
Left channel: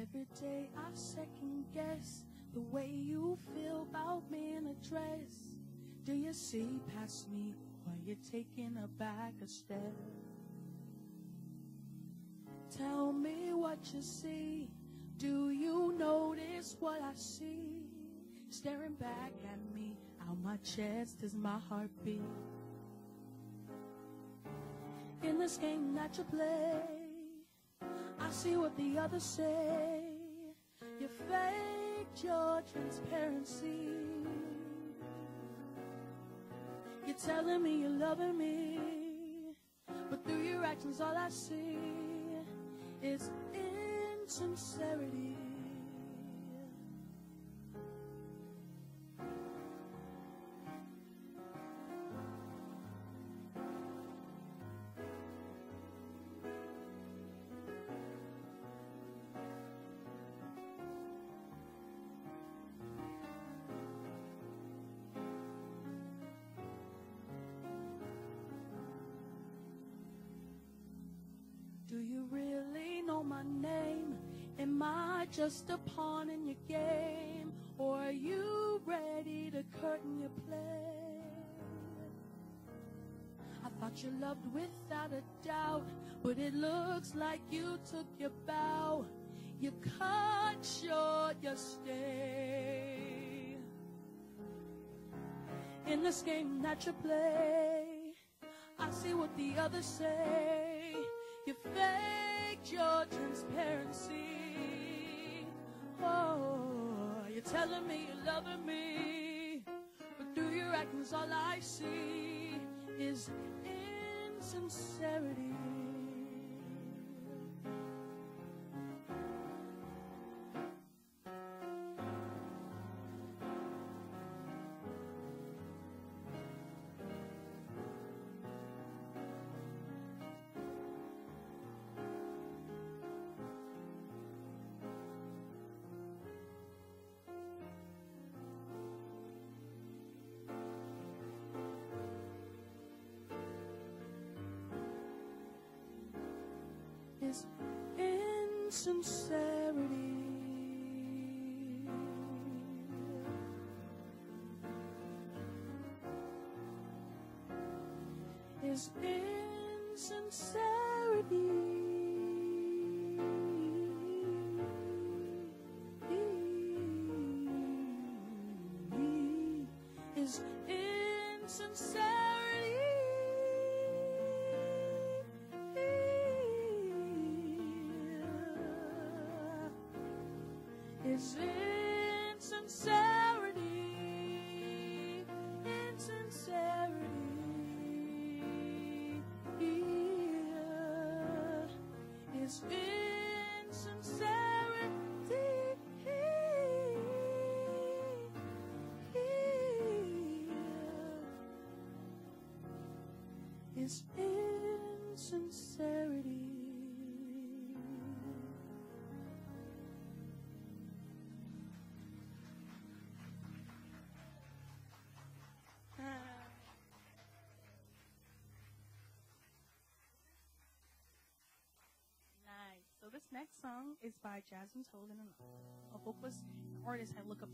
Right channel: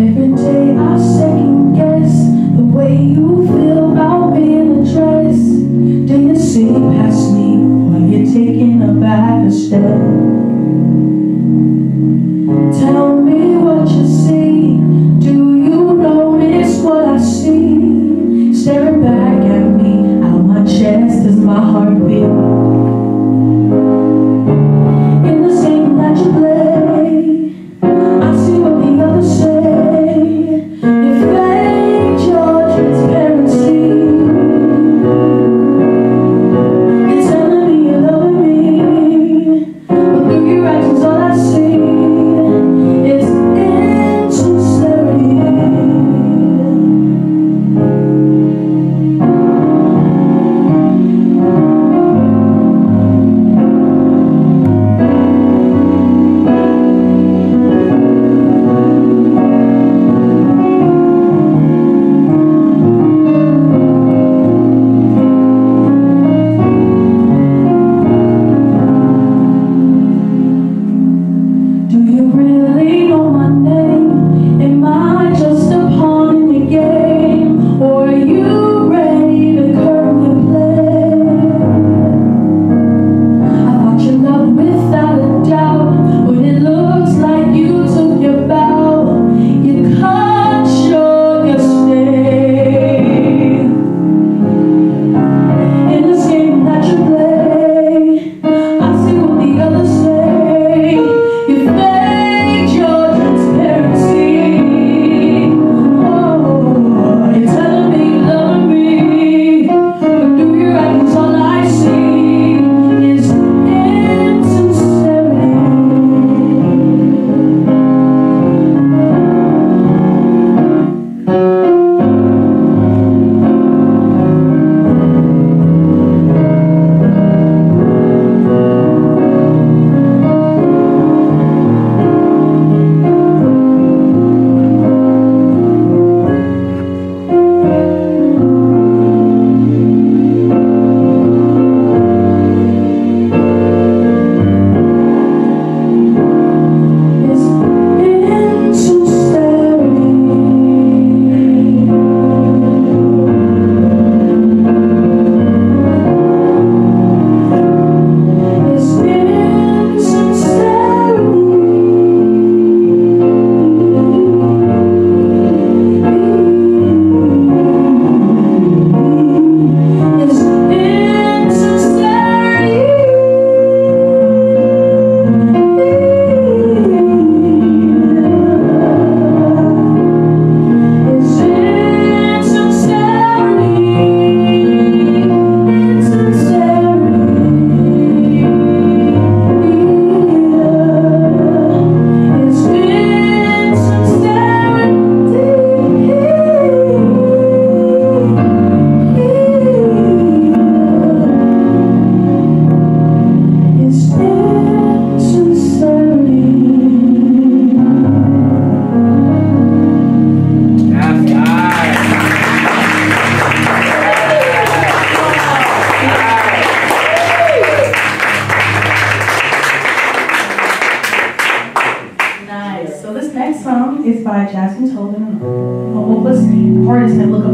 Every day I second guess the way you feel about being addressed. Do you see past me while you're taking a back step? Tell me what you see. Do you notice what I see? Staring back at me out my chest as my heart beats. In the same that you play, I see what the others say. You fake your transparency. You're telling me you love me, but through your actions all I see is insincerity.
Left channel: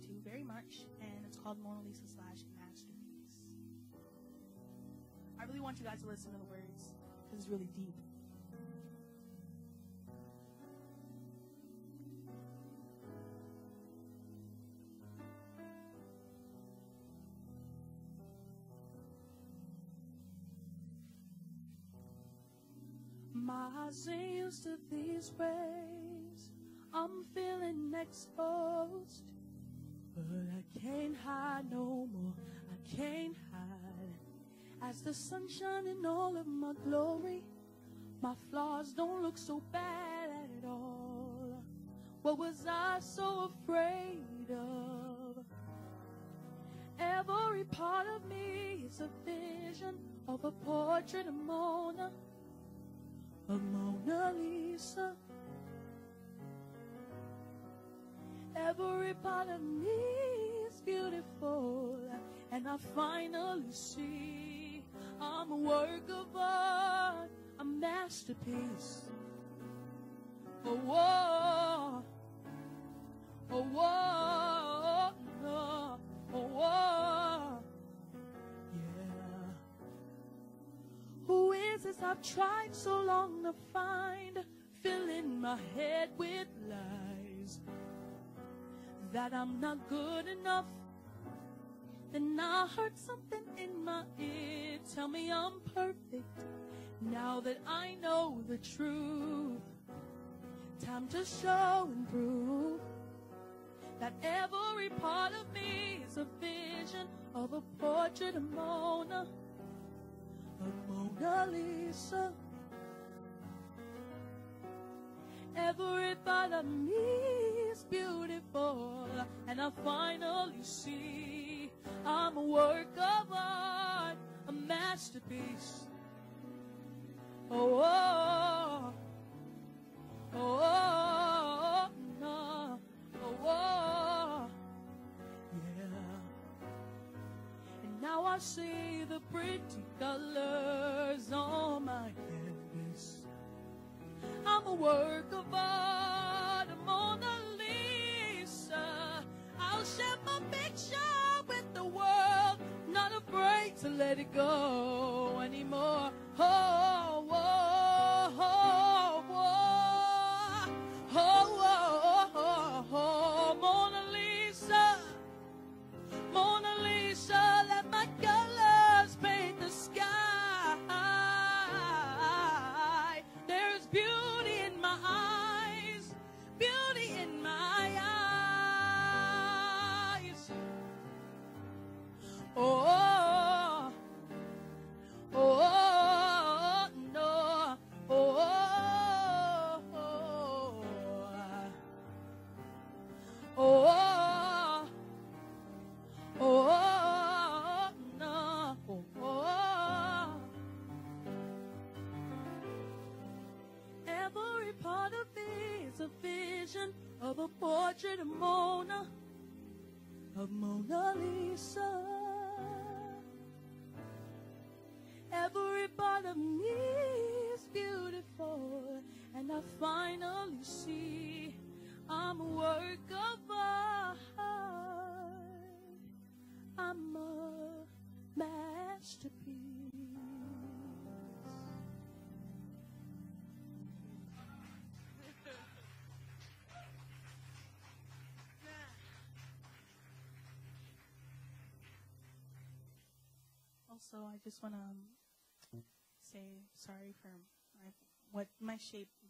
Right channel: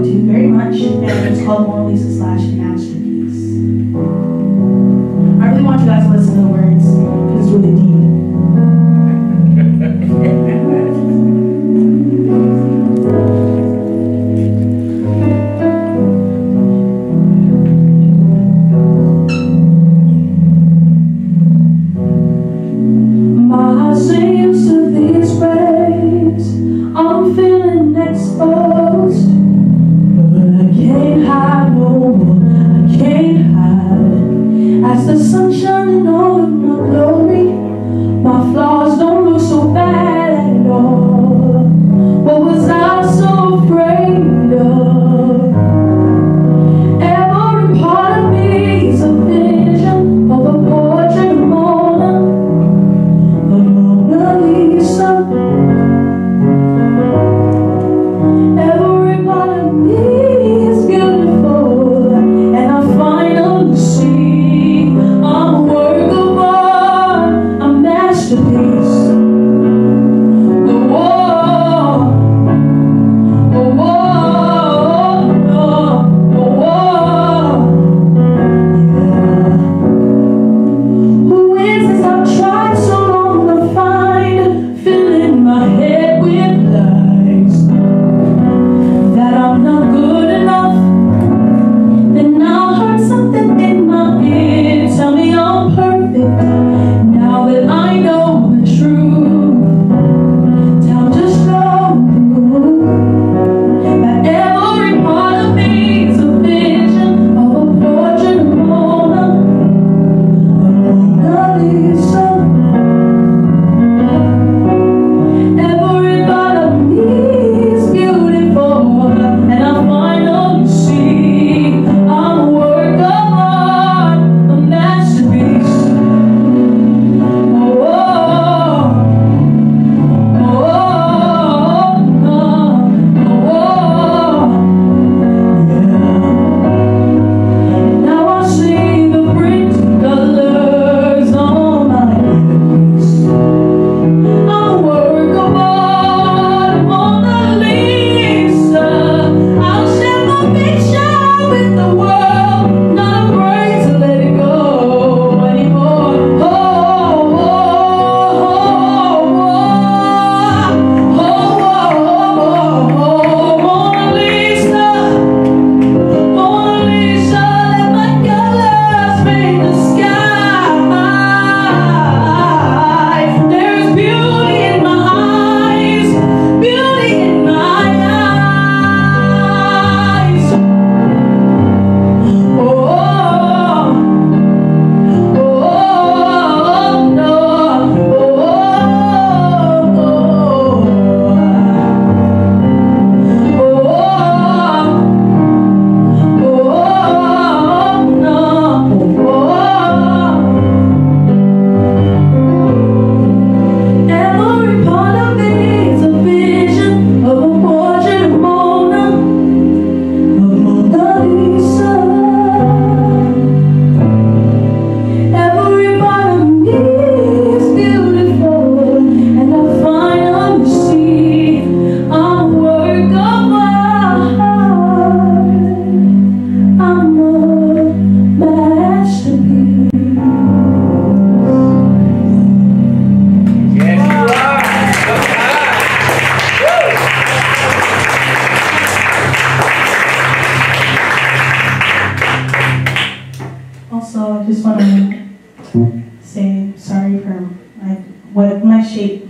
to very much, and it's called Mona Lisa / Masterpiece. I really want you guys to listen to the words, because it's really deep.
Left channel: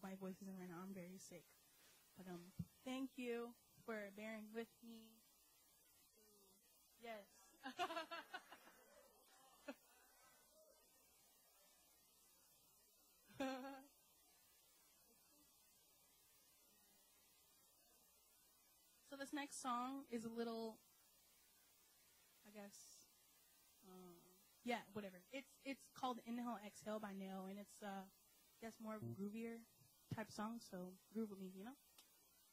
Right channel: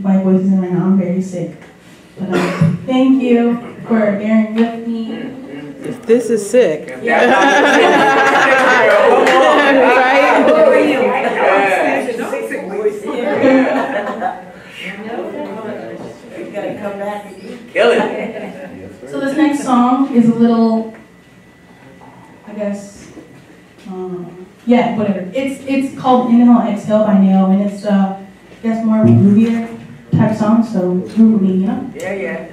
My voice is in right now. I'm very sick. But thank you for bearing with me. If this is sick. Yeah. Right? Who are you? You gotta come back and kill it. So this next song is a little, I guess, yeah, whatever. It's called Inhale Exhale by Nail, and it's I guess more of a groovier type song, so groove with me, you know? Yeah.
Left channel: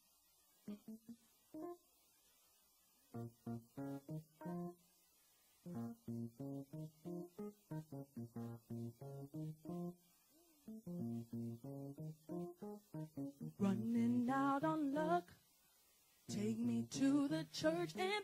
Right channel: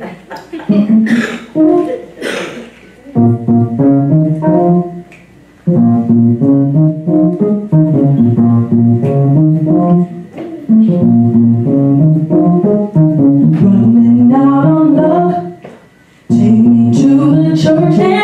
Running out on love, take me to the church and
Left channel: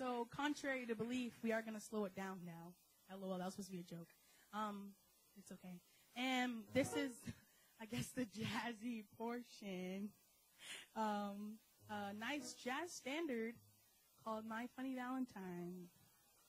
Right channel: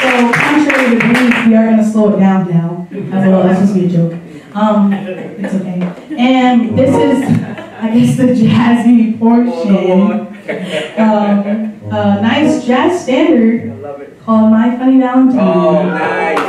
So, contrary to belief, we are going to slow it down now. That's supposed to be a joke. It's okay. And this is, I guess, the jazzy portion. A nice jazz standard called My Funny Valentine. Oh, nice.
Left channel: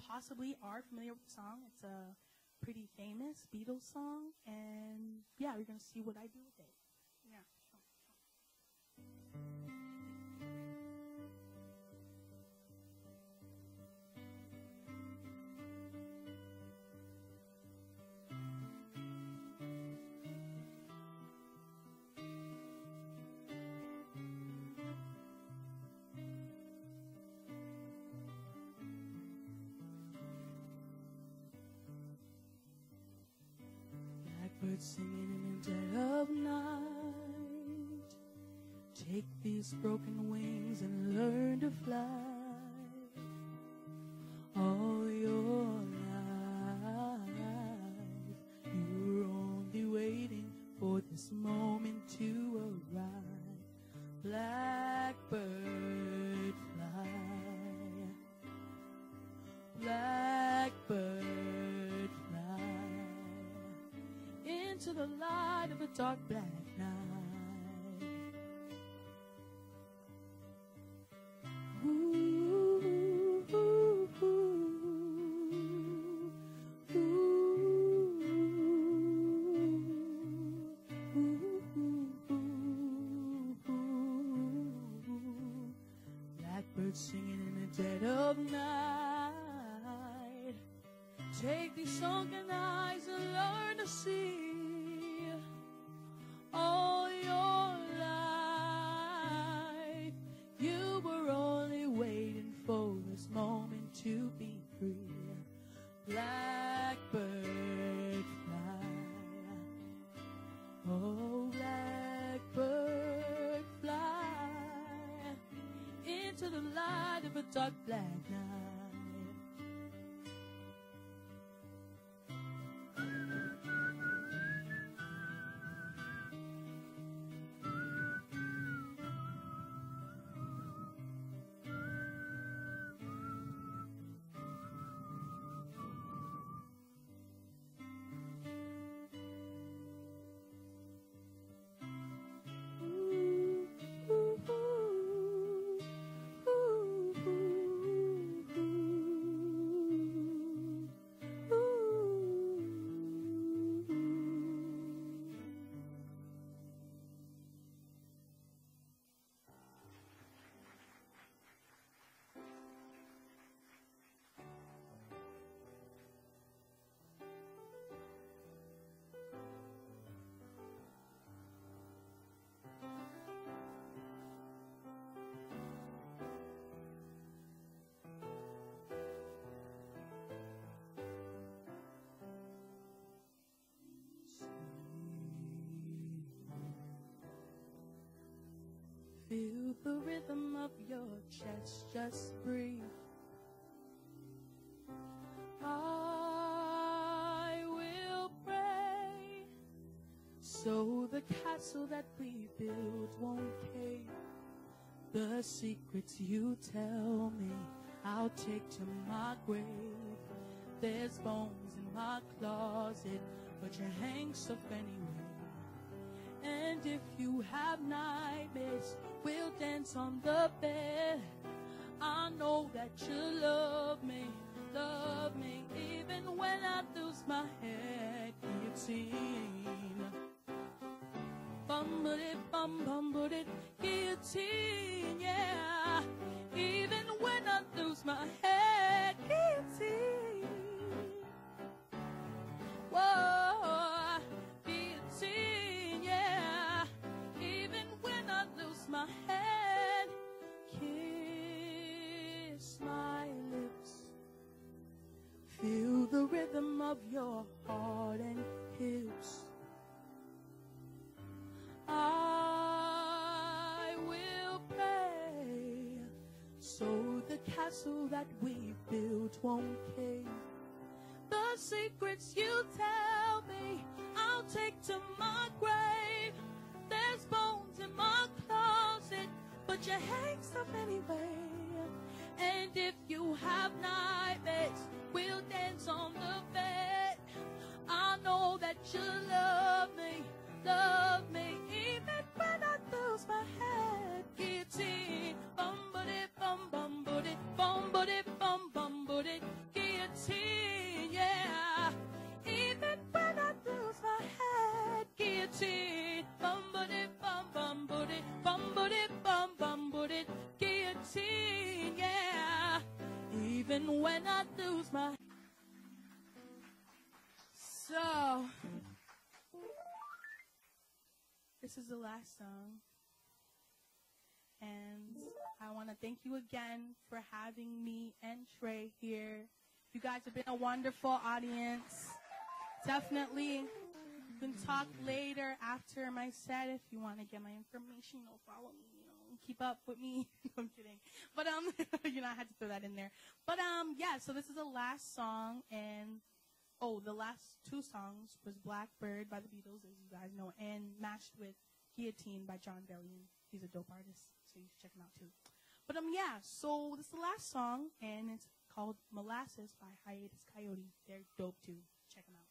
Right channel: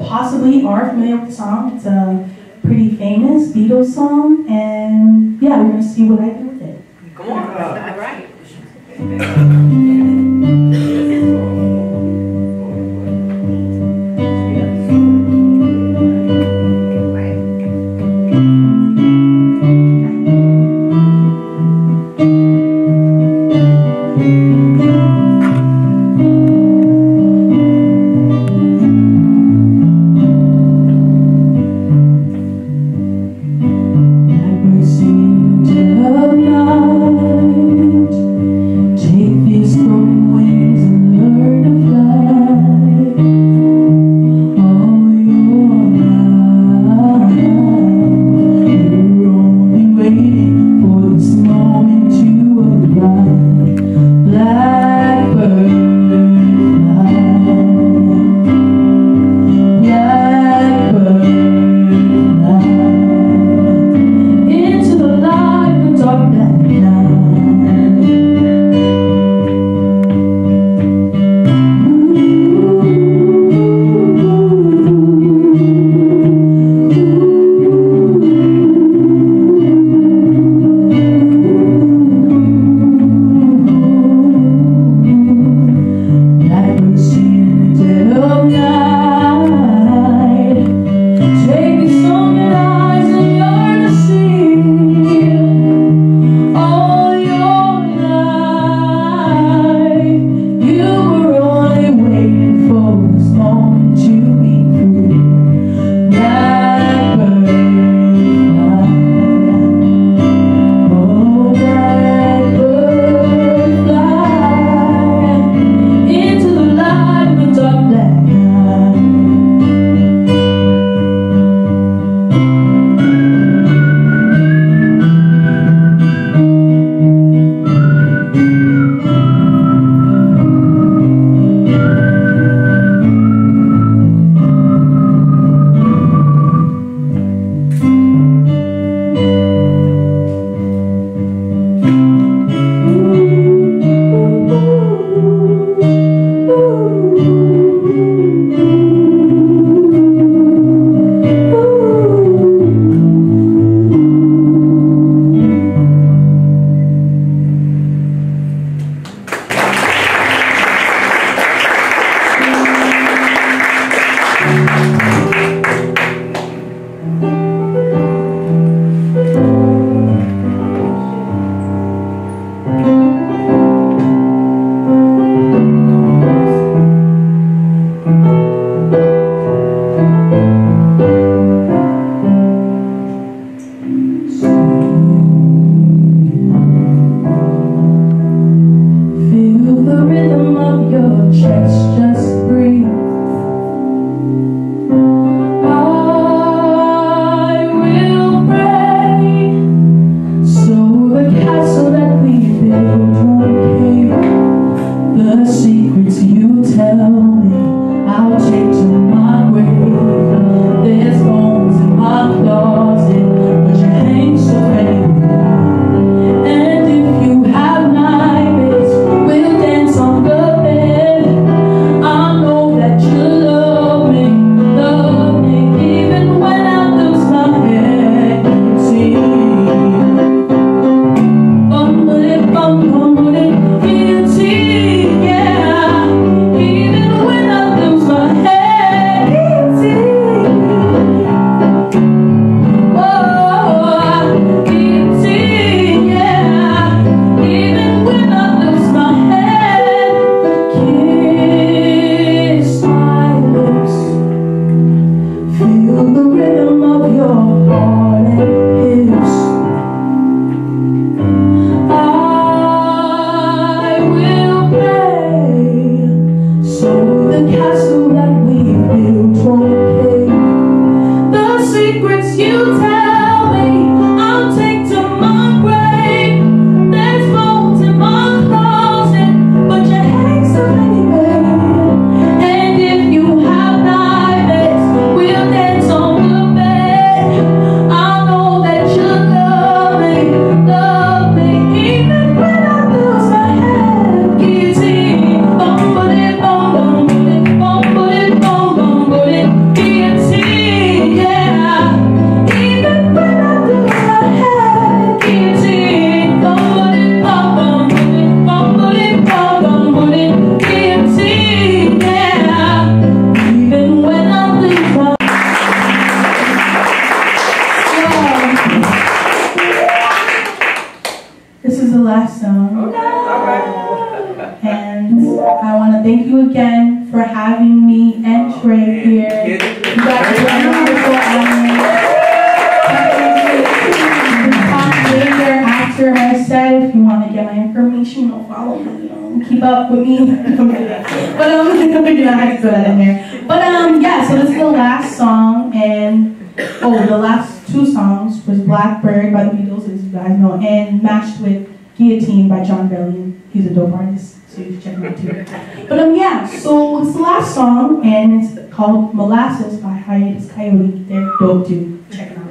possibly are familiar with the song. It's a pretty famous Beatles song, and yeah, we're going to see what I do with it. Come on. All right. Take this last song. And I want to thank you again for having me and Trey here. You guys are wonderful later after I said, if you want to get my information, you'll follow me, keep up with me. But I'm gonna have to put that in there. But yeah, so this is the last song, and the last two songs was Blackbird by the Beatles, as you guys know, and matched with Guillotine by John Bellion. He's a dope artist, so you should check him out too. But yeah, so it's the last song, and it's called Molasses by Hiatus Coyote. They're dope too. Check them out.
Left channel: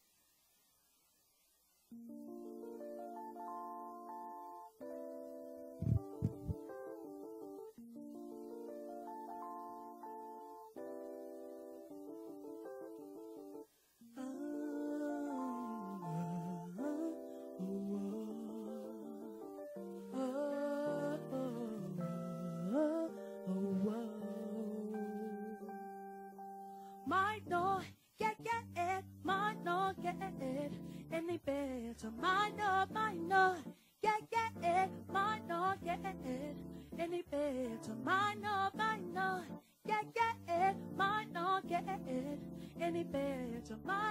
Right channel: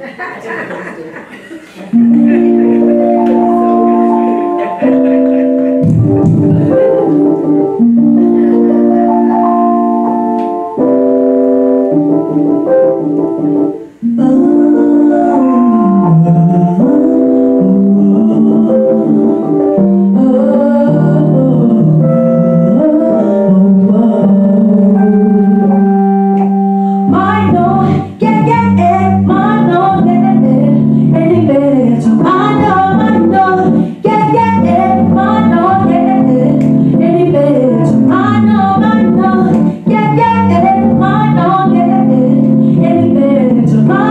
Tomorrow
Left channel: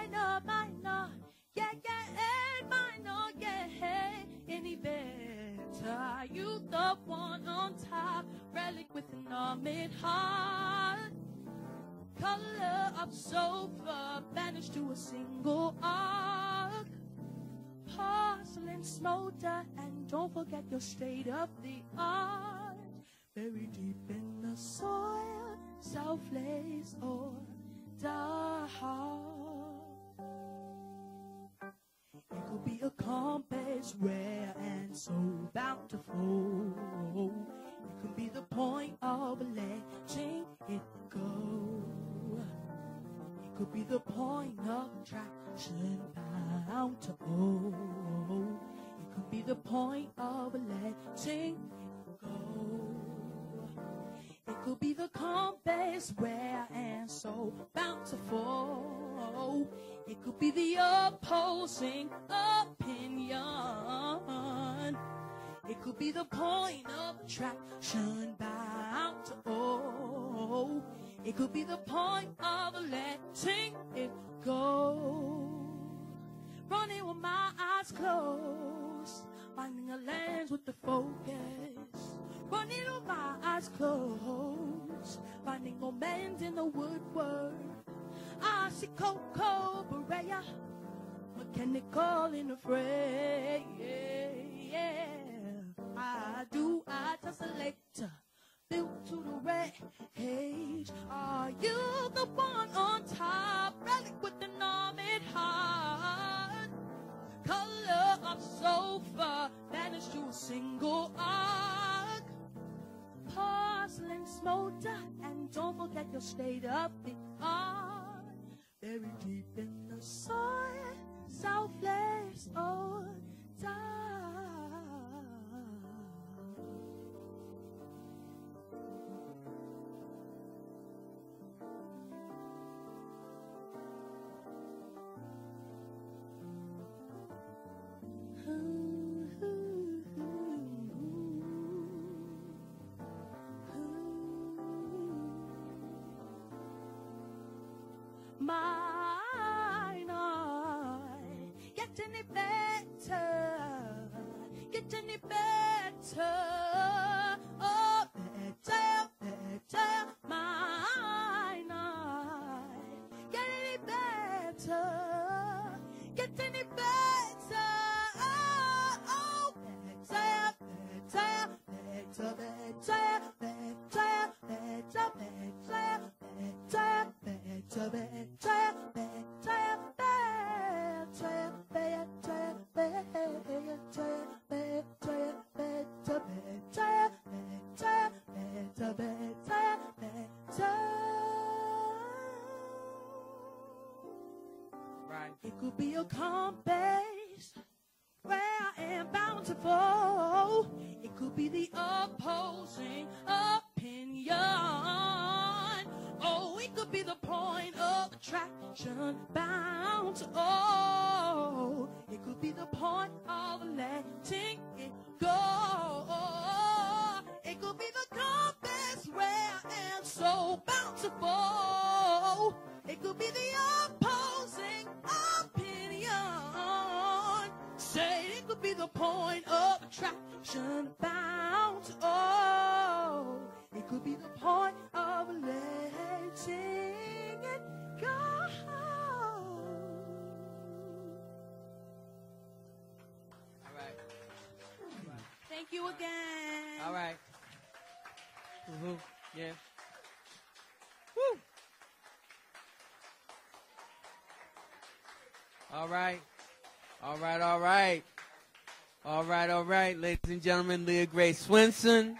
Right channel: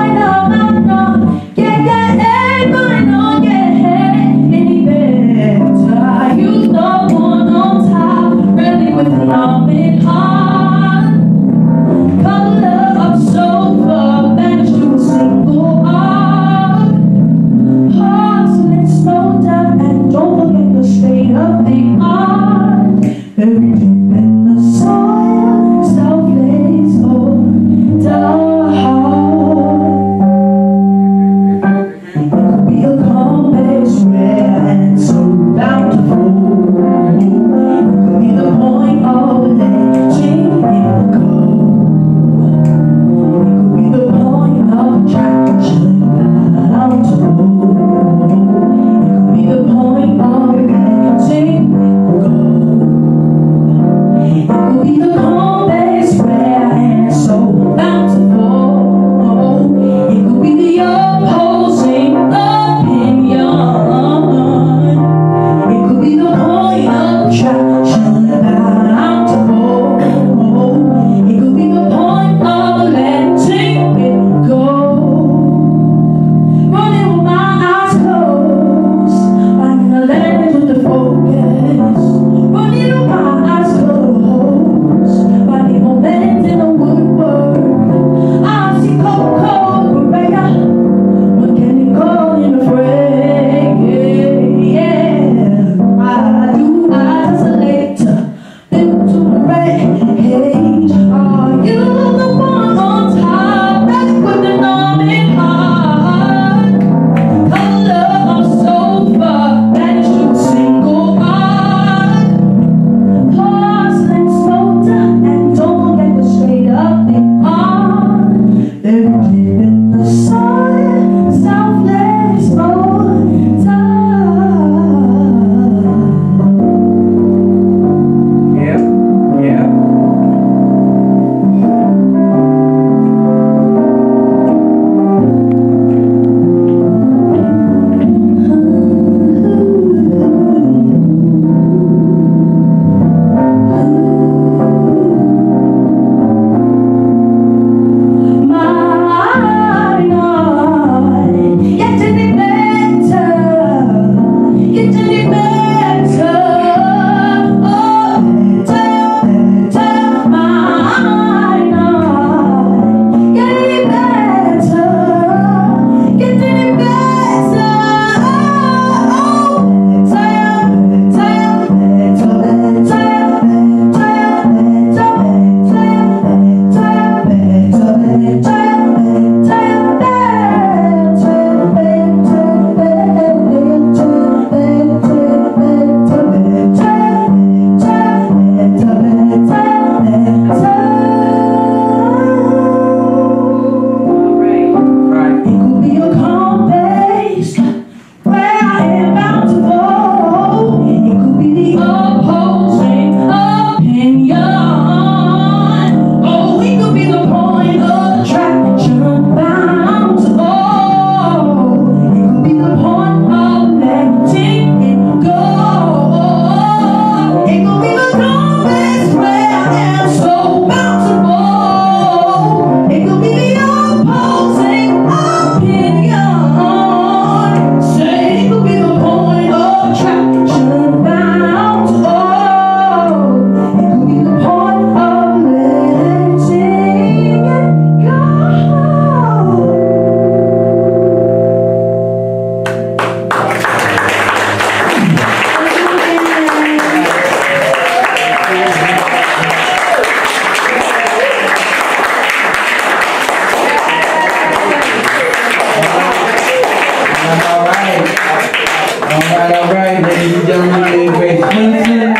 All right, ladies and gentlemen, Lady Grace Winston.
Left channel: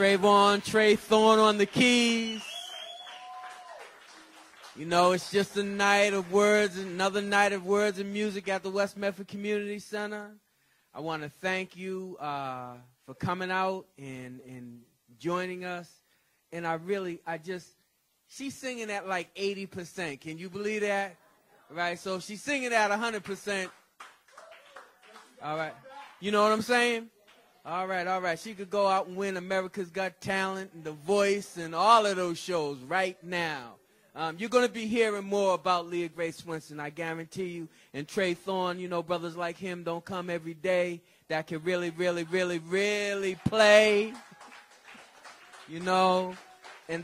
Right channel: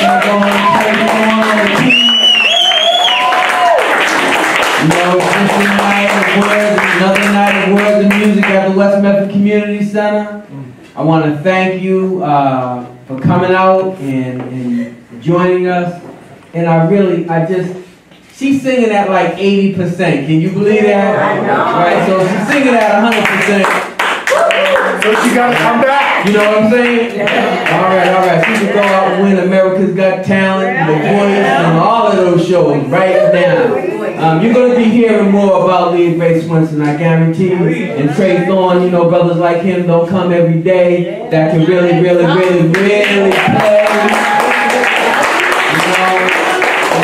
Come on, take it on the key. You know, it's just a night of words, another night of words and music at the West Medford Community Center. I want to thank you for coming out and joining us. And she's singing at like 80%. Can you believe that? I know. Right, so she's singing at 100%. So she gotta come back. You know what I'm saying? All right. She can go out and win America's Got Talent, The Voice, and all of those shows right now. You're going to be hearing more about Lady Grace Winston, I guarantee you. And Trey Thorne, you know, brothers like him don't come every day that can really play. You know,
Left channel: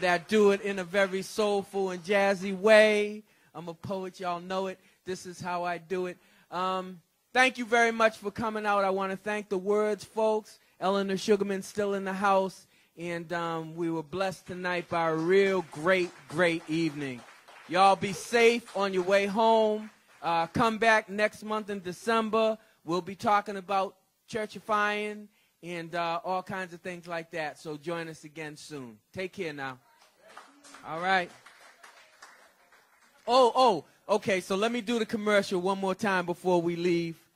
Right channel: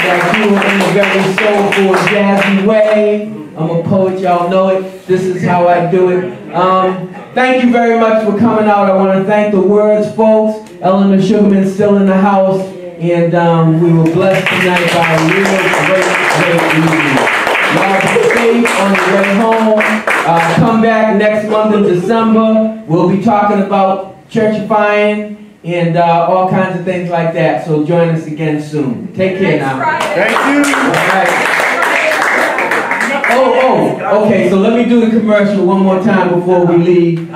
that do it in a very soulful, jazzy way. I'm a poet, y'all know it. This is how I do it. Thank you very much for coming out. I want to thank the Words folks. Eleanor Sugarman's still in the house. And we were blessed tonight by a real great evening. Y'all be safe on your way home. Come back next month in December. We'll be talking about churchifying and all kinds of things like that. So join us again soon. Take care now. Thank you. All right. Okay, so let me do the commercial one more time before we leave.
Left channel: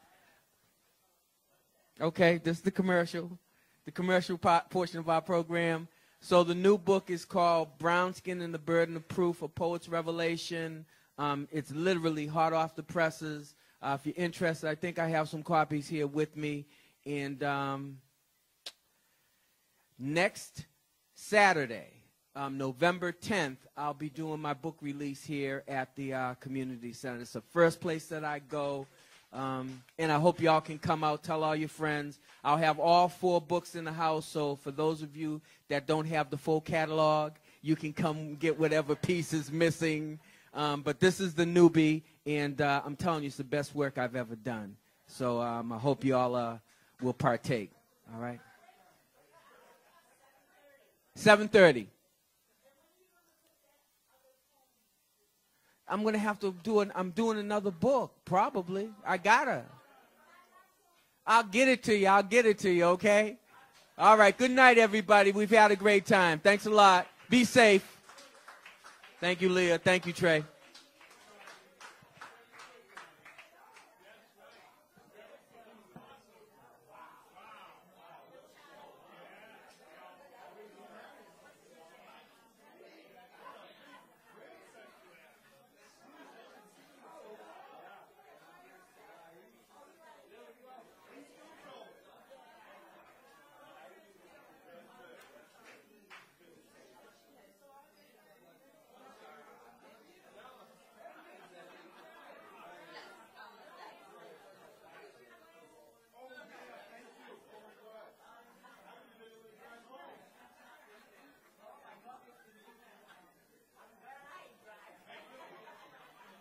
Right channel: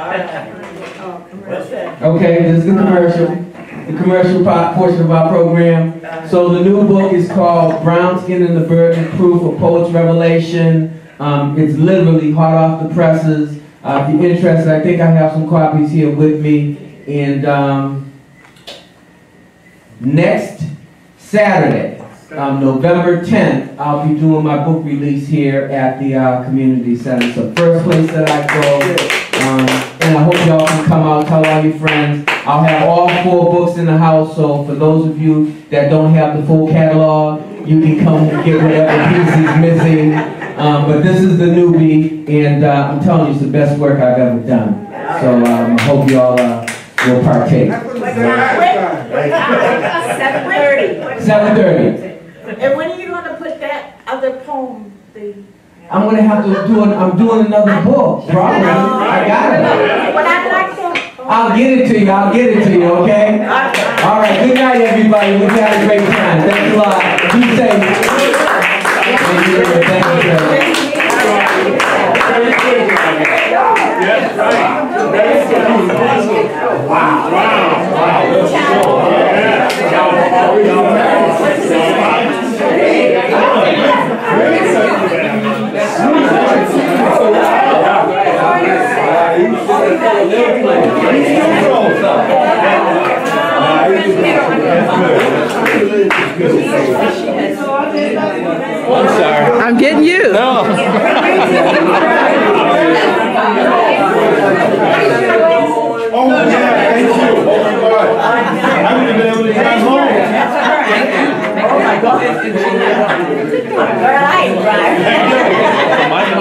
Okay, this is the commercial portion of our program. So the new book is called Brown Skin and the Burden Proof of Poet's Revelation. It's literally hot off the presses. If you're interested, I think I have some copies here with me. And next Saturday, November 10th, I'll be doing my book release here at the community center. It's the first place that I go, and I hope y'all can come out, tell all your friends. I'll have all 4 books in the house, so for those of you that don't have the full catalog, you can come and get whatever piece is missing. But this is the newbie, and I'm telling you, it's the best work I've ever done. So I hope y'all will partake. 7:30. 7:30. And when are you going to put that other poem thing? I'm gonna have to do I'm doing another book, probably. I got it. But I'd like to. I'll get it to you, okay? All right, good night, everybody. We've had a great time. Thanks a lot. Be safe. Thank you. I'm sorry. I'm getting you. No. Oh, yeah, thank you. Oh, my God. I haven't been able to drive home. Oh, my God. All right, right. Thank you.